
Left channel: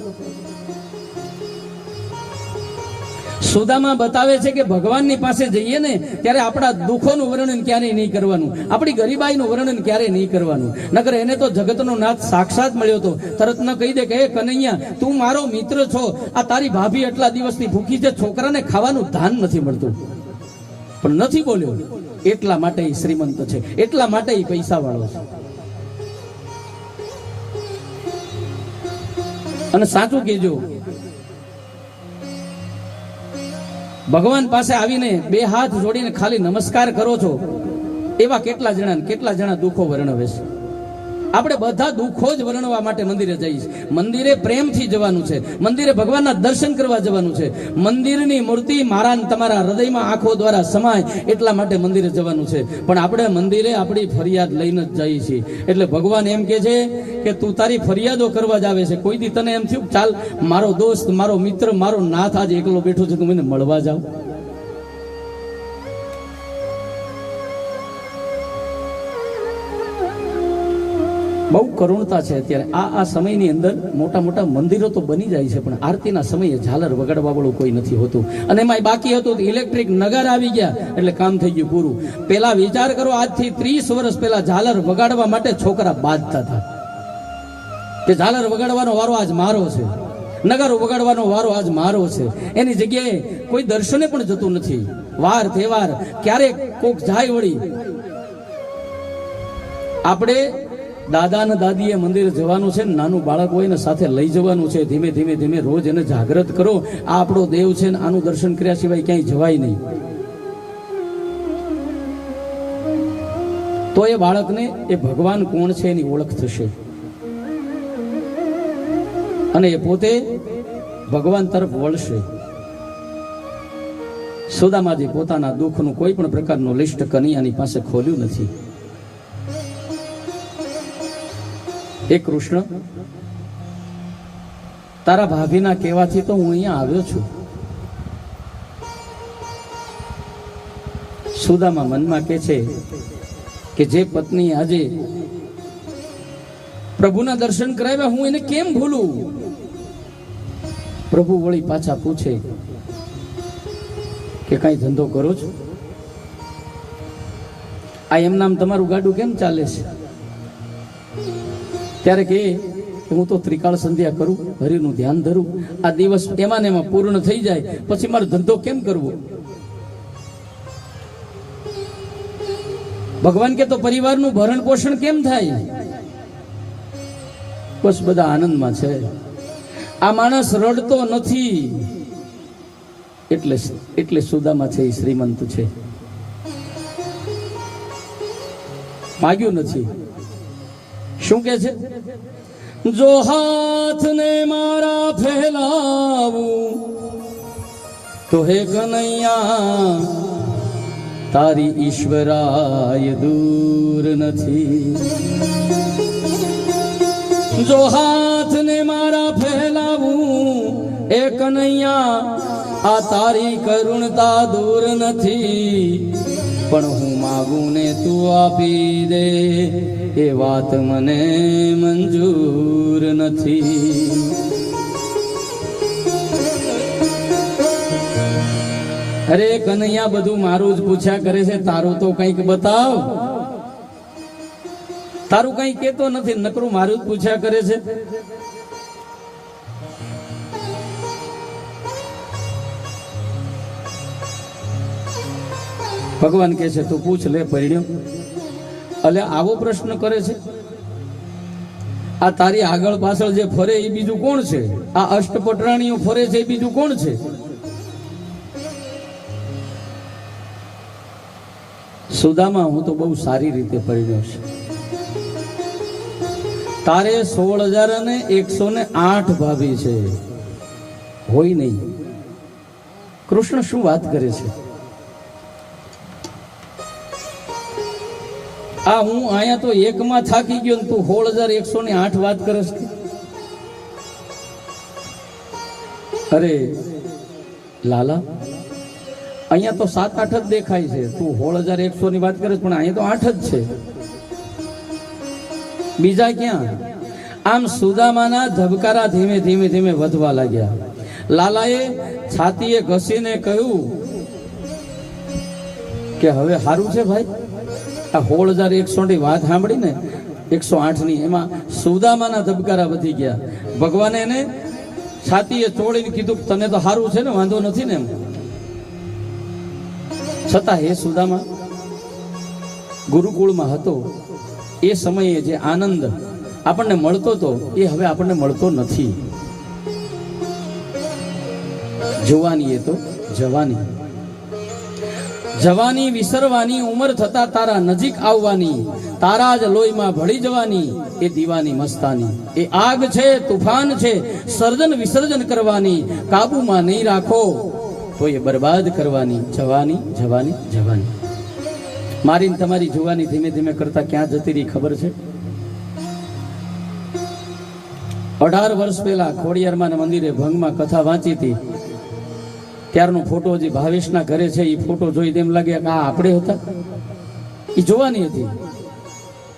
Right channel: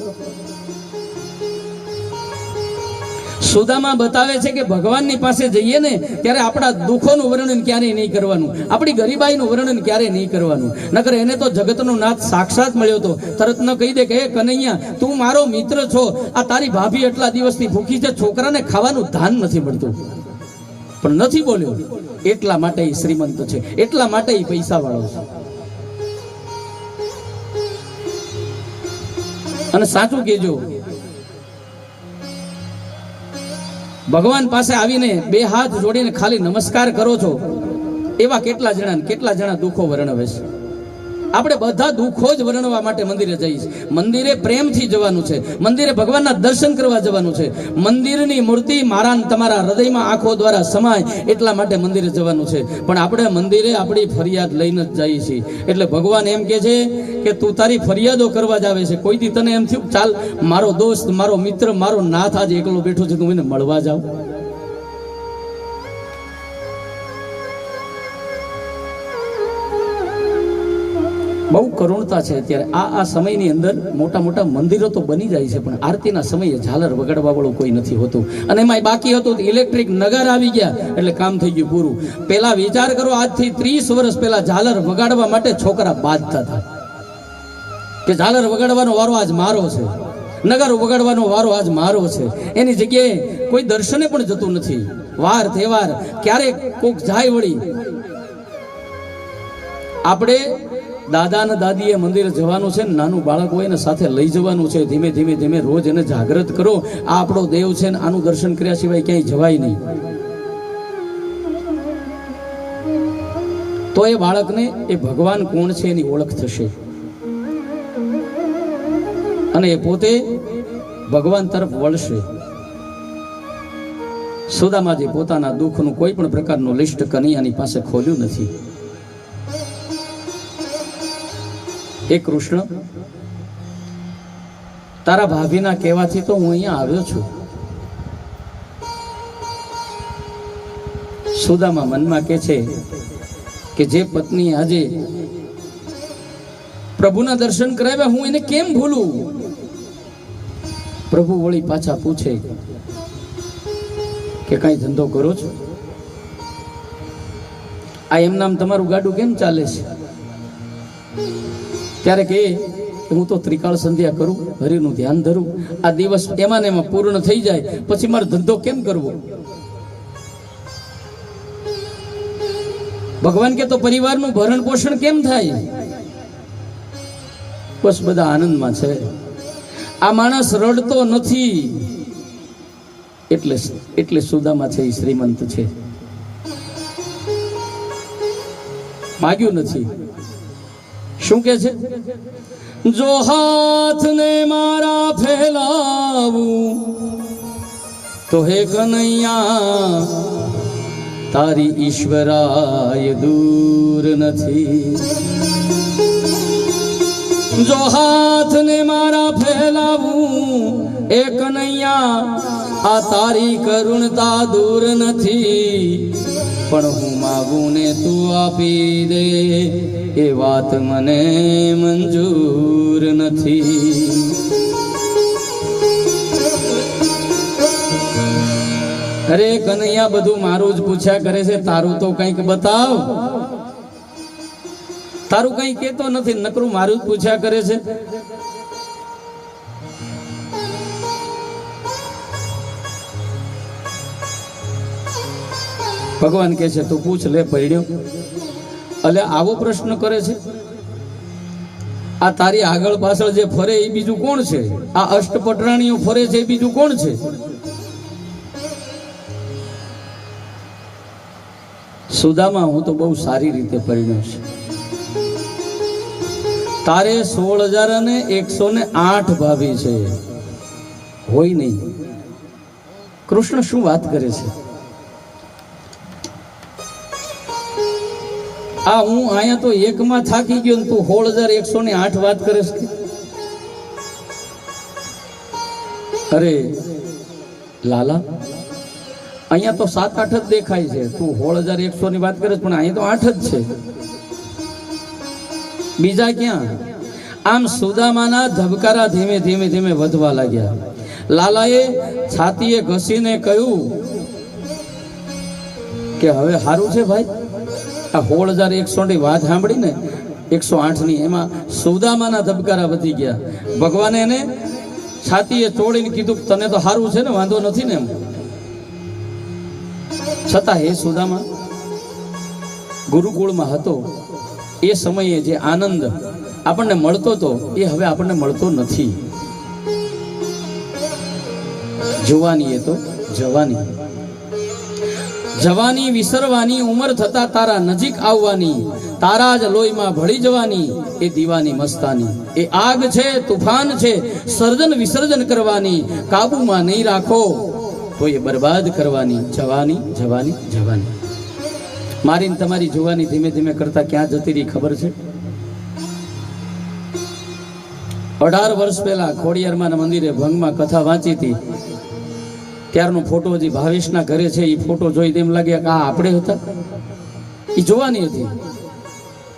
સુદામા બતાવે છે કે ભગવાનની પાસે જઈએ ને ત્યારે આપણા દુઃખોનું વર્ણન ક્યારેય નહીં કરવાનું, આપણી ગરીબાઈનું વર્ણન ક્યારેય નહીં કરવાનું. નકર એને તો જગતનો નાથ સાક્ષાત મળ્યો હતો, તરત ન કહી દે કે હે કનૈયા તું મારો મિત્ર છો, આ તારી ભાભી એટલા દિવસથી ભૂખી છે, છોકરાને ખાવાનું ધાન નથી મળતું. પણ નથી બોલ્યો, એટલા માટે એ શ્રીમંત છે, એટલા માટે એ પૈસા વાળો છે. અને સાચું કહેજો, ભગવાન પાસે આવીને 2 હાથ જોડીને ખાલી નમસ્કાર કરો છો એવા કેટલા જણા દુઃખો વર્ણવે છે. આપણે બધા દુઃખો જ વર્ણવા માટે મંદિરે જઈએ. મંદિરે પ્રેમથી જવાનું છે, મંદિરે ભગવાનના દર્શન કરવા જવાનું છે. મંદિરની મૂર્તિ મારા તમારા હૃદયમાં આંખો દ્વારા સમાય એટલા માટે મંદિરે જવાનું છે. પણ આપણે મંદિરે આપણી ફરિયાદ લઈને જ જઈએ છીએ. એટલે ભગવાન એમ કે છે કે તું તારી ફરિયાદો કરવા જ આવે છે. કોઈ દી તને એમ થયું ચાલ મારો દોસ્ત, મારો મિત્ર, મારો નાથ આજે એકલો બેઠો છે, તું એને મળવા જાવ? બહુ કરુણતા છે અત્યારે આ સમયની અંદર મોટા મોટા મંદિરો તો બની જાય છે, પણ આરતીના સમયે ઝાલર વગાડવા વાળું કોઈ નથી હોતું. અને એમાં બાકી હતું ઇલેક્ટ્રિક નગાર આવી ગયા એટલે કામ થઈ ગયું પૂરું. પેલા વિચાર કરો, આજથી 30 વર્ષ પહેલા ઝાલર વગાડવા માટે છોકરા બાંધતા હતા કે ઝાલર વગાડવાનો વારો આજ મારો છે, નગારો વગાડવાનો વારો આજ મારો છે. એની જગ્યાએ કોઈ દર્શને પણ જતું નથી. વાર તહેવાર ક્યારેક કોક જાય વળી. આપણે દાદા ને દાદીએ મંદિર જવાનું છે, નાનું બાળક હોય ને સાથે લઈ જવાનું છે. ધીમે ધીમે ધીમે રોજ એને જાગૃત કરો. આ આપણો દેવ છે ને આનું દર્શન કર્યા સિવાય ક્યાંય જવાય નહીં. તો એ બાળકને એ ભગવાન કોણ છે એની ઓળખ થશે અને એ પોતે ભગવાન તરફ વળશે. સુદામાજી પોતાના દુઃખનું કોઈ પણ પ્રકારનું લિસ્ટ કનૈયાની પાસે ખોલ્યું નથી. એ કૃષ્ણ, તારા ભાભીના કહેવાથી તો હું અહીંયા આવ્યો છું. સુદામા મનમાં કહે છે કે જે પત્ની આજે પ્રભુના દર્શન કરાવ્યા, હું એને કેમ ભૂલું. પ્રભુ વળી પાછા પૂછે કે કઈ ધંધો કરો છો? આ એમ નામ તમારું ગાડું કેમ ચાલે છે? ત્યારે કે હું તો ત્રિકાળ સંધ્યા કરું, હરિનું ધ્યાન ધરું. આ દિવસ એમાં ને એમાં પૂર્ણ થઈ જાય પછી મારો ધંધો કેમ કરવો? ભગવાન કે તો પરિવારનું ભરણ પોષણ કેમ થાય? બસ બધા આનંદમાં છે. આ માણસ રડતો નથી એટલે સુદામા છે એ શ્રીમંત છે. માગ્યું નથી. શું કે છે? જો હાથને મારા ફેલાવું તો હે કનૈયા તારી ઈશ્વરાય દૂર નથી. જો હાથને મારા ફેલાવું એ કનૈયા આ તારી કરુણતા દૂર નથી. પણ હું માગું ને તું આપી દે એ વાત મને મંજૂર નથી. અરે કનૈયા, બધું મારું જ પૂછ્યા કરે છે, તારું તો કંઈક બતાવ. તારું કંઈ કેતો નથી, નકરું મારું જ પૂછ્યા કરે છે. ભગવાન કહે છે તું પૂછ લે પડ્યો. એટલે આવો પ્રશ્ન કરે છે? આ તારી આગળ પાછળ જે ફરે એ બીજું કોણ છે? આ અષ્ટપટરાણીઓ ફરે છે એ બીજું કોણ છે? સુદામા, હું તો બહુ સારી રીતે પરિણ્યો છું. તારે 16,108 ભાભી છે, હોય નહીં. કૃષ્ણ શું વાત કરે છે? આ હું અહીંયા તો એકમાં થાકી ગયો, તું 16,108 વાત કરે છે. અરે લાલા, અહીંયા તો 7-8 જ દેખાય છે. તું 16,100 ની વાત કરે, પણ અહીંયા તો 8 જ છે. બીજા ક્યાં? આમ સુદામાના ધબકારા ધીમે ધીમે ધીમે વધવા લાગ્યા. લાલાએ છાતીએ ઘસીને કહ્યું કે હવે સારું છે ભાઈ. આ 16,100 ની વાત સાંભળી ને 108 ની, એમાં સુદામાના ધબકારા વધી ગયા. ભગવાને એને છાતીએ તોડીને કીધું તને તો સારું છે ને, વાંધો નથી ને એમ. છતાં હે સુદામા, ગુરુકુળમાં હતો એ સમયે જે આનંદ આપણને મળતો હતો એ હવે આપણને મળતો નથી. જોવાની એ તો જવાની, જવાની વિસરવાની, ઉંમર થતા તારા નજીક આવવાની, તારા જ લોહીમાં ભળી જવાની એ દીવાની મસ્તાની. એ આગ છે, તુફાન છે, સર્જન વિસર્જન કરવાની, કાબુમાં નહીં રાખો તો એ બરબાદ કરવાની. જવાની જવાની જવાની. મારીને તમારી જુવાની ધીમે ધીમે કરતા ક્યાં જતી રહી ખબર છે? 18 વર્ષ પહેલા ખોડિયારમાંના મંદિરે ભંગમાં કથા વાંચી હતી. ત્યારનો ફોટો હજી ભાવેશના ઘરે છે. એ ફોટો જોઈ તેમ લાગે કે આ આપણે હતા. એ જોવાની હતી.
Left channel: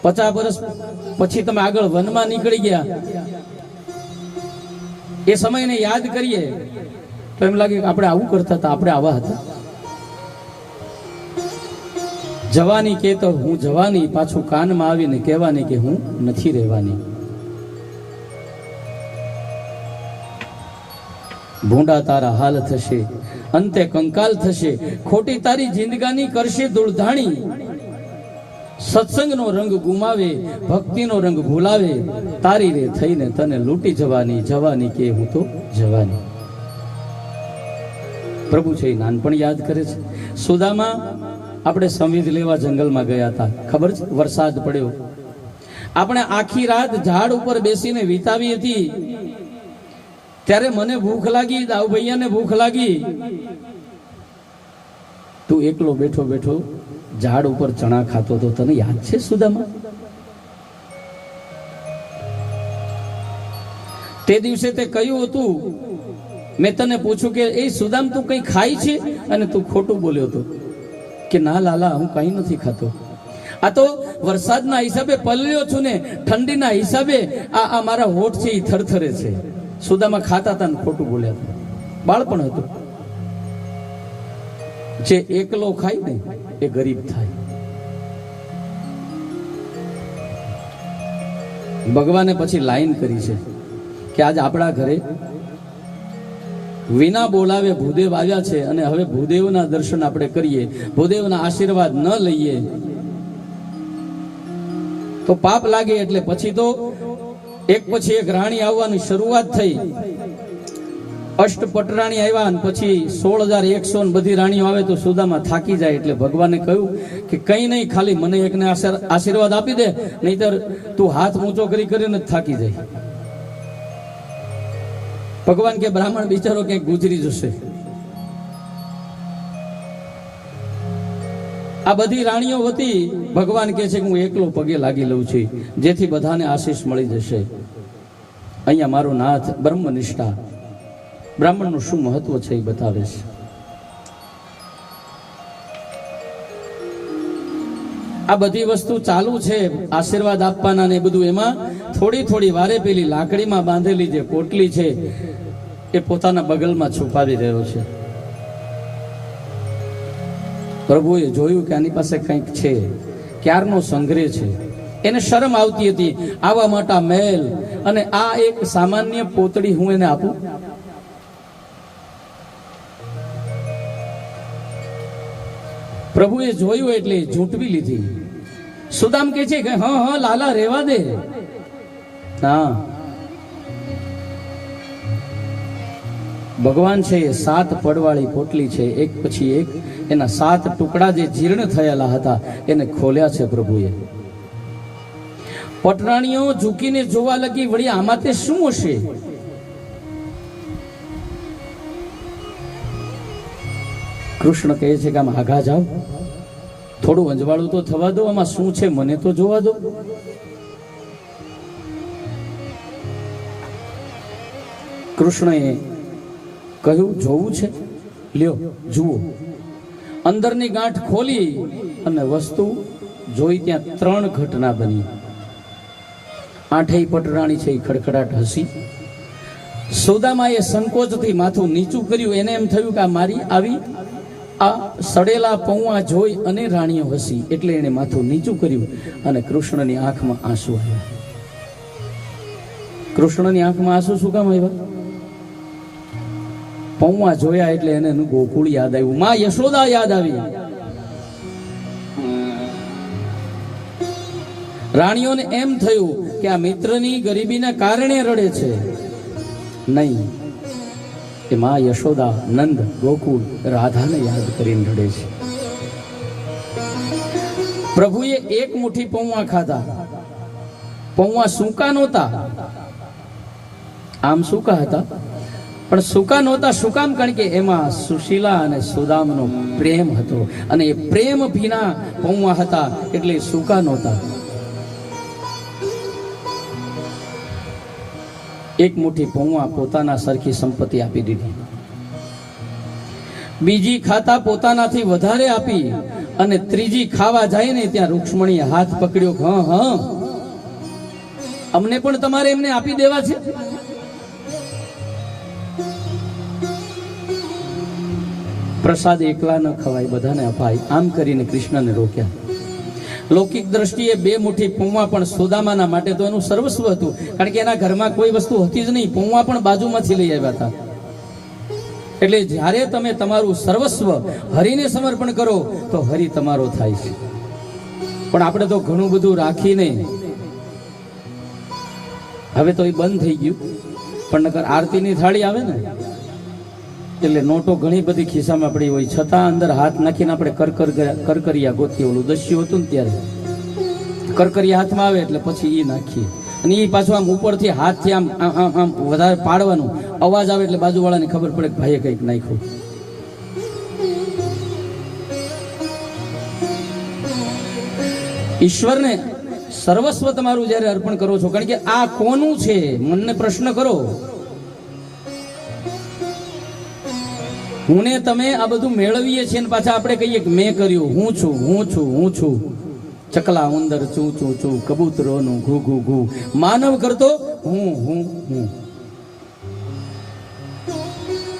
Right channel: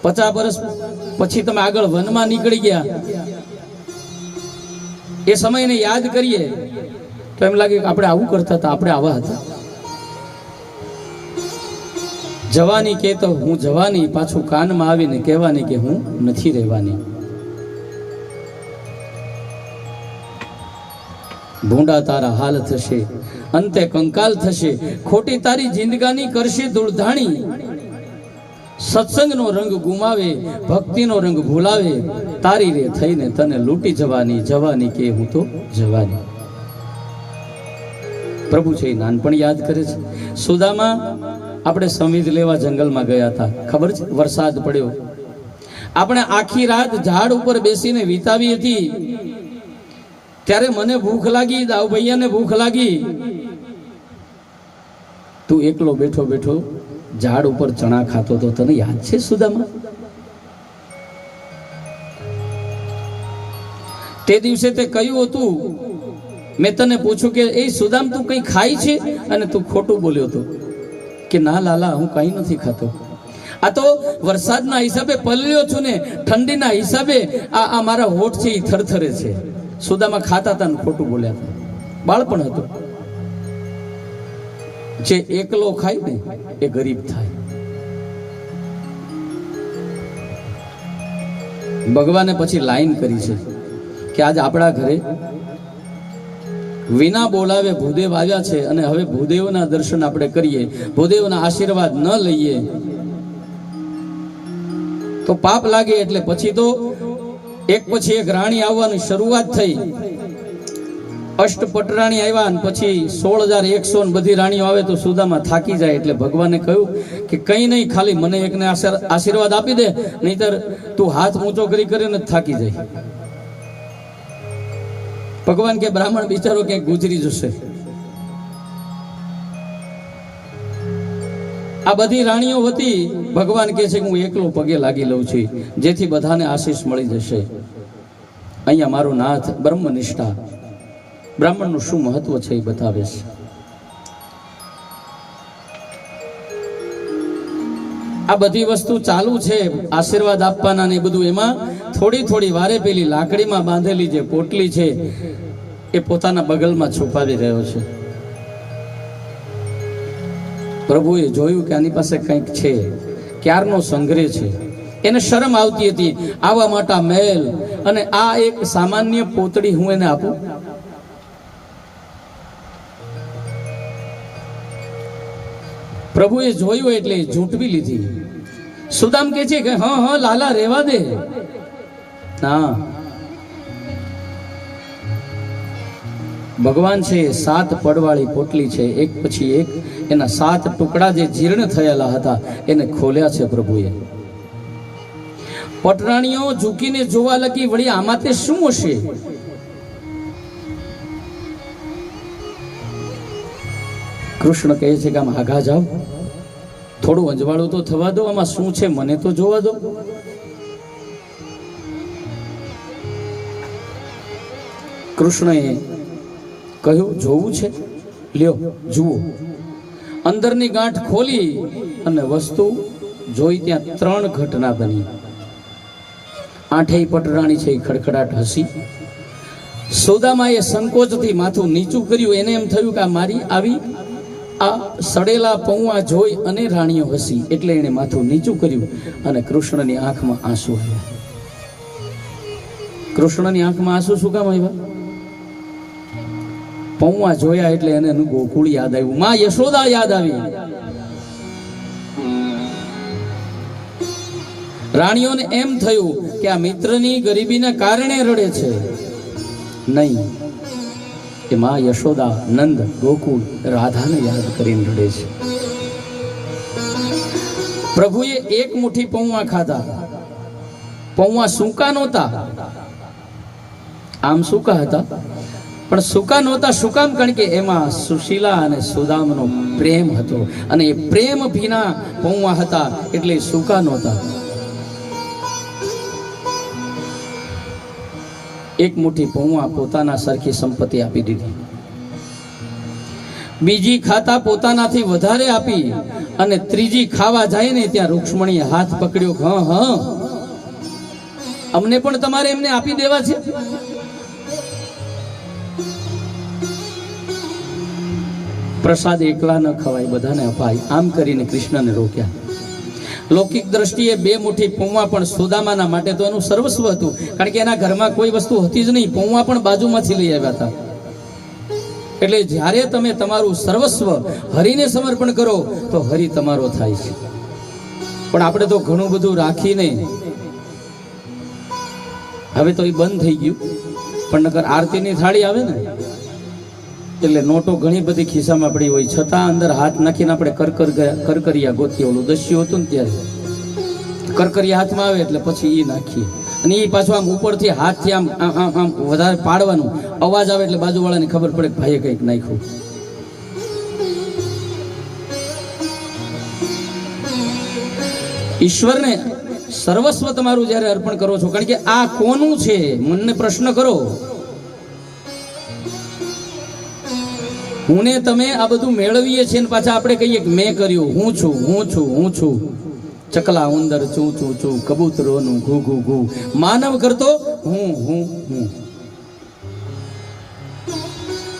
50 વર્ષ પછી તમે આગળ વનમાં નીકળી ગયા, એ સમયને યાદ કરીએ તો એમ લાગે કે આપણે આવું કરતા હતા, આપણે આવા હતા. જવાની કે તો હું જવાની, પાછું કાનમાં આવીને કહેવાની કે હું નથી રહેવાની. ભૂંડા તારા હાલ થશે, અંતે કંકાલ થશે, ખોટી તારી જિંદગાની કરશે ધૂળધાણી. સત્સંગનો રંગ ગુમાવે, ભક્તિનો રંગ ભૂલાવે, તારી રે થઈને તને લૂંટી જવાની, જવાની કે હું તો જવાની. પ્રભુ છે એ નાનપણ યાદ કરે છે. સુદામા આપણે સમીર લેવા જંગલમાં ગયા હતા, ખબર છે? વરસાદ પડ્યો, આપણે આખી રાત ઝાડ ઉપર બેસીને વિતાવી હતી. ત્યારે મને ભૂખ લાગી, દાઉ ભૈયાને ભૂખ લાગી. તું એકલો બેઠો બેઠો ઝાડ ઉપર ચણા ખાતો તો, તને યાદ છે સુદામા? તે દિવસે તે કહ્યું હતું, મેં તને પૂછ્યું કે એ સુદામ તું કઈ ખાય છે? અને તું ખોટું બોલ્યો હતો કે ના લાલા હું કઈ નથી ખાતો. આ તો વરસાદના હિસાબે પલળ્યો છું ને, ઠંડીના હિસાબે આ મારા હોઠ છે એ થરથરે છે. સુદામા ખાતા હતા ને ખોટું બોલ્યા હતા. બાળપણ હતું. જે એકલો ખાય ને એ ગરીબ થાય. ભગવાને પછી લાઈન કરી છે કે આજ આપણા ઘરે વિના બોલાવે ભૂદેવ આવ્યા છે, અને હવે ભૂદેવના દર્શન આપણે કરીએ, ભૂદેવના આશીર્વાદ ન લઈએ તો પાપ લાગે. એટલે પછી તો એક પછી એક રાણી આવવાની શરૂઆત થઈ. અષ્ટપટરાણી આવ્યા, અને પછી 16,100 બધી રાણીઓ આવે તો સુદામા થાકી જાય. એટલે ભગવાને કહ્યું કે કઈ નહીં, ખાલી મને એકને આશીર્વાદ આપી દે, નહીતર તું હાથ ઊંચો કરી કરીને થાકી જાય. ભગવાન કે બ્રાહ્મણ બિચારો ક્યાંક ગુજરી જશે. આ બધી રાણીઓ હતી. ભગવાન કહે છે કે હું એકલો પગે લાગી લઉં છું, જેથી બધાને આશીષ મળી જશે. અહીંયા મારું નાથ બ્રહ્મનિષ્ઠા, બ્રાહ્મણનું શું મહત્વ છે એ બતાવે છે. આ બધી વસ્તુ ચાલુ છે, આશીર્વાદ આપવાના ને બધું. એમાં થોડી થોડી વારે પેલી લાકડીમાં બાંધેલી જે પોટલી છે એ પોતાના બગલમાં છુપાવી રહ્યો છે. પ્રભુએ જોયું કે આની પાસે કંઈક છે, ક્યારનો સંગ્રહ છે. એને શરમ આવતી હતી, આવા મોટા મહેલ અને આ એક સામાન્ય પોતળી હું એને આપું? પ્રભુએ જોયું એટલે ઝૂંટવી લીધી. સુદામ કે છે કે હા હા લાલા રેવા દે. ના, ભગવાન છે 7 પડવાળી પોટલી છે, એક પછી એક એના 7 ટુકડા જે જીર્ણ થયેલા હતા એને ખોલ્યા છે પ્રભુએ. પટરાણીઓ ઝૂકીને જોવા લાગી, વળી આમાં તે શું હશે? કૃષ્ણ કહે છે કે આમ આગા જાઓ, થોડું અંજવાળું તો થવા દો, આમાં શું છે મને તો જોવા દો. કૃષ્ણએ કહ્યું જોવું છે, લ્યો જુઓ. અંદરની ગાંઠ ખોલી અને વસ્તુ જોઈ. ત્યાં 3 ઘટના બની. 8 પટરાણી છે એ ખડખડાટ હસી. સુદામાએ સંકોચથી માથું નીચું કર્યું. એને એમ થયું કે આ મારી આવી આ સડેલા પૌવા જોઈ અને રાણીઓ હસી, એટલે એને માથું નીચું કર્યું અને કૃષ્ણની આંખમાં આંસુ આવ્યા. કૃષ્ણની આંખમાં આંસુ શું કામ આવ્યા? પૌવા જોયા એટલે એને ગોકુળ યાદ આવ્યું, માં યશોદા યાદ આવી. રાણીઓને એમ થયું કે આ મિત્રની ગરીબીના કારણે રડે છે. નહીં, એ માં યશોદા, નંદ, ગોકુળ, રાધાને યાદ કરીને રડે છે. પ્રભુએ એક મુઠ્ઠી પૌવા ખાધા. પૌવા સૂકા નહોતા, આમ સૂકા હતા, પણ સૂકા નહોતા. શું કામ? કારણ કે એમાં સુશીલા અને સુદામનો પ્રેમ હતો, અને એ પ્રેમ ભીના પૌવા હતા એટલે સૂકા નહોતા. એક મુઠ્ઠી પૌવા પોતાના સરખી સંપત્તિ આપી દીધી. બીજી ખાતા પોતાનાથી વધારે આપી, અને ત્રીજી ખાવા જાય ને ત્યાં રૂક્ષ્મણીએ હાથ પકડ્યો. હા હા, અમને પણ તમારે એમને આપી દેવા છે. પ્રસાદ એકલા ન ખવાય, બધાને અપાય. આમ કરીને કૃષ્ણને રોક્યા. લૌકિક દ્રષ્ટિએ 2 મુઠ્ઠી પૌવા પણ સુદામાના માટે તો એનું સર્વસ્વ હતું, કારણ કે એના ઘરમાં કોઈ વસ્તુ હતી જ નહીં. પૌવા પણ બાજુમાંથી લઈ આવ્યા હતા. એટલે જ્યારે તમે તમારું સર્વસ્વ હરિને સમર્પણ કરો તો હરિ તમારો થાય છે. પણ આપણે તો ઘણું બધું રાખીને હવે તો એ બંધ થઈ ગયું. પણ નકર આરતીની થાળી આવે ને એટલે નોટો ઘણી બધી ખિસ્સામાં પડી હોય, છતાં અંદર હાથ નાખીને આપણે કરકરિયા ગોતીએ. ઓલું દસ્યું હતું ને ત્યારે કરકરિયા હાથમાં આવે એટલે પછી એ નાખીએ. અને એ પાછું આમ ઉપરથી હાથથી આમ આમ આમ વધારે પાડવાનું, અવાજ આવે એટલે બાજુવાળાને ખબર પડે કે ભાઈએ કંઈક નાખ્યું. ઈશ્વરને સર્વસ્વ તમારું જ્યારે અર્પણ કરો છો, કારણ કે આ કોનું છે મનને પ્રશ્ન કરો. હું ને તમે આ બધું મેળવીએ છીએ ને પાછા આપણે કહીએ કે મેં કર્યું, હું છું, હું છું, હું છું. ચકલા ઉંદર ચૂ ચૂ ચૂ, કબૂતરોનું ઘૂ ઘૂ ઘૂ. માનવ કરતો હું હું હું.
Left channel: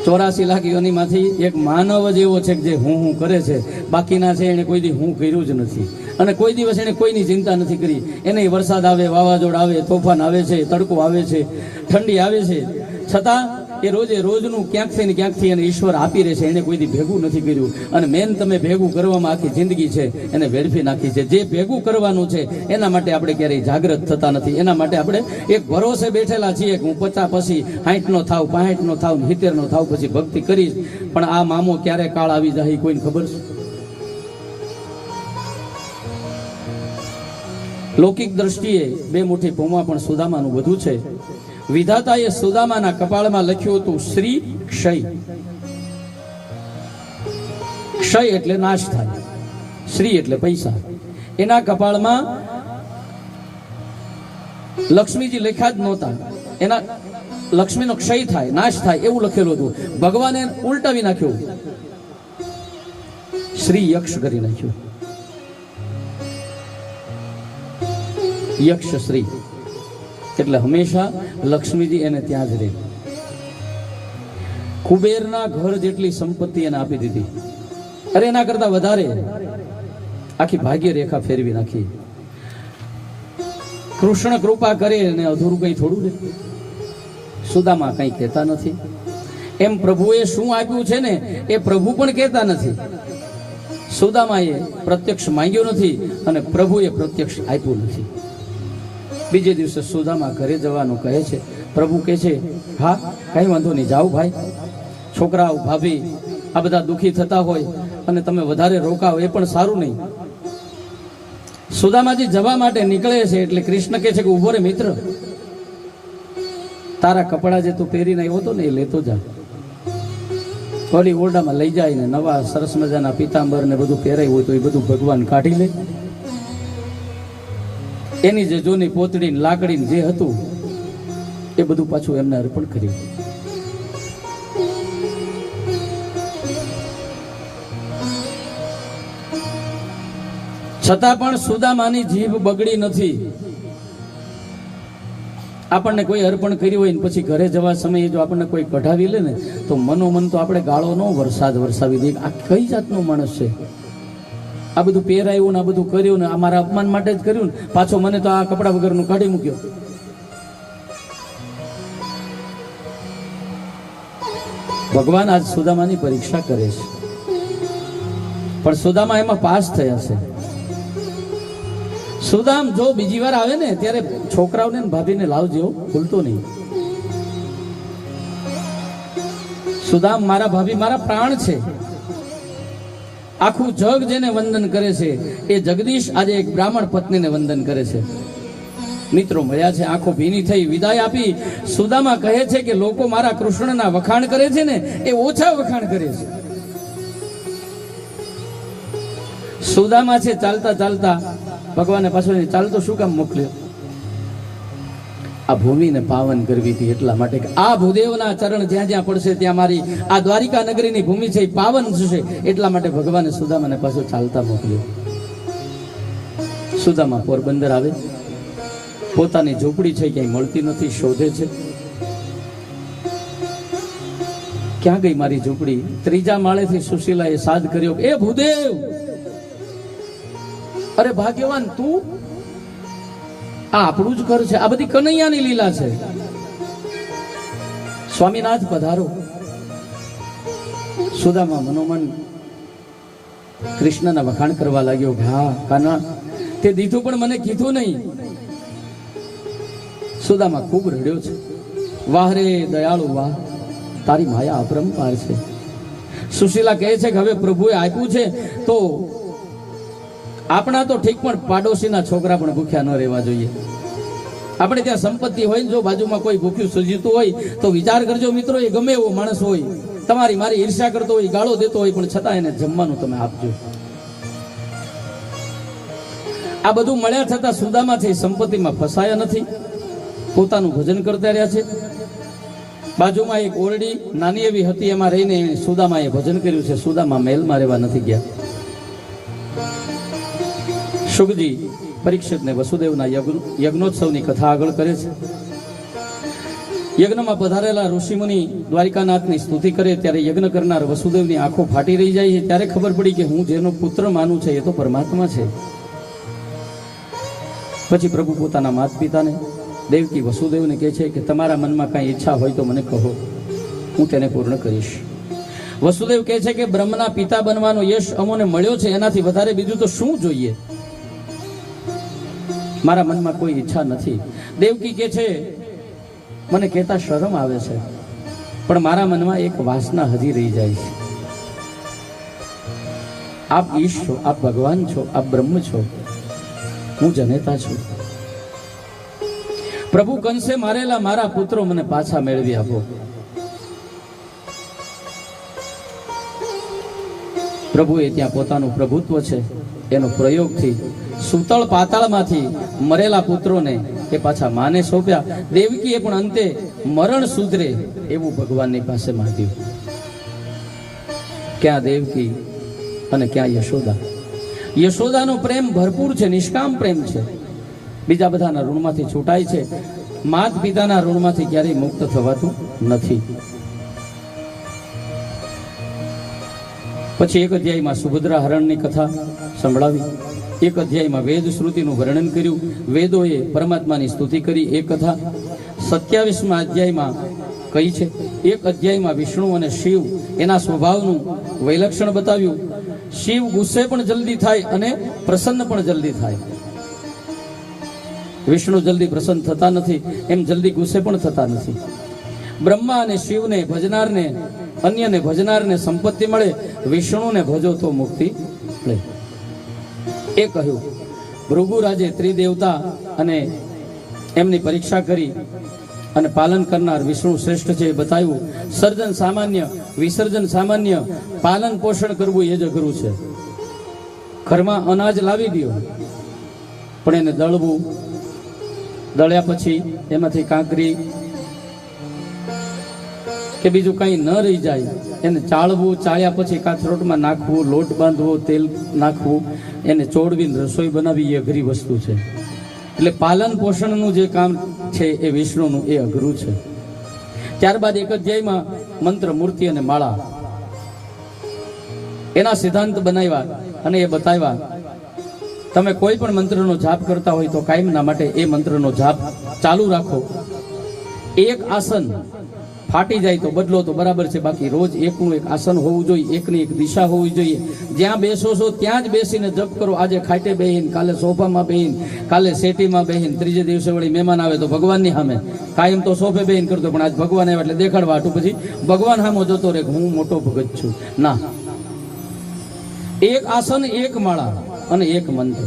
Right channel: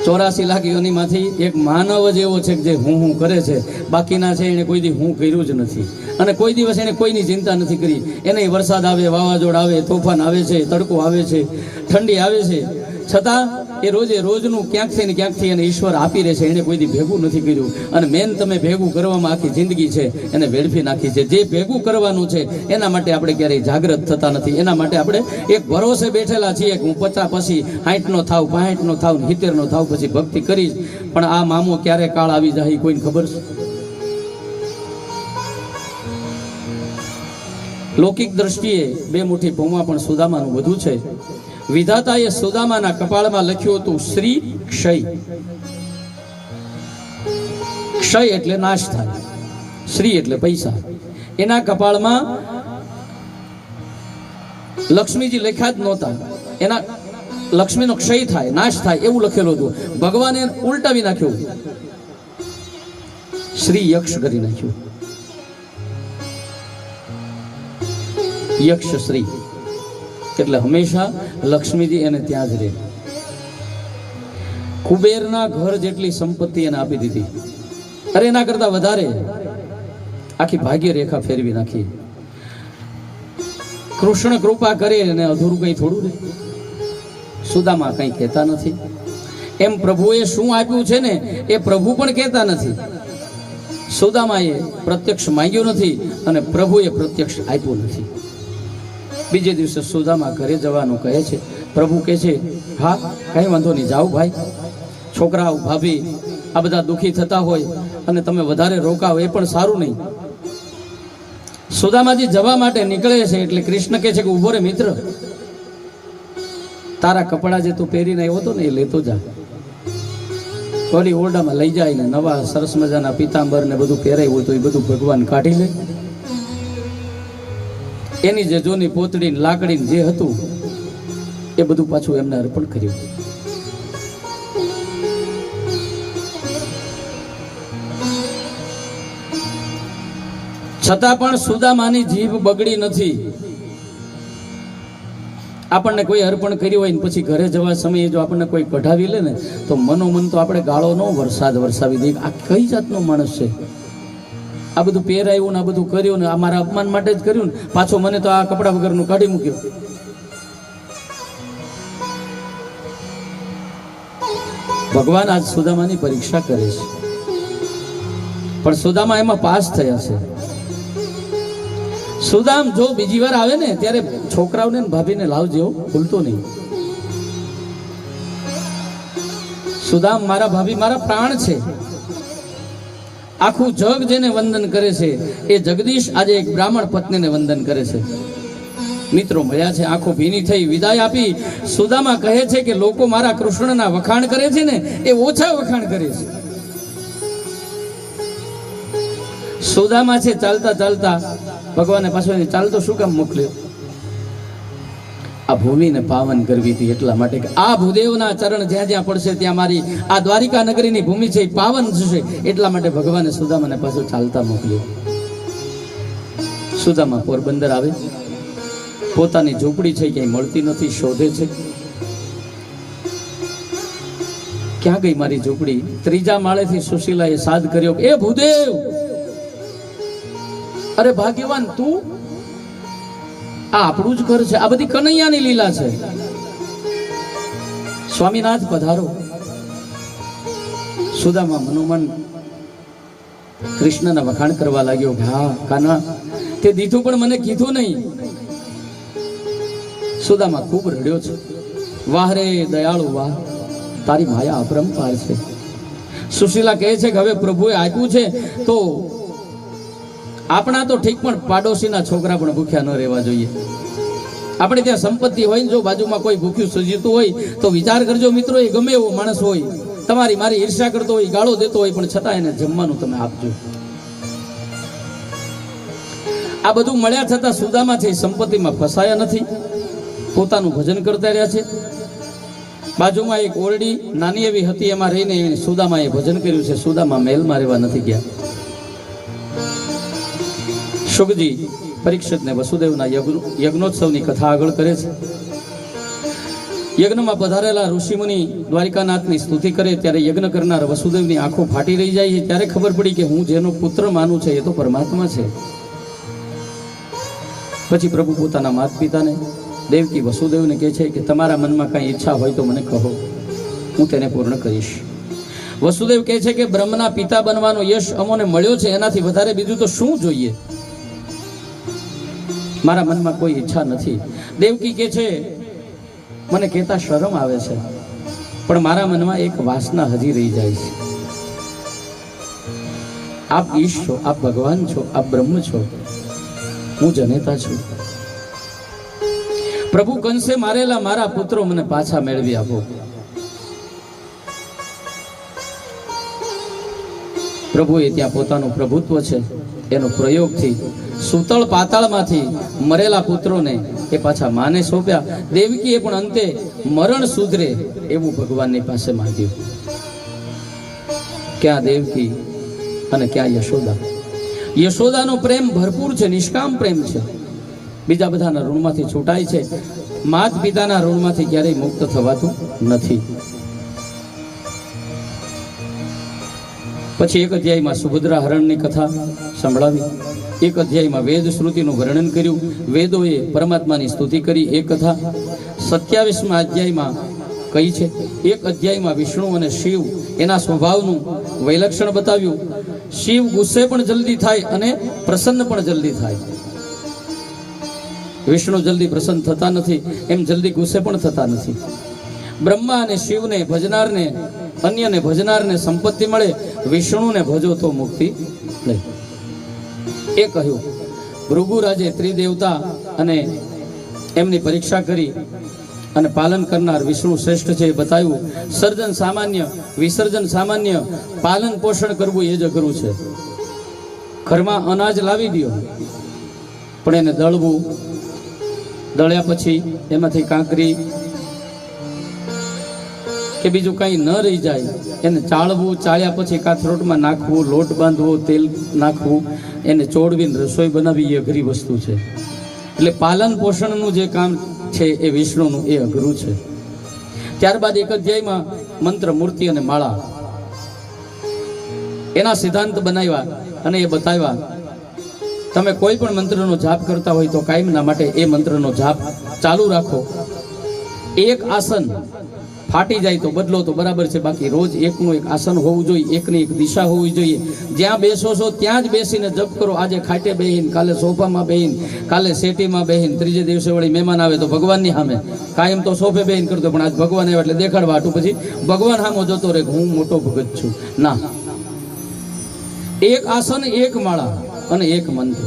84 લાખ યોનીમાંથી એક માનવ જ એવો છે કે જે હું હું કરે છે. બાકીના છે એને કોઈ દી હું કર્યું જ નથી, અને કોઈ દિવસ એને કોઈની ચિંતા નથી કરી. એને વરસાદ આવે, વાવાઝોડ આવે, તોફાન આવે છે, તડકો આવે છે, ઠંડી આવે છે, છતાં એ રોજે રોજનું ક્યાંકથી ને ક્યાંકથી એને ઈશ્વર આપી રહે છે. એને કોઈ દી ભેગું નથી કર્યું. અને મેન તમે ભેગું કરવામાં આખી જિંદગી છે એને વેડફી નાખી છે. જે ભેગું કરવાનું છે એના માટે આપણે ક્યારેય જાગૃત થતા નથી. એના માટે આપણે એક ભરોસે બેઠેલા છીએ કે હું 50 પછી 60 નો થાવ, 65 નો થાવ, 70 નો થાવ, પછી ભક્તિ કરીશ. પણ આ મામો ક્યારે કાળ આવી જાય કોઈને ખબર છે? લૌકિક દ્રષ્ટિએ 2 મુઠ્ઠી પૌવા પણ સુદામાનું બધું છે. વિધાતાએ સુદામાના કપાળમાં લખ્યું હતું શ્રી ક્ષય. ક્ષય એટલે નાશ થાય, શ્રી એટલે પૈસા. એના કપાળમાં લક્ષ્મીજી લખ્યા જ નહોતા. એના લક્ષ્મીનો ક્ષય થાય, નાશ થાય એવું લખેલું હતું. ભગવાને ઉલટાવી નાખ્યું, શ્રી યક્ષ કરી નાખ્યું. યક્ષ શ્રી એટલે હંમેશા લક્ષ્મીજી એને ત્યાં જ રહે. કુબેરના ઘર જેટલી સંપત્તિ એને આપી દીધી. અરે એના કરતા વધારે આખી ભાગ્ય રેખા ફેરવી નાખી. કૃષ્ણ કૃપા કરે અને અધૂરું કઈ થોડું રહે? સુદામા કઈ કહેતા નથી. એમ પ્રભુએ શું આપ્યું છે ને એ પ્રભુ પણ કહેતા નથી. સુદામાએ પ્રત્યક્ષ માંગ્યું નથી અને પ્રભુએ પ્રત્યક્ષ આપ્યું નથી. બીજે દિવસે સુદામા ઘરે જવાનું કહે છે. પ્રભુ કહે છે હા કઈ વાંધો નહીં, જાઓ ભાઈ. છોકરાઓ, ભાભી આ બધા દુઃખી થતા હોય અને તમે વધારે રોકાવ એ પણ સારું નહીં. સુદામાજી જવા માટે નીકળે છે એટલે કૃષ્ણ કહે છે કે ઉભો રે મિત્ર, તારા કપડા જે તું પહેરીને આવ્યો હતો ને એ લેતો જા. ઓલી ઓરડામાં લઈ જાય ને નવા સરસ મજાના પિતાંબર ને બધું પહેરાયું હોય તો એ બધું ભગવાન કાઢી લે. એની જે જૂની પોતડી લાકડી જે હતું એ બધું પાછું એમને અર્પણ કર્યું. છતાં પણ સુદામાની જીભ બગડી નથી. આપણને કોઈ અર્પણ કર્યું હોય ને પછી ઘરે જવા સમયે જો આપણને કોઈ કઢાવી લે ને તો મનોમન તો આપણે ગાળો નો વરસાવી દઈએ. આ કઈ જાતનો માણસ છે? આ બધું પહેરાયું ને આ બધું કર્યું ને આ મારા અપમાન માટે જ કર્યું ને પાછો મને તો આ કપડા વગરનું કાઢી મૂક્યો. ભગવાન આજ સુદામાની પરીક્ષા કરે છે, પણ સુદામા એમાં પાસ થયા છે. સુદામ જો બીજી વાર આવે ને ત્યારે છોકરાઓને ભાભીને લાવજો, ભૂલતો નહીં. સુદામ મારા ભાભી મારા પ્રાણ છે. આખું જગ જેને વંદન કરે છે એ જગદીશ આજે એક બ્રાહ્મણ પત્નીને વંદન કરે છે. મિત્રો મળ્યા છે, આંખો ભીની થઈ વિદાય આપી. સુદામા કહે છે કે લોકો મારા કૃષ્ણના વખાણ કરે છે ને એ ઓછા વખાણ કરે છે. સુદામા છે ચાલતા ચાલતા ભગવાને પાછળ ચાલતો શું કામ મોકલ્યો? આ ભૂમિને પાવન કરવી હતી એટલા માટે કે આ ભૂદેવના ચરણ જ્યાં જ્યાં પડશે ત્યાં મારી આ દ્વારિકા નગરીની ભૂમિ છે એ પાવન થશે. એટલા માટે ભગવાને સુદામાને પાછો ચાલતા મોકલ્યો. સુદામા પોરબંદર આવે પોતાની ઝૂંપડી છે ક્યાંય મળતી નથી, શોધે છે. ક્યાં ગઈ મારી ઝૂંપડી? ત્રીજા માળેથી સુશીલાએ સાદ કર્યો, એ ભૂદેવ, અરે ભાગ્યવાન તું, આ આપણું જ ઘર છે, આ બધી કનૈયાની લીલા છે. સ્વામીનાથ પધારો. સુદામા મનોમન કૃષ્ણના વખાણ કરવા લાગ્યો. હા કાના, તે દીધું પણ મને કીધું નહીં. સુદામા ખૂબ રડ્યો છે. વાહ રે દયાળુ વાહ, તારી માયા અપરંપાર છે. સુશીલા કહે છે કે હવે પ્રભુએ આપ્યું છે તો આપણા તો ઠીક, પણ પાડોશીના છોકરા પણ ભૂખ્યા ન રહેવા જોઈએ. આપણે ત્યાં સંપત્તિ હોય ને જો બાજુમાં કોઈ ભૂખ્યું સજીતું હોય તો વિચાર કરજો મિત્રો, એ ગમે એવો માણસ હોય, તમારી મારી ઈર્ષ્યા કરતો હોય, ગાળો દેતો હોય, પણ છતાં એને જમવાનું તમે આપજો. આ બધું મળ્યા છતાં સુદામા છે સંપત્તિમાં ફસાયા નથી, પોતાનું ભજન કરતા રહ્યા છે. બાજુમાં એક ઓરડી નાની એવી હતી, એમાં રહીને સુદામાએ ભજન કર્યું છે. સુદામા મહેલમાં રહેવા નથી ગયા. શુકજી પરીક્ષિતને વસુદેવના યજ્ઞોત્સવની કથા આગળ કરે છે. યજ્ઞમાં પધારેલા ઋષિમુનિ દ્વારિકાનાથની સ્તુતિ કરે ત્યારે યજ્ઞ કરનાર વસુદેવની આંખો ફાટી રહી જાય છે. ત્યારે ખબર પડી કે હું જેનો પુત્ર માનું છે એ તો પરમાત્મા છે. પછી પ્રભુ પોતાના માતા પિતાને દેવકી વસુદેવને કહે છે કે તમારા મનમાં કાંઈ ઈચ્છા હોય તો મને કહો, હું તેને પૂર્ણ કરીશ. વસુદેવ કહે છે કે બ્રહ્મના પિતા બનવાનો યશ અમોને મળ્યો છે, એનાથી વધારે બીજું તો શું જોઈએ? મારા મનમાં કોઈ ઈચ્છા નથી. દેવકી કહે છે મને કહેતા શરમ આવે છે, પણ મારા મનમાં એક વાસના હજી રહી જાય છે. આપ ઈશ છો, આપ ભગવાન છો, આપ બ્રહ્મ છો, હું જનેતા છું. પ્રભુ કંસે મારેલા મારા પુત્રો મને પાછા મેળવી આપો. પ્રભુએ ત્યાં પોતાનું પ્રભુત્વ છે એનો પ્રયોગથી સૂતળ પાતાળમાંથી મરેલા પુત્રોને એ પાછા માને સોંપ્યા. દેવકીએ પણ અંતે મરણ સુધરે એવું ભગવાનની પાસે માંગ્યું. ક્યાં દેવકી અને ક્યાં યશોદા? યશોદાનો પ્રેમ ભરપૂર છે, નિષ્કામ પ્રેમ છે, બીજા બધાના ઋણમાંથી છૂટાય છે. માત પિતાના ઋણમાંથી ક્યારેય મુક્ત થવાતું નથી. પછી એક અધ્યાયમાં સુભદ્રા હરણની કથા સંભળાવી, એક અધ્યાયમાં વેદ શ્રુતિનું વર્ણન કર્યું, વેદોએ પરમાત્માની સ્તુતિ કરી એ કથા. 27મા અધ્યાયમાં કઈ છે, એક અધ્યાયમાં વિષ્ણુ અને શિવ એના સ્વભાવનું વૈલક્ષણ બતાવ્યું. શિવ ગુસ્સે પણ જલ્દી થાય અને પ્રસન્ન પણ જલ્દી થાય. વિષ્ણુ જલ્દી પ્રસન્ન થતા નથી, એમ જલ્દી ગુસ્સે પણ થતા નથી. બ્રહ્મા અને શિવને ભજનારને, અન્યને ભજનારને સંપત્તિ મળે, વિષ્ણુને ભજો તો મુક્તિ લે. એ કહ્યું. ભૃગુરાજે ત્રિદેવતા અને એમની પરીક્ષા કરી અને પાલન કરનાર વિષ્ણુ શ્રેષ્ઠ છે એ બતાવ્યું. સર્જન સામાન્ય, વિસર્જન સામાન્ય, પાલન પોષણ કરવું એ જ અઘરું છે. ઘરમાં અનાજ લાવી દો પણ એને દળવું, દળ્યા પછી એમાંથી કાંકરી કે બીજું કંઈ ન રહી જાય એને ચાળવું, ચાળ્યા પછી કાથરોટમાં નાખવું, લોટ બાંધવો, તેલ નાખવું, એને ચોળવીને રસોઈ બનાવી એ અઘરી વસ્તુ છે. એટલે પાલન પોષણનું જે કામ છે એ વિષ્ણુનું એ અઘરું છે. ત્યારબાદ એક અધ્યાયમાં મંત્ર, મૂર્તિ અને માળા એના સિદ્ધાંત બનાવ્યા અને એ બતાવ્યા. તમે કોઈ પણ મંત્રનો જાપ કરતા હોય તો કાયમના માટે એ મંત્રનો જાપ ચાલુ રાખો. એક આસન ફાટી જાય તો બદલો તો બરાબર છે, બાકી રોજ એકનું એક આસન હોવું જોઈએ, એકની એક દિશા હોવી જોઈએ. જ્યાં બેસો છો ત્યાં જ બેસીને જપ કરો. આજે ખાટે બેહીન, કાલે સોફામાં બેહીન, કાલે સેટીમાં બેહીન, ત્રીજે દિવસે વળી મહેમાન આવે તો ભગવાનની સામે. કાયમ તો સોફે બેહીન કરતો, પણ આજ ભગવાન આવે એટલે દેખાડવા હાટું પછી ભગવાન સામો જોતો રહે હું મોટો ભગત છું. ના, એક આસન, એક માળા અને એક મંત્ર.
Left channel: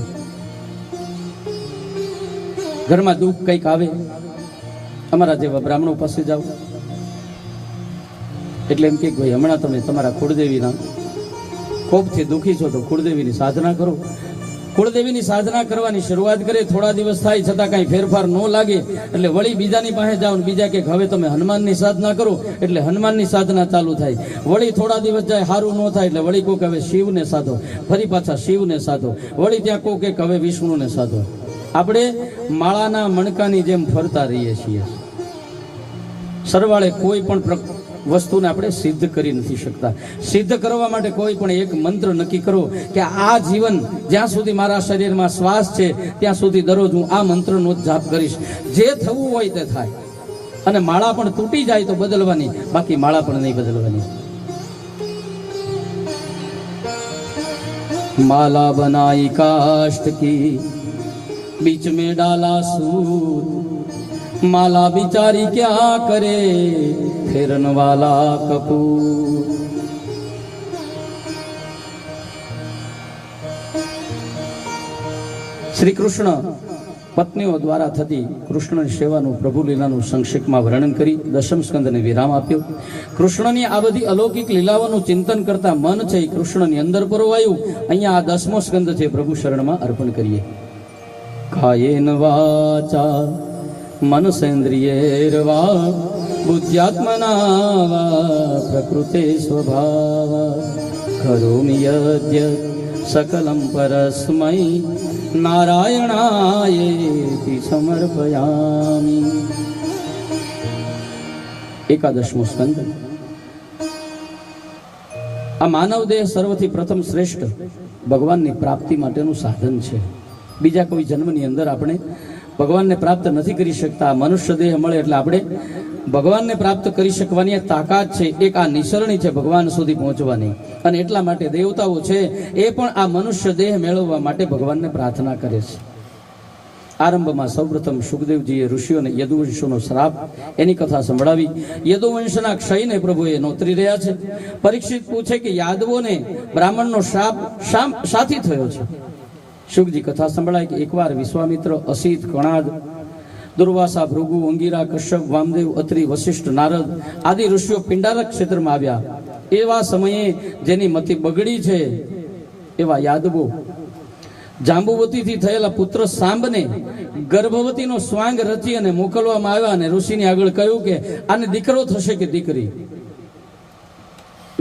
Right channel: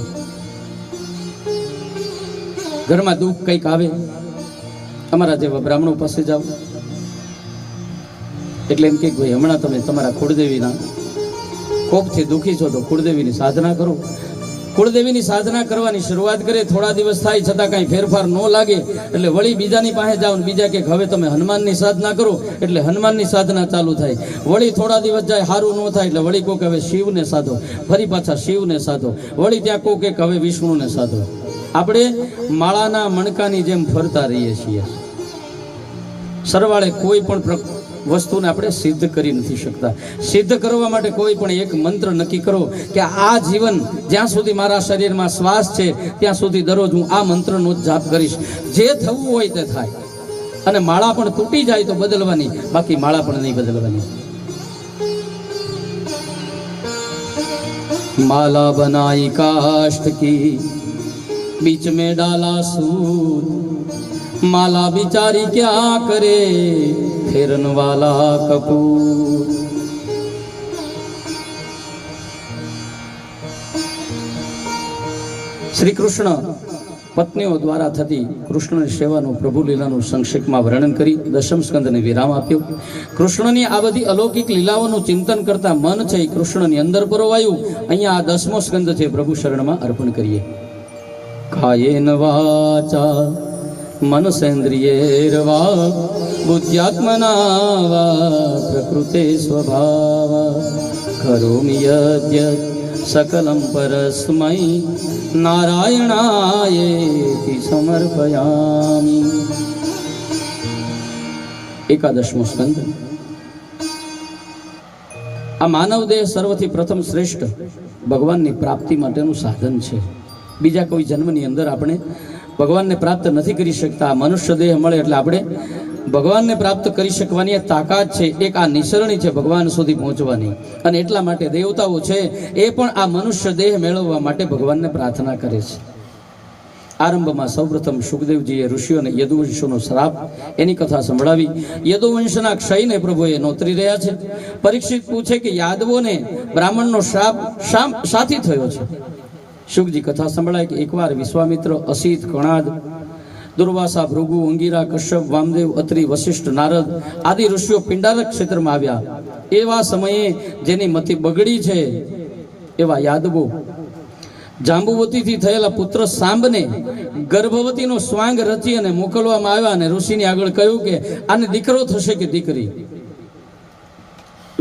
ઘરમાં દુઃખ કંઈક આવે, અમારા જેવા બ્રાહ્મણો પાસે જાઓ એટલે એમ કે ભાઈ હમણાં તમે તમારા કુળદેવીના કોપથી દુઃખી છો તો કુળદેવીની સાધના કરો. કુળદેવીની સાધના કરવાની શરૂઆત કરે, થોડા દિવસ થાય છતાં કાંઈ ફેરફાર ન લાગે એટલે વળી બીજાની પાસે જાઓ, બીજા કે હવે તમે હનુમાનની સાધના કરો એટલે હનુમાનની સાધના ચાલુ થાય. વળી થોડા દિવસ જાય, સારું ન થાય એટલે વળી કોક હવે શિવને સાધો, ફરી પાછા શિવને સાધો, વળી ત્યાં કોક હવે વિષ્ણુને સાધો. આપણે માળાના મણકાની જેમ ફરતા રહીએ છીએ. સરવાળે કોઈ પણ વસ્તુને આપણે સિદ્ધ કરી નથી શકતા. સિદ્ધ કરવા માટે કોઈ પણ એક મંત્ર નક્કી કરો કે આ જીવન જ્યાં સુધી મારા શરીરમાં શ્વાસ છે ત્યાં સુધી દરરોજ હું આ મંત્રનો જાપ કરીશ. જે થવું હોય તે થાય. અને માળા પણ તૂટી જાય તો બદલવાની, બાકી માળા પણ નહીં બદલવાની. माला बनाई काष्ठ की बीच में डाला सूत, माला बिचारी क्या करे फेरन वाला कपूर. શ્રી કૃષ્ણ પત્નીઓ દ્વારા થતી કૃષ્ણની સેવાનું પ્રભુ લીલાનું સંક્ષેપમાં વર્ણન કરી દશમ સ્કંદને વિરામ આપ્યો. કૃષ્ણની આ બધી અલૌકિક લીલાઓનું ચિંતન કરતા મન છે એ કૃષ્ણની અંદર પરોવાયું. અહીંયા આ 10મો સ્કંદ છે, પ્રભુ શરણમાં અર્પણ કરીએ. કાયેન વાચા મનસેન્દ્રિયેર્વા બુદ્ધ્યાત્મના વા પ્રકૃતે સ્વભાવા કરોમિ યદ્યત सकलम परस्मै नारायणायेति समर्पयामि. 11મો સ્કંદ. આ માનવ દેહ સર્વથી પ્રથમ શ્રેષ્ઠ ભગવાનની પ્રાપ્તિ માટેનું સાધન છે. બીજા કોઈ જન્મની અંદર આપણે ભગવાનને પ્રાપ્ત નથી કરી શકતા. મનુષ્ય દેહ મળે એટલે આપણે ભગવાનને પ્રાપ્ત કરી શકવાની તાકાત છે. એક આ નિસરણી છે ભગવાન સુધી પહોંચવાની. અને એટલા માટે દેવતાઓ છે એ પણ આ મનુષ્ય દેહ મેળવવા માટે ભગવાનને પ્રાર્થના કરે છે. આરંભમાં સૌપ્રથમ સુખદેવજીએ ઋષિઓને યદુવંશનો શ્રાપ એની કથા સંભળાવી. યદુવંશના ક્ષયને પ્રભુએ નોતરી રહ્યા છે. પરીક્ષિત પૂછે કે યાદવોને બ્રાહ્મણનો શ્રાપ શાથી થયો છે? શુકજી કથા સંભળાય કે એકવાર વિશ્વામિત્ર, અસિત, કણાદ, દુર્વાસા, ભૃગુ, અંગીરા, કશ્યપ, વામદેવ, અત્રિ, વશિષ્ઠ, નારદ આદિ ઋષિઓ પિંડારક ક્ષેત્રમાં આવ્યા. એવા સમયે જેની મતિ બગડી છે એવા યાદવો જાંબુવતીથી થયેલા પુત્ર સાંબને ગર્ભવતીનો સ્વાંગ રચી અને મોકલવામાં આવ્યા. અને ઋષિની આગળ કહ્યું કે આને દીકરો થશે કે દીકરી?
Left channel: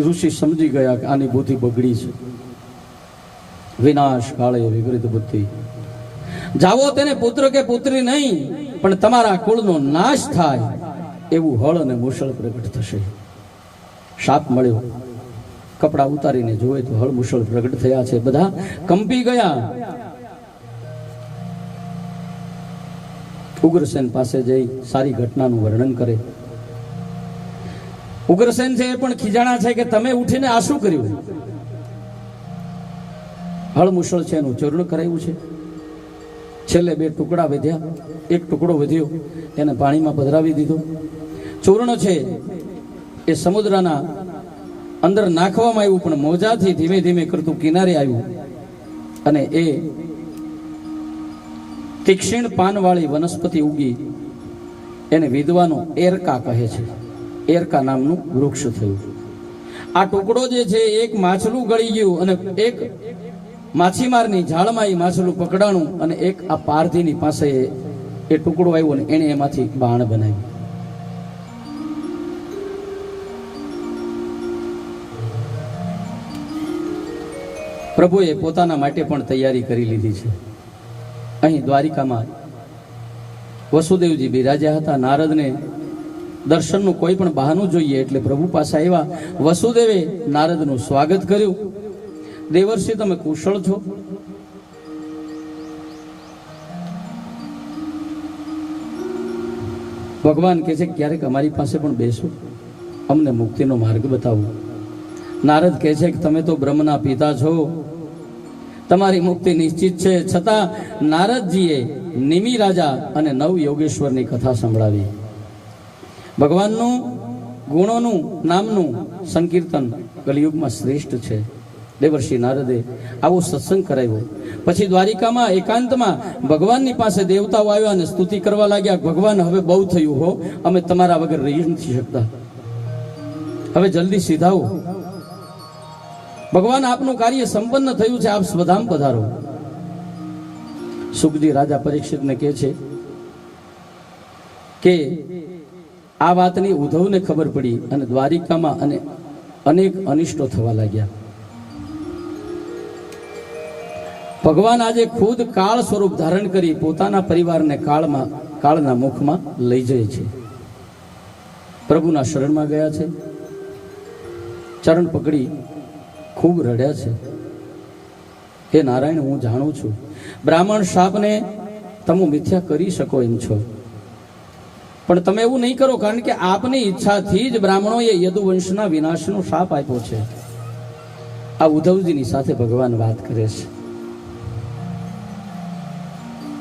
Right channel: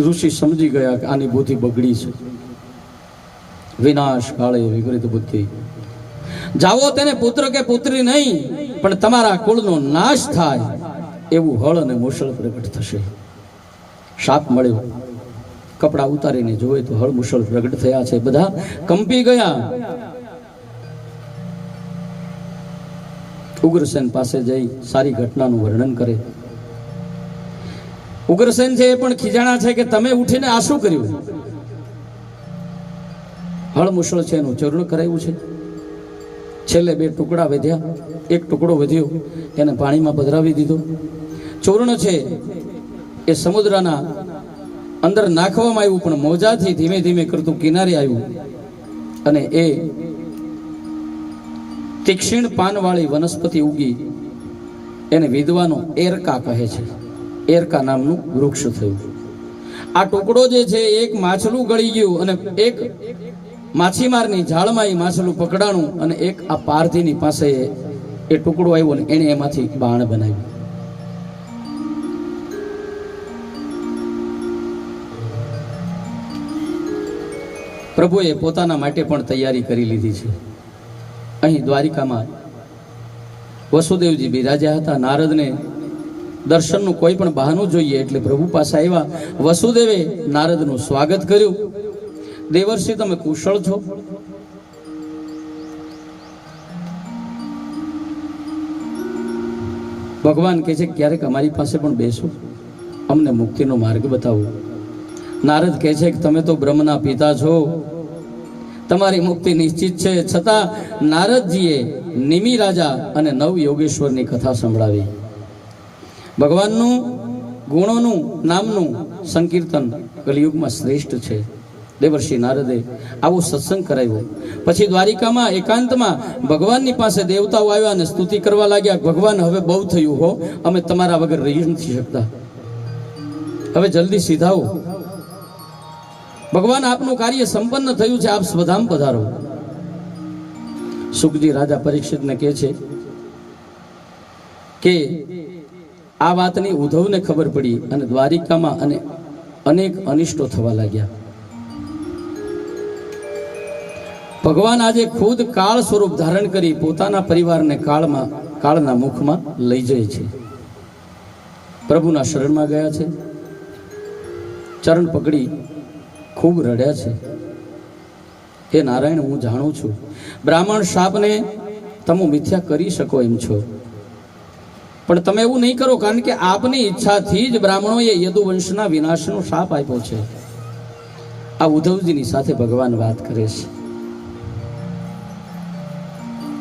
ઋષિ સમજી ગયા કે આની બુદ્ધિ બગડી છે. વિનાશ કાળે વિપરીત બુદ્ધિ. જાઓ તેને પુત્ર કે પુત્રી નહીં પણ તમારા કુળનો નાશ થાય એવું હળ અને મુશળ પ્રગટ થશે. શાપ મળ્યો. કપડા ઉતારીને જોવે તો હળ મુશળ પ્રગટ થયા છે. બધા કંપી ગયા. ઉગ્રસેન પાસે જઈ સારી ઘટનાનું વર્ણન કરે. ઉગ્રસેન છે એ પણ ખીજાણા છે કે તમે ઉઠીને આ શું કર્યું? હળ મુશળ છે એનું ચૂર્ણ કરાયું છે. છેલ્લે 2 ટુકડા વધ્યા. એક ટુકડો વધ્યો એને પાણીમાં પધરાવી દીધો. ચૂર્ણ છે એ સમુદ્રના અંદર નાખવામાં આવ્યું પણ મોજાથી ધીમે ધીમે કરતું કિનારે આવ્યું. અને એ તીક્ષ્ણ પાનવાળી વનસ્પતિ ઉગી. એને વિદ્વાનો એરકા કહે છે. એરકા નામનું વૃક્ષ થયું. આ ટુકડો જે છે એક માછલું ગળી ગયું અને એક માછીમારની જાળમાં એ માછલું પકડાણું અને એક આ પારધીની પાસે એ ટુકડો આવ્યો ને એને એમાંથી બાણ બનાવ્યું. પ્રભુએ પોતાના માટે પણ તૈયારી કરી લીધી છે. અહીં દ્વારિકામાં વસુદેવજી બિરાજ્યા હતા. નારદને દર્શનનું કોઈ પણ બહાનું જોઈએ એટલે પ્રભુ પાસે આવ્યા. વસુદેવે નારદનું સ્વાગત કર્યું. દેવર્ષિ તમે કુશળ છો? ભગવાન કહે છે ક્યારેક અમારી પાસે પણ બેસો, અમને મુક્તિનો માર્ગ બતાવો. નારદ કહે છે કે તમે તો બ્રહ્મના પિતા છો, તમારી મુક્તિ નિશ્ચિત છે. છતાં નારદજીએ નિમિ રાજા અને નવ યોગેશ્વરની કથા સંભળાવી. ભગવાનનું ગુણોનું નામનું સંકીર્તન કલિયુગમાં શ્રેષ્ઠ છે. દેવર્ષિ નારદે આવો સત્સંગ કરાવ્યો. પછી દ્વારિકામાં એકાંતમાં ભગવાનની પાસે દેવતાઓ આવ્યા અને સ્તુતિ કરવા લાગ્યા. ભગવાન હવે બહુ થયું હો, અમે તમારા વગર રહી નથી શકતા, હવે જલ્દી સીધાઓ. ભગવાન આપનું કાર્ય સંપન્ન થયું છે, આપ સ્વધામ પધારો. સુખજી રાજા પરીક્ષિતને કહે છે કે આ વાતની ઉદ્ધવને ખબર પડી અને દ્વારિકામાં અનેક અનિષ્ટો થવા લાગ્યા. ભગવાન આજે ખુદ કાળ સ્વરૂપ ધારણ કરી પોતાના પરિવારને કાળના મુખમાં લઈ જાય છે. પ્રભુના શરણમાં ગયા છે, ચરણ પકડી ખૂબ રડ્યા છે. હે નારાયણ, હું જાણું છું બ્રાહ્મણ શાપને તમે મિથ્યા કરી શકો એમ છો, પણ તમે એવું નહીં કરો, કારણ કે આપની ઈચ્છાથી જ બ્રાહ્મણોએ યદુવંશના વિનાશનો શાપ આપ્યો છે. આ ઉદ્ધવજીની સાથે ભગવાન વાત કરે છે.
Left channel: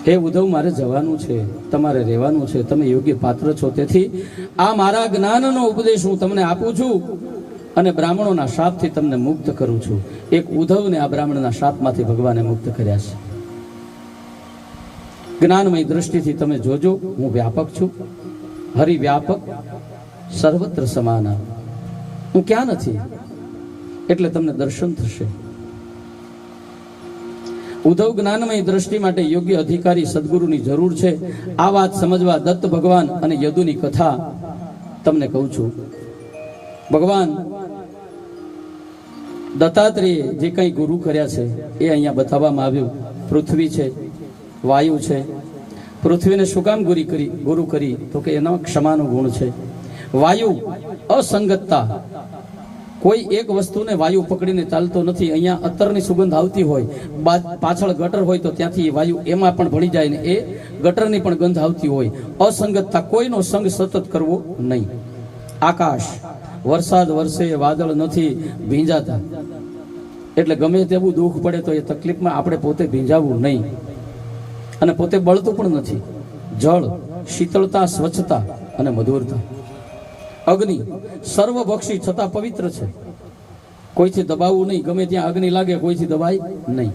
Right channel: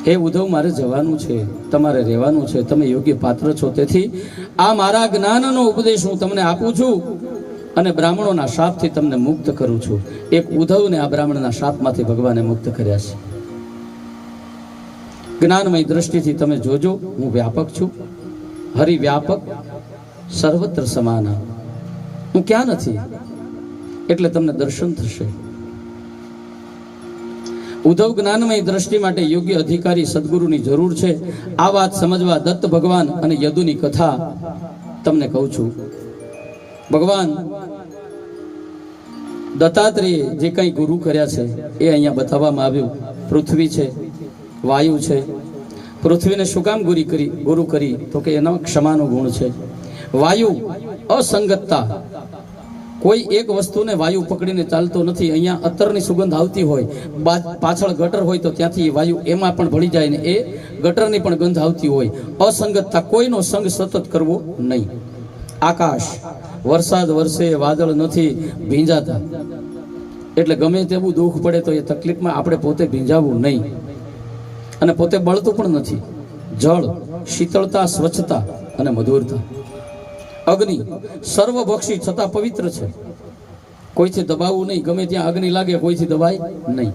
હે ઉદ્ધવ, મારે જવાનું છે, તમારે રહેવાનું છે, તમે યોગ્ય પાત્ર છો, તેથી આ મારા જ્ઞાનનો ઉપદેશ હું તમને આપું છું અને બ્રાહ્મણોના શાપથી તમને મુક્ત કરું છું. એક ઉદ્ધવને આ બ્રાહ્મણના શાપમાંથી ભગવાને મુક્ત કર્યા છે. જ્ઞાનમય દ્રષ્ટિથી તમે જોજો, હું વ્યાપક છું, હરિવ્યાપક, સર્વત્ર સમાન. હું ક્યાં નથી એટલે તમને દર્શન થશે. ઉદ્ધવ, જ્ઞાનમય દ્રષ્ટિ માટે યોગ્ય અધિકારી સદગુરુની જરૂર છે. આ વાત સમજવા દત્ત ભગવાન અને યદુની કથા તમને કહું છું. ભગવાન દત્તાત્રેય જે કંઈ ગુરુ કર્યા છે એ અહીંયા બતાવવામાં આવ્યું. પૃથ્વી છે, વાયુ છે. પૃથ્વીને શું કામ ગુરુ કરી? તો કે એનો ક્ષમાનો ગુણ છે. વાયુ અસંગતતા, કોઈ એક વસ્તુને વાયુ પકડીને ચાલતો નથી. અહીંયા અત્તરની સુગંધ આવતી હોય, પાછળ ગટર હોય તો ત્યાંથી વાયુ એમાં પણ ભળી જાય ને એ ગટરની પણ ગંધ આવતી હોય. અસંગતતા, કોઈનો સંગ સતત કરવો નહીં. આકાશ, વરસાદ વરસે, વાદળ નથી ભીંજાતા, એટલે ગમે તેવું દુઃખ પડે તો એ તકલીફમાં આપણે પોતે ભીંજાવવું નહીં, અને પોતે બળતું પણ નથી. જળ, શીતળતા, સ્વચ્છતા અને મધુરતા. અગ્નિ, સર્વભક્ષી છતાં પવિત્ર છે, કોઈથી દબાવવું નહીં. ગમે ત્યાં અગ્નિ લાગે કોઈથી દબાય નહીં.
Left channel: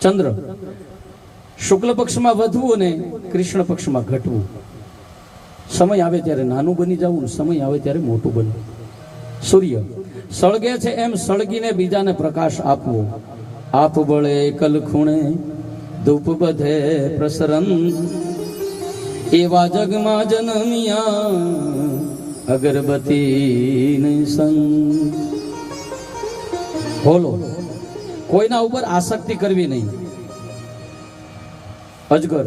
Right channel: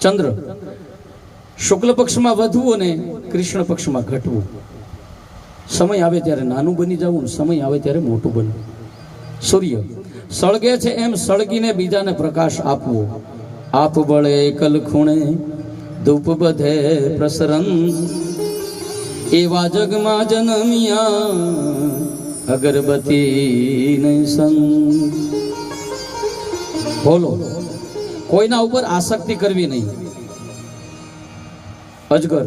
ચંદ્ર, શુક્લ પક્ષમાં વધવું અને કૃષ્ણ પક્ષમાં ઘટવું. સમય આવે ત્યારે નાનું બની જવું ને સમય આવે ત્યારે મોટું બનવું. સૂર્ય, સળગે છે એમ સળગીને બીજાને પ્રકાશ આપવો. આપ બળે કલ ખૂણે ધૂપ બધે પ્રસરન, એવા જગમાં જન્મિયા અગરબત્તી નહીં સંગ. બોલો, કોઈના ઉપર આસક્તિ કરવી નહીં. અજગર,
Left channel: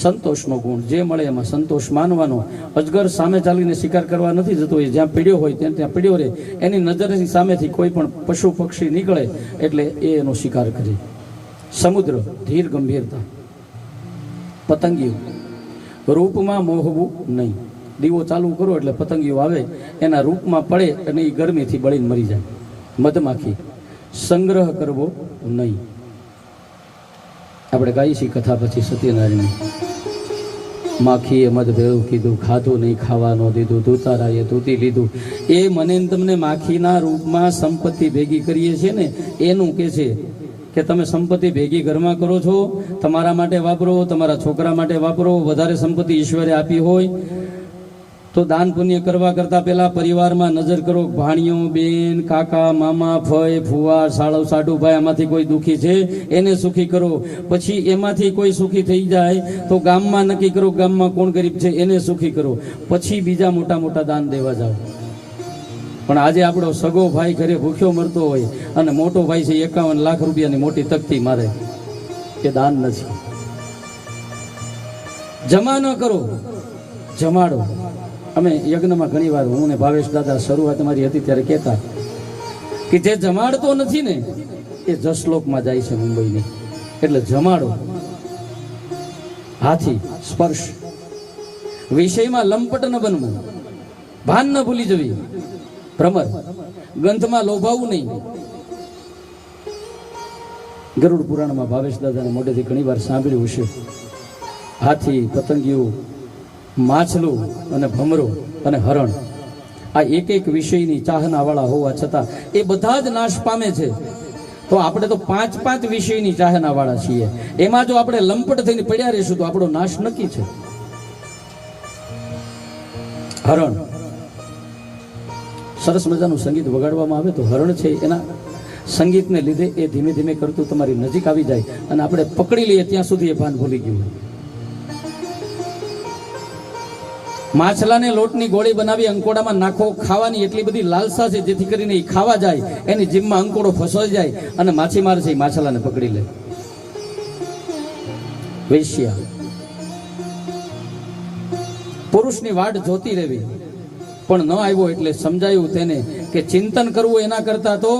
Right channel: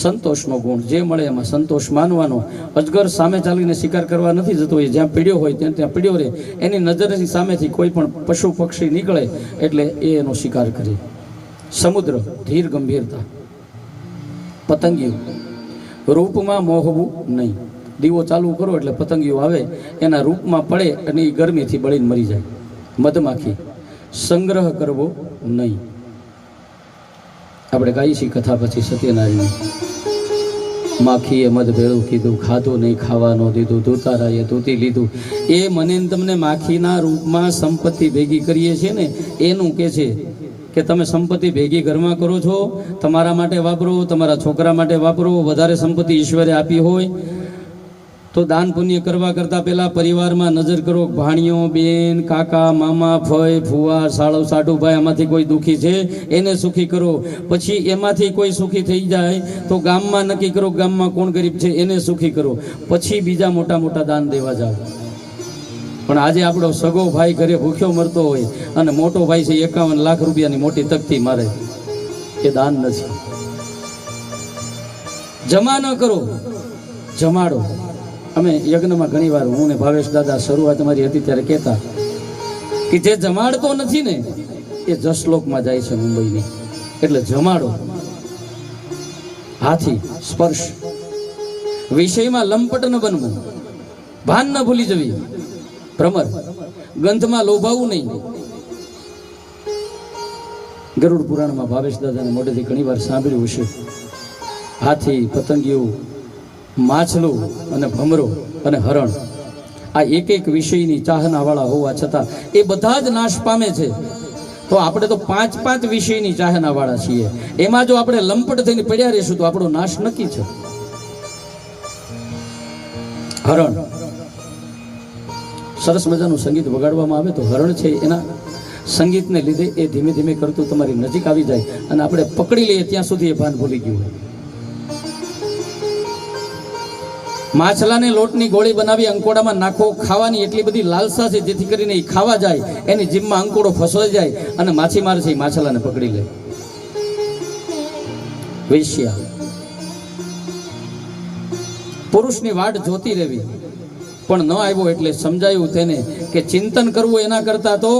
સંતોષનો ગુણ, જે મળે એમાં સંતોષ માનવાનો. અજગર સામે ચાલીને શિકાર કરવા નથી જતો, એ જ્યાં પીડ્યો હોય ત્યાં પીડ્યો રહે. એની નજરની સામેથી કોઈ પણ પશુ પક્ષી નીકળે એટલે એ એનો શિકાર કરે. સમુદ્ર, ધીર ગંભીરતા. પતંગિયું, રૂપમાં મોહવું નહીં. દીવો ચાલુ કરો એટલે પતંગિયું આવે, એના રૂપમાં પડે અને એ ગરમીથી બળીને મરી જાય. મધમાખી, સંગ્રહ કરવો નહીં. આપણે ગાઈ છીએ કથા પછી સત્યનારાયણ. માખીએ મધ ભેળું કીધું, ખાધું નહીં ખાવાનું દીધું, ધૂતારાએ ધૂતી લીધું. એ મને તમને માખીના રૂપમાં સંપત્તિ ભેગી કરીએ છીએ ને એનું કે છે કે તમે સંપત્તિ ભેગી ઘરમાં કરો છો, તમારા માટે વાપરો, તમારા છોકરા માટે વાપરો. વધારે સંપત્તિ ઈશ્વરે આપી હોય તો દાન પુણ્ય કરવા કરતા પહેલા પરિવારમાં નજર કરો. ભાણીઓ, બેન, કાકા, મામા, ફઈ, ફુવા, સાળવ, સાઢુભાઈ, આમાંથી કોઈ દુઃખી છે એને સુખી કરો. પછી એમાંથી કોઈ સુખી થઈ જાય તો ગામમાં નક્કી કરો, ગામમાં કોણ ગરીબ છે એને સુખી કરો. પછી બીજા મોટા મોટા દાન દેવા જાઓ. પણ આજે આપણો સગો ભાઈ ઘરે ભૂખ્યો મરતો હોય અને મોટો ભાઈ છે 51 લાખ રૂપિયાની મોટી તકતી મારે, એ દાન નથી. જમા ન કરો, જમાડો. અમે યજ્ઞમાં ઘણી વાર હું ને ભાવેશ દાદા શરૂઆત અમારી હતી ત્યારે કહેતા કે જે જમાડતો નથી ને એ જસલોકમાં જાય છે મુંબઈની. એટલે જમાડો. હાથી, સ્પર્શ, વિષયમાં લંપટ ન બનવું, ભાન ન ભૂલી જવી. ભ્રમર, ગંધમાં લોભાવું નહીં. ગરુડ પુરાણમાં ભાવેશ દાદાને મોઢેથી ઘણી વાર સાંભળ્યું હશે. હાથી, પતંગિયું, માછલું અને ભમરો અને હરણ, આ એક એક વિષયની ચાહનાવાળા હોવા છતાં એ બધા જ નાશ પામે છે. તો આપણે તો 5 વિષયની ચાહનાવાળા છીએ. એમાં જો આપણે લંપટ થઈને પડ્યા રહીશું તો આપણો નાશ નક્કી છે. હરણ, સરસ મજાનું સંગીત વગાડવામાં આવે તો હરણ છે એના સંગીતને લીધે એ ધીમે ધીમે કરતું તમારી નજીક આવી જાય અને આપણે પકડી લઈએ ત્યાં સુધી એ ભાન ભૂલી ગયું. માછલાને લોટની ગોળી બનાવી અંકોડામાં નાખો. ખાવાની એટલી બધી લાલસા છે જેથી કરીને એ ખાવા જાય, એની જીભમાં અંકોડો ફસાઈ જાય અને માછીમાર છે એ માછલાને પકડી લે. વેશ્યા. પુરુષની વાટ જોતી રહેવી, પણ ન આવ્યો એટલે સમજાયું તેને કે ચિંતન કરવું એના કરતા તો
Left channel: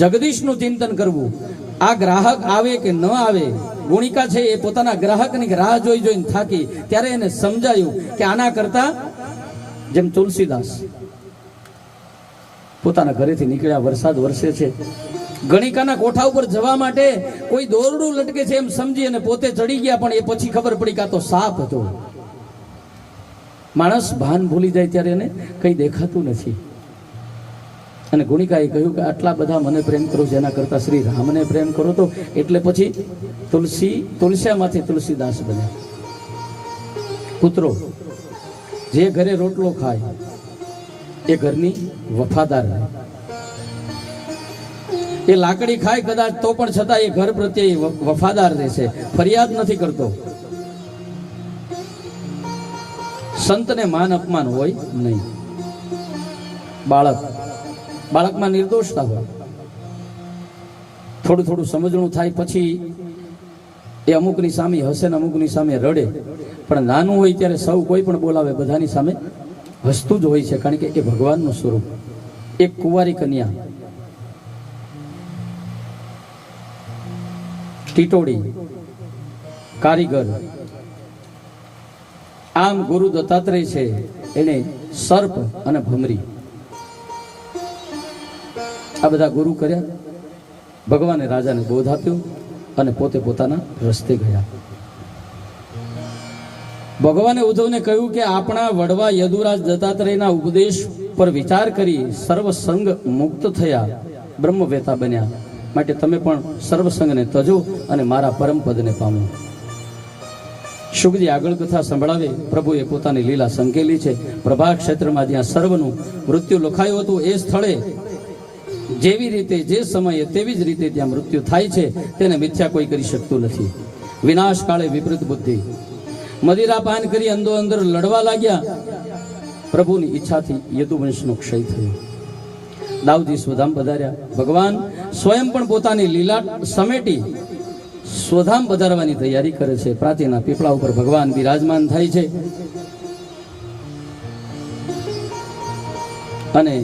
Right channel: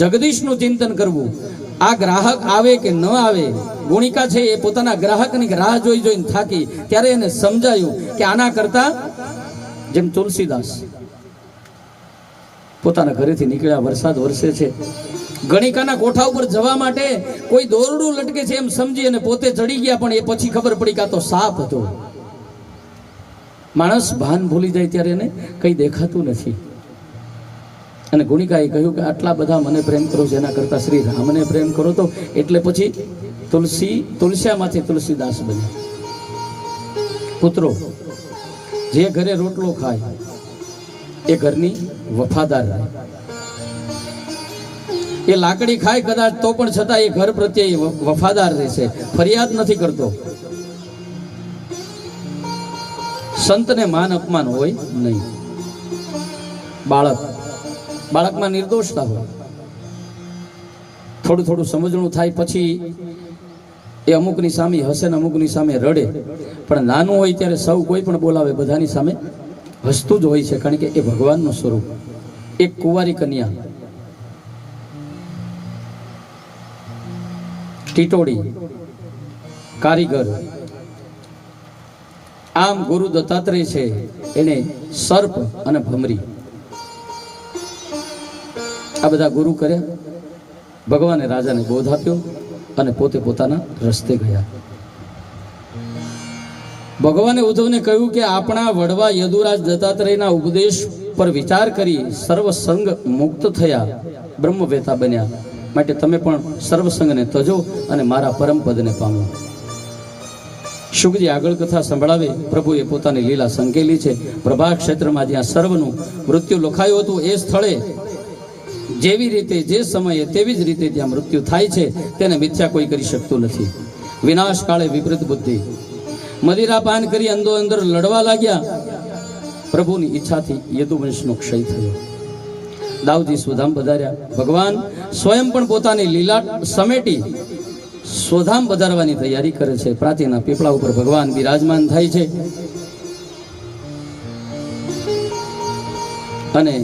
જગદીશનું ચિંતન કરવું. આ ગ્રાહક આવે કે ન આવે, ગુણિકા છે એ પોતાના ગ્રાહકની રાહ જોઈ જોઈને થાકી, ત્યારે એને સમજાયું કે આના કરતા, જેમ તુલસીદાસ પોતાના ઘરેથી નીકળ્યા, વરસાદ વરસે છે, ગણિકાના કોઠા ઉપર જવા માટે કોઈ દોરડું લટકે છે એમ સમજી અને પોતે ચડી ગયા, પણ એ પછી ખબર પડી કે આ તો સાપ હતો. માણસ ભાન ભૂલી જાય ત્યારે એને કંઈ દેખાતું નથી. અને ગુણિકાએ કહ્યું કે આટલા બધા મને પ્રેમ કરો છો એના કરતા શ્રી રામને પ્રેમ કરો તો, એટલે પછી તુલસ્યામાંથી તુલસીદાસ બન્યા. પુત્રો, જે ઘરે રોટલો ખાય એ ઘરની વફાદાર રહે. એ લાકડી ખાય કદાચ તો પણ છતાં એ ઘર પ્રત્યે વફાદાર રહેશે, ફરિયાદ નથી કરતો. સંતને માન અપમાન હોય નહીં. બાળકમાં નિર્દોષતા હોય, થોડું થોડું સમજણું થાય પછી એ અમુકની સામે હસે ને અમુકની સામે રડે, પણ નાનું હોય ત્યારે સૌ કોઈ પણ બોલાવે બધાની સામે હસતું જ હોય છે, કારણ કે એ ભગવાનનું સ્વરૂપ. એક કુંવારી કન્યા, ટીટોડી, કારીગર, આમ ગુરુ દત્તાત્રેય છે એને સર્પ અને ભમરી આ બધા ગુરુ કર્યા. ભગવાને રાજાને બોધ આપ્યો અને પોતે પોતાના રસ્તે ગયા. ભગવાને ઉદ્ધવને કહ્યું કે આપણા વડવા યદુરાજ દત્તાત્રેયના ઉપદેશ પર વિચાર કરી સર્વસંગ મુક્ત થયા, બ્રહ્મવેતા બન્યા. માટે તમે પણ સર્વસંગને તજો અને મારા પરમ પદને પામો. શુકજી આગળ કથા સંભળાવે. પ્રભુએ પોતાની લીલા સંકેલી છે. પ્રભા ક્ષેત્રમાં જ્યાં સર્વનું મૃત્યુ લખાયું હતું એ સ્થળે જેવી રીતે જે સમયે તેવી જ રીતે ત્યાં મૃત્યુ થાય છે, તેને મિથ્યા કોઈ કરી શકતું નથી. વિનાશ કાળે વિપરીત બુદ્ધિ, મદિરા પાન કરી અંદો અંદર લડવા લાગ્યા. પ્રભુની ઈચ્છાથી યદુવંશનો ક્ષય થયો. દાઉદી સ્વધામ પધાર્યા. ભગવાન સ્વયં પણ પોતાની લીલા સમેટી સ્વધામ પધારવાની તૈયારી કરે છે. પ્રાચીના પીપળા ઉપર ભગવાન બિરાજમાન થાય છે અને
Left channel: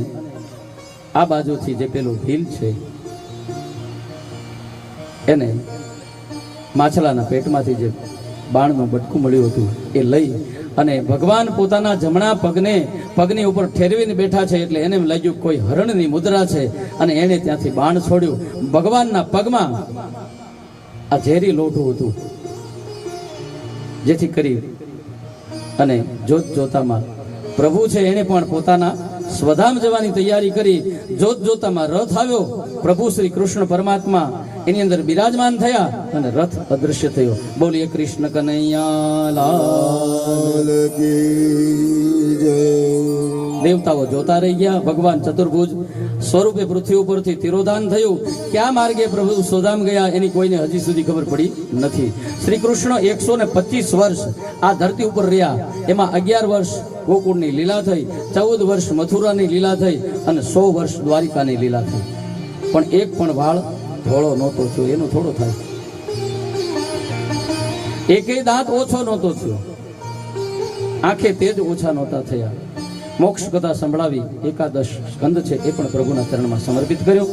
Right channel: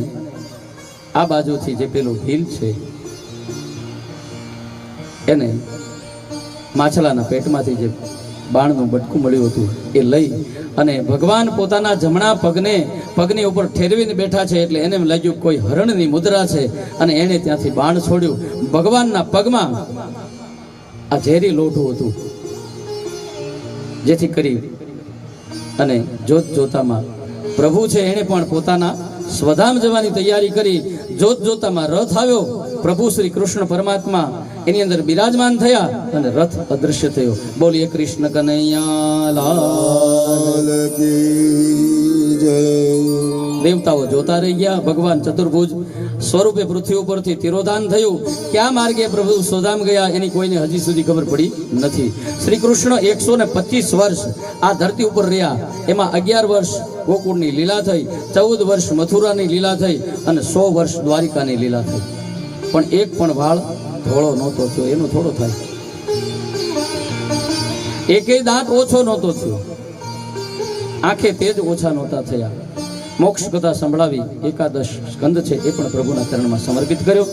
આ બાજુથી જે પેલું હિલ છે એને માછલાના પેટમાંથી જે બાણનું બટકું મળ્યું હતું એ લઈ અને ભગવાન પોતાના જમણા પગની ઉપર ઠેરવીને બેઠા છે. એટલે એને એમ લાગ્યું કોઈ હરણની મુદ્રા છે અને એને ત્યાંથી બાણ છોડ્યું. ભગવાનના પગમાં આ ઝેરી લોઢું હતું, જેથી કરી અને જોત જોતામાં પ્રભુ છે એને પણ પોતાના સ્વધામ જવાની તૈયારી કરી. જોત જોતામાં રથ આવ્યો. પ્રભુ શ્રી કૃષ્ણ પરમાત્મા એની અંદર બિરાજમાન થયા અને રથ અદૃશ્ય થયો. બોલીએ કૃષ્ણ કનૈયા લાલ કી જય. દેવતાઓ જોતા રહી ગયા. ભગવાન ચતુર્ભુજ સ્વરૂપે પૃથ્વી ઉપરથી તિરોધાન થયું. ક્યાં માર્ગે પ્રભુ સ્વધામ ગયા એની કોઈને હજી સુધી ખબર પડી નથી. શ્રી કૃષ્ણ 125 વર્ષ આ ધરતી ઉપર રહ્યા. એમાં 11 વર્ષ ગોકુળની લીલા થઈ, 14 વર્ષ મથુરાની લીલા થઈ અને 100 વર્ષ દ્વારિકાની લીલા થઈ. પણ એક પણ વાળ ધોળો નહોતો થયો. એનો થોડો થાય. એકે દાંત ઓછો નહોતો થયો. આંખે તેજ ઓછા નહોતા થયા. મોક્ષ કથા સંભળાવી. 11 સ્કંદ છે એ પણ પ્રભુના ચરણમાં સમર્પિત કર્યો.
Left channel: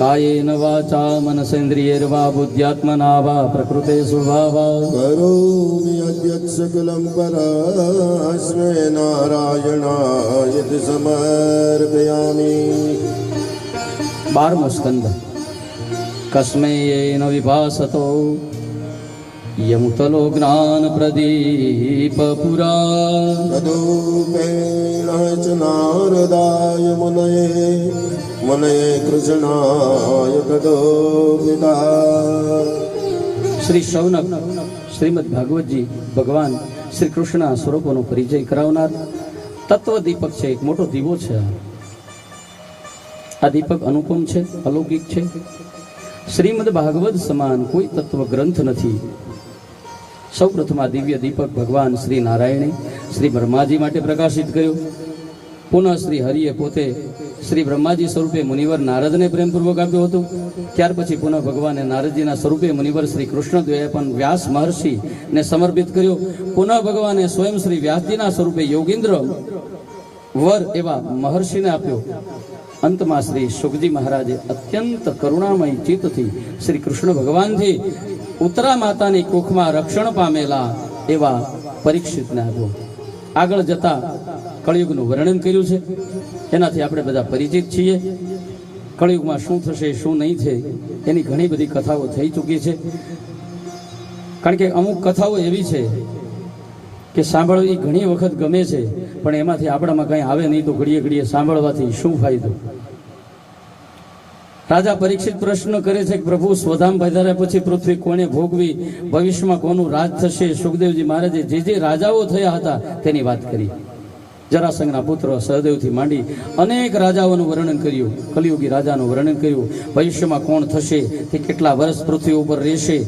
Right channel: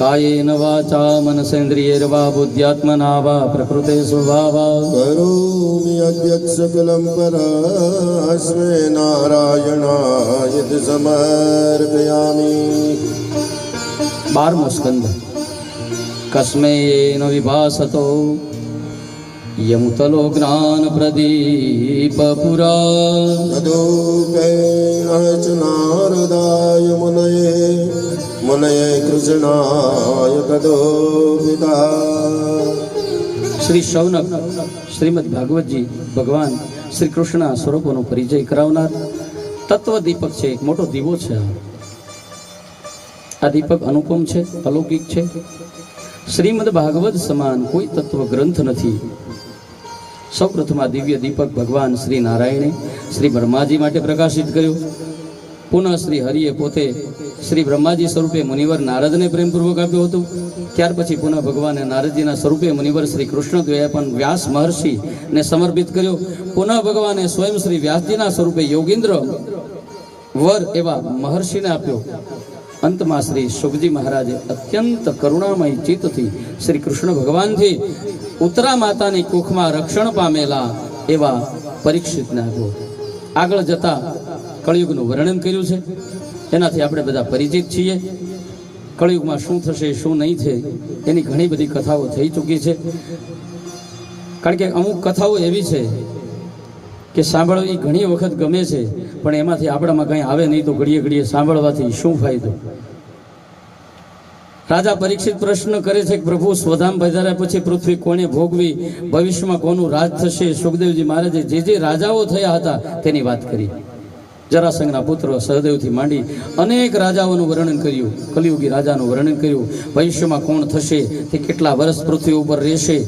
કાયેન વાચા મનસેન્દ્રિયૈર્વા બુદ્ધ્યાત્મના વા પ્રકૃતે સ્વભાવા કરોમિ યદ્યत् સકલં પરસ્મૈ નારાયણાય સમર્પયામિ. 12મો સ્કંદ. કસ્મૈ ન વિભાસતો યમુતલો જ્ઞાન પ્રદીપ પુરા તદુપેણ ચ નારદાય મુનયે કૃષ્ણાય તદોપિતા. શ્રી શૌનક શ્રીમદ ભાગવતજી ભગવાન શ્રી કૃષ્ણના સ્વરૂપોનો પરિચય કરાવનાર તત્વ દીપક છે. એક મોટો દીવો છે. આ દીપક અનુપમ છે, અલૌકિક છે. શ્રીમદ ભાગવત સમાન કોઈ તત્વ ગ્રંથ નથી. સૌપ્રથમ આ દિવ્ય દીપક ભગવાન શ્રી નારાયણે શ્રી બ્રહ્માજી માટે પ્રકાશિત કર્યો. પુનઃ શ્રી હરિએ પોતે શ્રી બ્રહ્માજી સ્વરૂપે મુનિવર નારદને પ્રેમપૂર્વક આપ્યું હતું. ત્યાર પછી પુનઃ ભગવાને નારદજીના સ્વરૂપે મુનિવર શ્રી કૃષ્ણ દ્વયે પણ વ્યાસ મહર્ષિને સમર્પિત કર્યો. પુનઃ ભગવાને સ્વયં શ્રી વ્યાસજીના સ્વરૂપે યોગીન્દ્ર વર એવા મહર્ષિને આપ્યો. અંતમાં શ્રી શુકજી મહારાજે અત્યંત કરુણામય ચિત્તથી શ્રી કૃષ્ણ ભગવાનથી ઉત્તરા માતાની કુખમાં રક્ષણ પામેલા એવા પરીક્ષિતને આપ્યો. આગળ જતા કળિયુગનું વર્ણન કર્યું છે, એનાથી આપણે બધા પરિચિત છીએ. કળિયુગમાં શું થશે શું નહીં થાય એની ઘણી બધી કથાઓ થઈ ચૂકી છે. કારણ કે અમુક કથાઓ એવી છે કે સાંભળવી ઘણી વખત ગમે છે, પણ એમાંથી આપણામાં કંઈ આવે નહીં તો ઘડીએ ઘડીએ સાંભળવાથી શું ફાયદો. રાજા પરીક્ષિત પ્રશ્ન કરે છે કે પ્રભુ સ્વધામ પધાર્યા પછી પૃથ્વી કોને ભોગવી, ભવિષ્યમાં કોનું રાજ થશે. સુખદેવજી મહારાજે જે રાજાઓ થયા હતા તેની વાત કરી. જરાસંઘના પુત્ર સહદેવથી માંડી અનેક રાજાઓનું વર્ણન કર્યું, કલિયુગી રાજાનું વર્ણન કર્યું. ભવિષ્યમાં કોણ થશે, તે કેટલા વર્ષ પૃથ્વી ઉપર રહેશે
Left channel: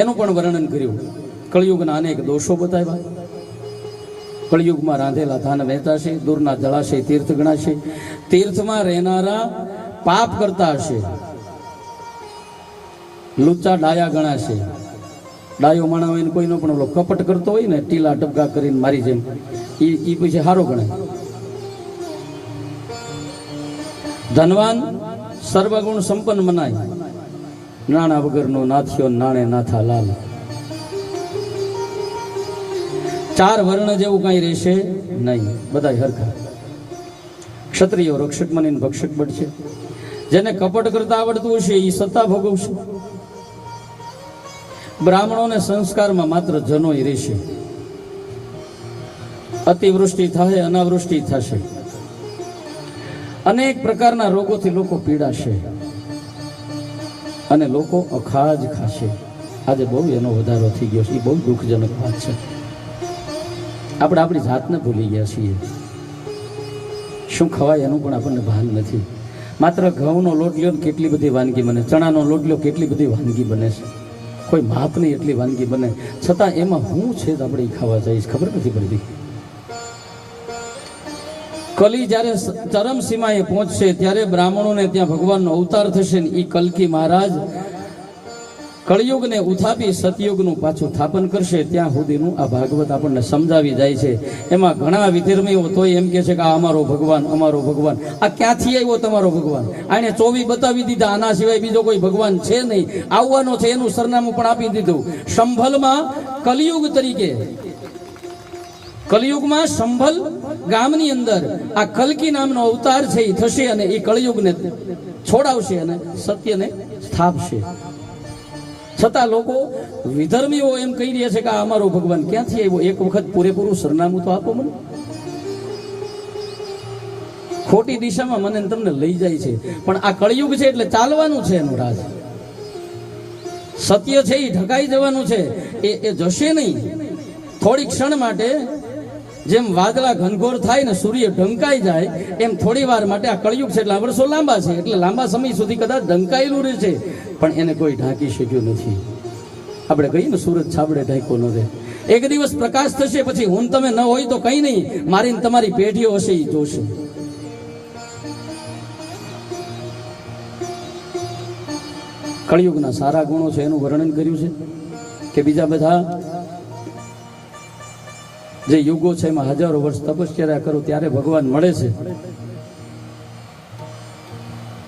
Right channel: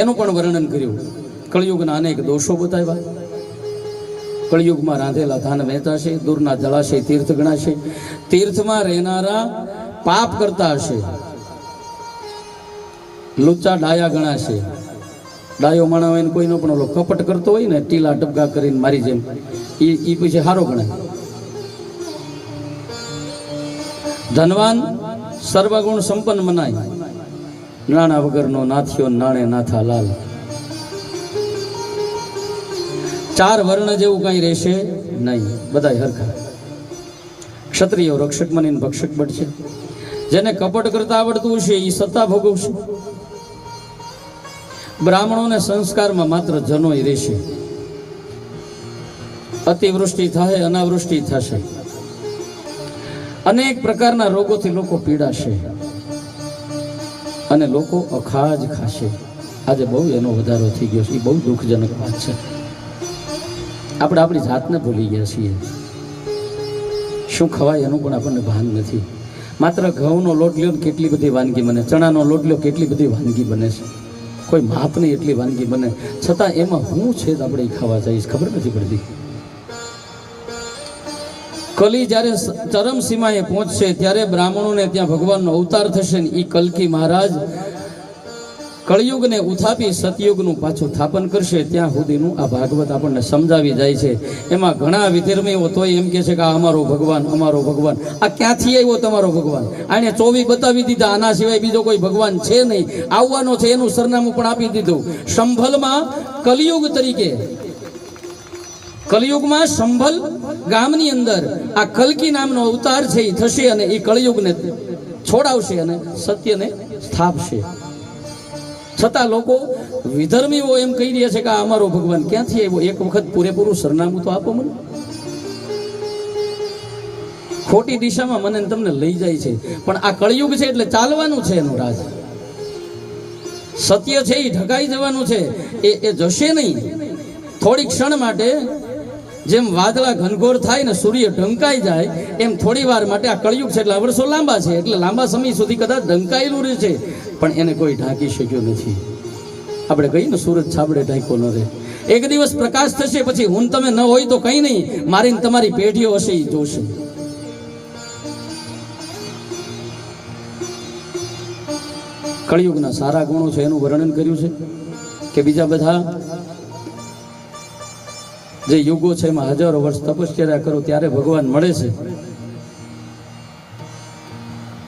એનું પણ વર્ણન કર્યું. કળિયુગના અનેક દોષો બતાવ્યા. કળિયુગમાં રાંધેલા ધાન વહેંચાશે, દૂરના જળાશય તીર્થ ગણાશે, તીર્થમાં રહેનારા પાપ કરતા હશે, લુચ્ચા ડાયા ગણાશે. ડાયો માણસ હોય ને કોઈનો પણ ઓલો કપટ કરતો હોય ને ટીલા ટપકા કરીને મારી જેમ, એ પછી સારો ગણાય. ધનવાન સર્વગુણ સંપન્ન મનાય, નાણા વગરનો નાથિયો નાણે નાથા લાલ. ચાર વર્ણ જેવું કઈ રહેશે નહીં, બધા હરખા. ક્ષત્રિયો રક્ષક બનીને ભક્ષક બનશે. જેને કપટ કરતા આવડતું હશે એ સત્તા ભોગવશે. બ્રાહ્મણોને સંસ્કારમાં માત્ર જનોય રહેશે. અતિવૃષ્ટિ થાય, અનાવૃષ્ટિ થશે. અનેક પ્રકારના રોગોથી લોકો પીડાશે અને લોકો અખાજ ખાશે. આજે બહુ એનો વધારો થઈ ગયો છે, એ બહુ દુઃખજનક વાત છે. આપણે આપણી જાતને ભૂલી ગયા છીએ. શું ખવાય એનું પણ આપણને ભાન નથી. માત્ર ઘઉંનો લોટ લ્યો કેટલી બધી વાનગી બને, ચણાનો લોટ લ્યો કેટલી બધી વાનગી બને છે. કોઈ માપ નહીં એટલી વાનગી બને, છતાં એમાં હું છે આપણે એ ખાવા જઈશ ખબર નથી પડતી. કલી જ્યારે ચરમ સીમાએ પહોંચશે ત્યારે બ્રાહ્મણોને ત્યાં ભગવાનનો અવતાર થશે ને એ કલ્કી મહારાજ કળિયુગને ઉથાપી સતયુગનું પાછું સ્થાપન કરશે. ત્યાં સુધીનું આ ભાગવત આપણને સમજાવી જાય છે. એમાં ઘણા વિધર્મીઓ તોય એમ કે છે કે આ અમારો ભગવાન, અમારો ભગવાન. આ ક્યાંથી આવ્યો તમારો ભગવાન? આને 24 બતાવી દીધા, આના સિવાય બીજો કોઈ ભગવાન છે નહીં, આવવાનો છે એનું સરનામું પણ આપી દીધું. સંભલમાં કલિયુગ તરીકે, કલિયુગમાં સંભલ ગામની અંદર આ કલ્કી નામનો અવતાર છે એ થશે અને એ કળિયુગને છોડાવશે અને સત્યને સ્થાપશે. છતાં લોકો વિધર્મીઓ એમ કહી રહ્યા છે કે આ અમારો ભગવાન ક્યાંથી આવ્યો? એક વખત પૂરેપૂરું સરનામું તો આપો મને. ખોટી દિશામાં મને તમને લઈ જાય છે, પણ આ કળિયુગ છે એટલે ચાલવાનું છે એનું રાજ. સત્ય છે એ ઢકાઈ જવાનું છે, એ જશે નહીં. થોડી ક્ષણ માટે જેમ વાદળા ઘનઘોર થાય ને સૂર્ય ઢંકાઈ જાય એમ થોડી વાર માટે આ કળિયુગ છે. એટલે આ વર્ષો લાંબા છે, એટલે લાંબા સમય સુધી કદાચ ઢંકાયેલું રહે છે, પણ એને કોઈ ઢાંકી શક્યું નથી. આપણે કહીએ ને સૂરજ છાબડે ઢાંક્યો ન રહે. એક દિવસ પ્રકાશ થશે, પછી હું તમે ન હોય તો કઈ નહીં, મારી તમારી પેઢીઓ હશે એ જોશે. કળિયુગના સારા ગુણો છે એનું વર્ણન કર્યું છે કે બીજા બધા જે યુગો છે એમાં હજારો વર્ષ તપશ્ચર્યા કરો ત્યારે ભગવાન મળે છે.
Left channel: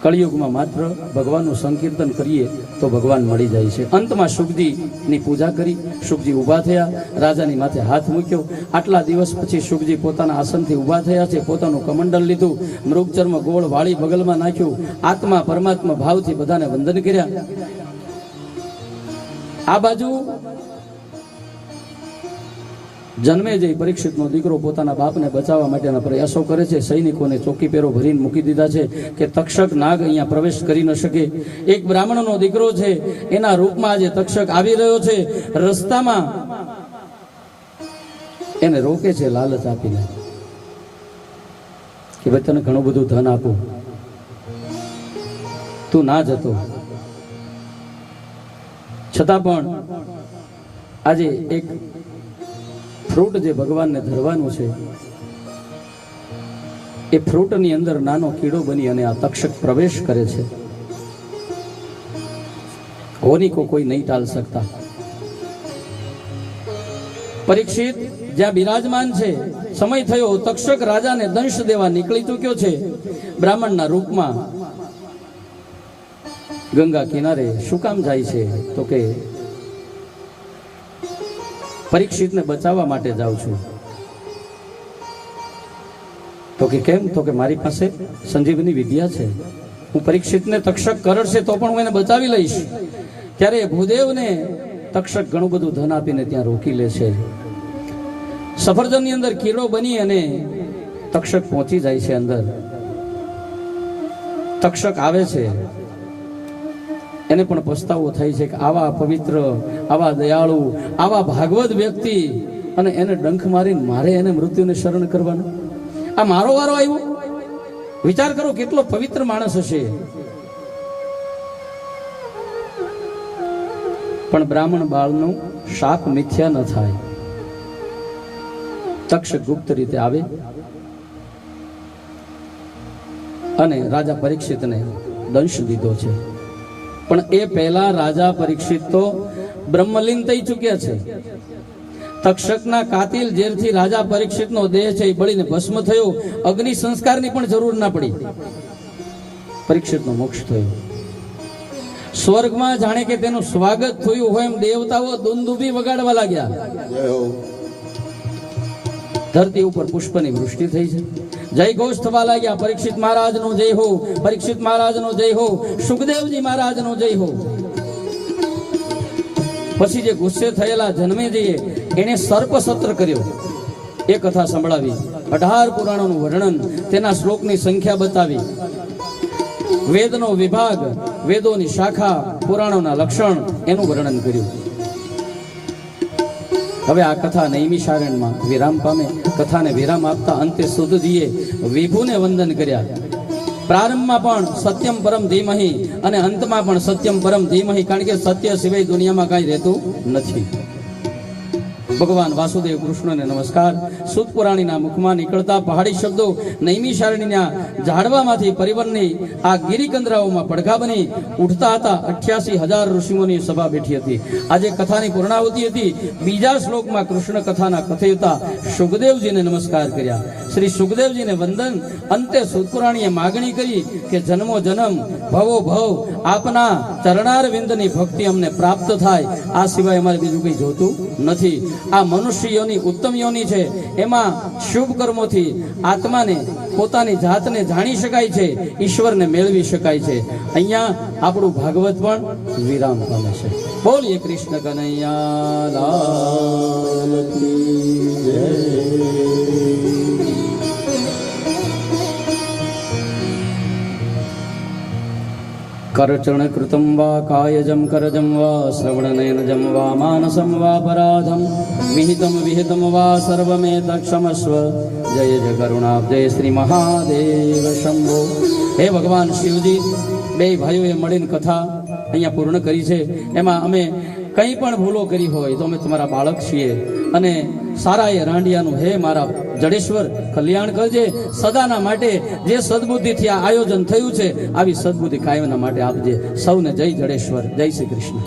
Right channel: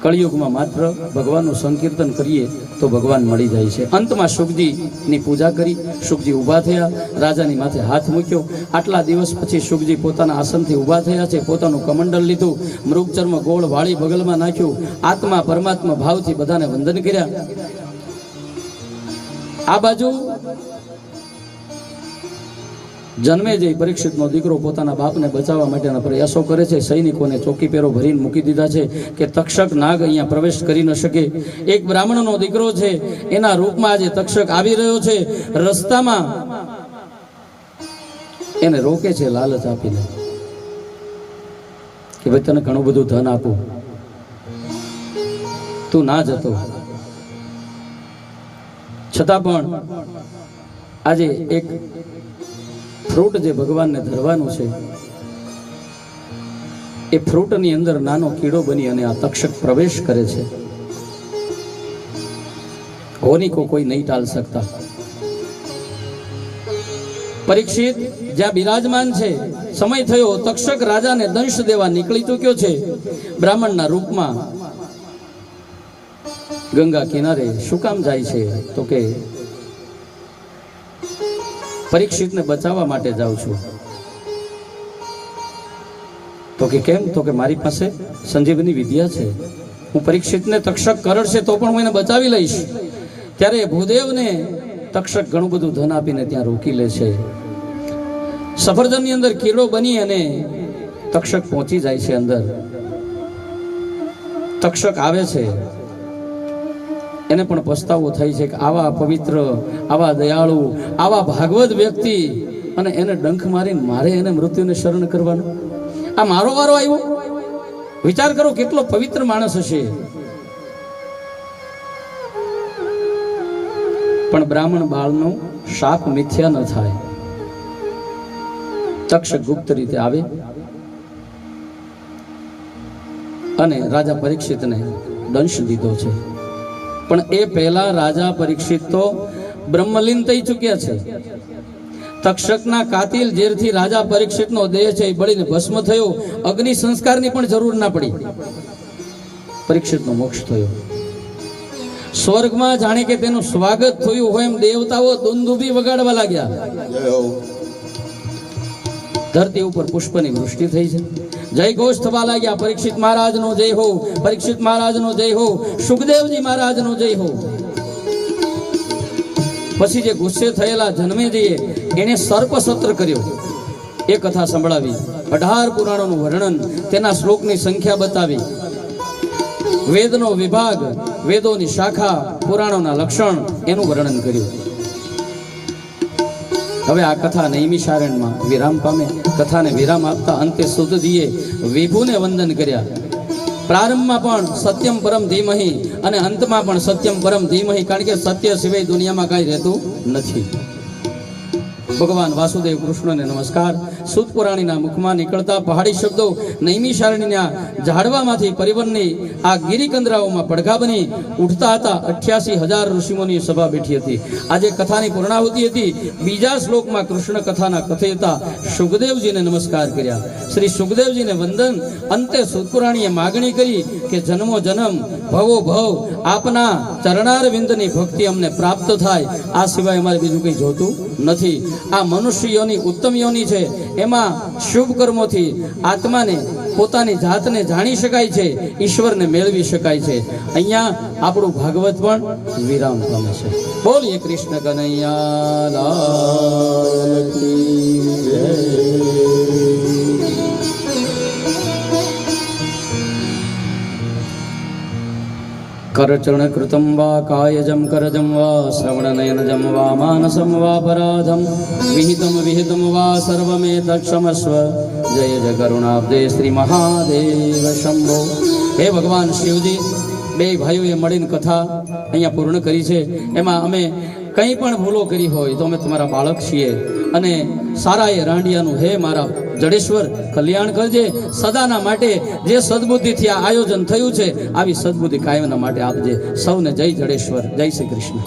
કળિયુગમાં માત્ર ભગવાનનું સંકીર્તન કરીએ તો ભગવાન મળી જાય છે. અંતમાં શુકજીની પૂજા કરી, શુકજી ઊભા થયા, રાજાની માથે હાથ મૂક્યો. આટલા દિવસ પછી શુકજી પોતાના આસનથી ઊભા થયા છે, પોતાનું કમંડલ લીધું, મૃગચર્મ ગોળ વાળી બગલમાં નાખ્યું, આત્મા પરમાત્મા ભાવથી બધાને વંદન કર્યા. આ બાજુ જન્મેજય પરીક્ષિતનો દીકરો પોતાના બાપને બચાવવા માટેના પ્રયાસો કરે છે. સૈનિકોને ચોકી પેરો ભરીને મૂકી દીધા છે કે તક્ષક નાગ અહીંયા પ્રવેશ કરી ન શકે. એક બ્રાહ્મણનો દીકરો છે, એના રૂપમાં આજે તક્ષક આવી રહ્યો છે. રસ્તામાં એને રોકે છે લાલચ આપીને કે ભાઈ તને ઘણું બધું ધન આપું, તું ના જતો. છતાં પણ આજે એક ફ્રૂટ જે ભગવાનને ધરવાનું છે એ ફ્રૂટની અંદર નાનો કીડો બની અને આ તક્ષક પ્રવેશ કરે છે. હોની કો કોઈ નહીં ટાળ શકતા. પરીક્ષિત જ્યાં બિરાજમાન છે, સમય થયો, તક્ષક રાજાને દંશ દેવા નીકળી ચૂક્યો છે બ્રાહ્મણના રૂપમાં. ગંગા કિનારે શું કામ જાય છે? તો કે પરીક્ષિતને બચાવવા માટે જાઉં છું. તો કે કેમ? તો કે મારી પાસે સંજીવની વિદ્યા છે. હું પરીક્ષિતને તક્ષક કરડશે તો પણ હું એને બચાવી લઈશ. ત્યારે ભૂદેવને તક્ષક ઘણું બધું ધન આપીને ત્યાં રોકી લે છે. સફરજનની અંદર કીડો બની અને તક્ષક પહોંચી જાય છે અંદર. તક્ષક આવે છે, એને પણ પસ્તાવો થાય છે કે આવા પવિત્ર, આવા દયાળુ, આવા ભાગવત વ્યક્તિ, અને એને ડંખ મારીને મારે એને મૃત્યુને શરણ કરવાનું. આ મારો વારો આવ્યો? વિચાર કરો કેટલો પવિત્ર માણસ હશે. પણ બ્રાહ્મણ બાળનો શાપ મિથ્યા ન થાય. તક્ષક ગુપ્ત રીતે આવે અને રાજા પરીક્ષિતને દંશ દીધો છે. પણ એ પહેલા રાજા પરીક્ષિત તો બ્રહ્મલીન થઈ ચૂક્યા છે. તક્ષકના કાતિલ ઝેરથી રાજા પરીક્ષિતનો દેહ છે એ બળીને ભસ્મ થયો. અગ્નિ સંસ્કારની પણ જરૂર ના પડી. પરીક્ષિતનો મોક્ષ થયો. સ્વર્ગમાં જાણે કે તેનું સ્વાગત થયું હોય એમ દેવતાઓ દુંદુભી વગાડવા લાગ્યા. ધરતી ઉપર પુષ્પની વૃષ્ટિ થઈ છે. જય ઘોષ થવા લાગ્યા. પરીક્ષિત મહારાજનો જય હો, પરીક્ષિત મહારાજનો જય હો, સુખદેવજી મહારાજનો જય હો. પછી જે ગુસ્સે થયેલા જન્મેજીએ એને સર્પ સત્ર કર્યો. એ કથા સંભળાવી. 18 પુરાણોનું વર્ણન, તેના શ્લોકની સંખ્યા બતાવી. વેદનો વિભાગ, વેદોની શાખા, પુરાણોના લક્ષણ, એનું વર્ણન કર્યું. હવે આ કથા નૈમિષારણ્યમાં વિરામ પામે. કથાને વિરામ આપતા અંતે સુતજીએ વિભુને વંદન કર્યા. પ્રારંભમાં પણ સત્યમ પરમ ધીમહિ અને અંતમાં પણ સત્યમ પરમ ધીમહિ, કારણ કે સત્ય સિવાય દુનિયામાં કાંઈ રહેતું નથી. ભગવાન વાસુદેવ કૃષ્ણને નમસ્કાર. સૂત પુરાણીના મુખમાં નીકળતા પહાડી શબ્દો નૈમિષારણ્યના ઝાડવામાંથી પરિવર્તની આ ગિરિકંદરાઓમાં પડઘા બની ઉઠતા હતા. 88,000 ઋષિમુનિની સભા બેઠી હતી. આજે કથાની પૂર્ણાહુતિ હતી. બીજા શ્લોકમાં કૃષ્ણ કથાના કથયતા સુખદેવજીને નમસ્કાર કર્યા. શ્રી સુખદેવજીને વંદન. અંતે સૂત પુરાણીએ માગણી કરી કે જન્મો જન્મ, ભવો ભવ આપના ચરણાર વિંદની ભક્તિ અમને પ્રાપ્ત થાય. આ સિવાય અમારે બીજું કંઈ જોતું નથી. આ મનુષ્ય યોની ઉત્તમ યોની છે. એમાં શુભ કર્મોથી આત્માને, પોતાની જાતને જાણી શકાય છે, ઈશ્વરને મેળવી શકાય છે. અહીંયા આપણું ભાગવત પણ વિરામ પામે છે. બોલીએ કૃષ્ણ કનૈયા લાલ કી જય. કરચરણ કૃતમ વા કાયજમ કરજમ વા શ્રવણનયનજમ વા માનસમ વા પરાધમ વિહિતમ વિહિતમ વા સર્વમેતક્ષમસ્વ. જય જય કરુણાબ્દે શ્રી મહાદેવ શંભો. હે ભગવાન શિવજી, બે ભાઈઓએ મળીને કથા અહીંયા પૂર્ણ કરી છે. એમાં અમે કંઈ પણ ભૂલો કરી હોય તો અમે તમારા બાળક છીએ. અને સારા એ રાંડિયાનું હે મારા જડેશ્વર કલ્યાણ કરજે. સદાના માટે જે સદબુદ્ધિથી આ આયોજન થયું છે, આવી સદબુદ્ધિ કાયમના માટે આપજે. સૌને જય જડેશ્વર. જય શ્રી કૃષ્ણ.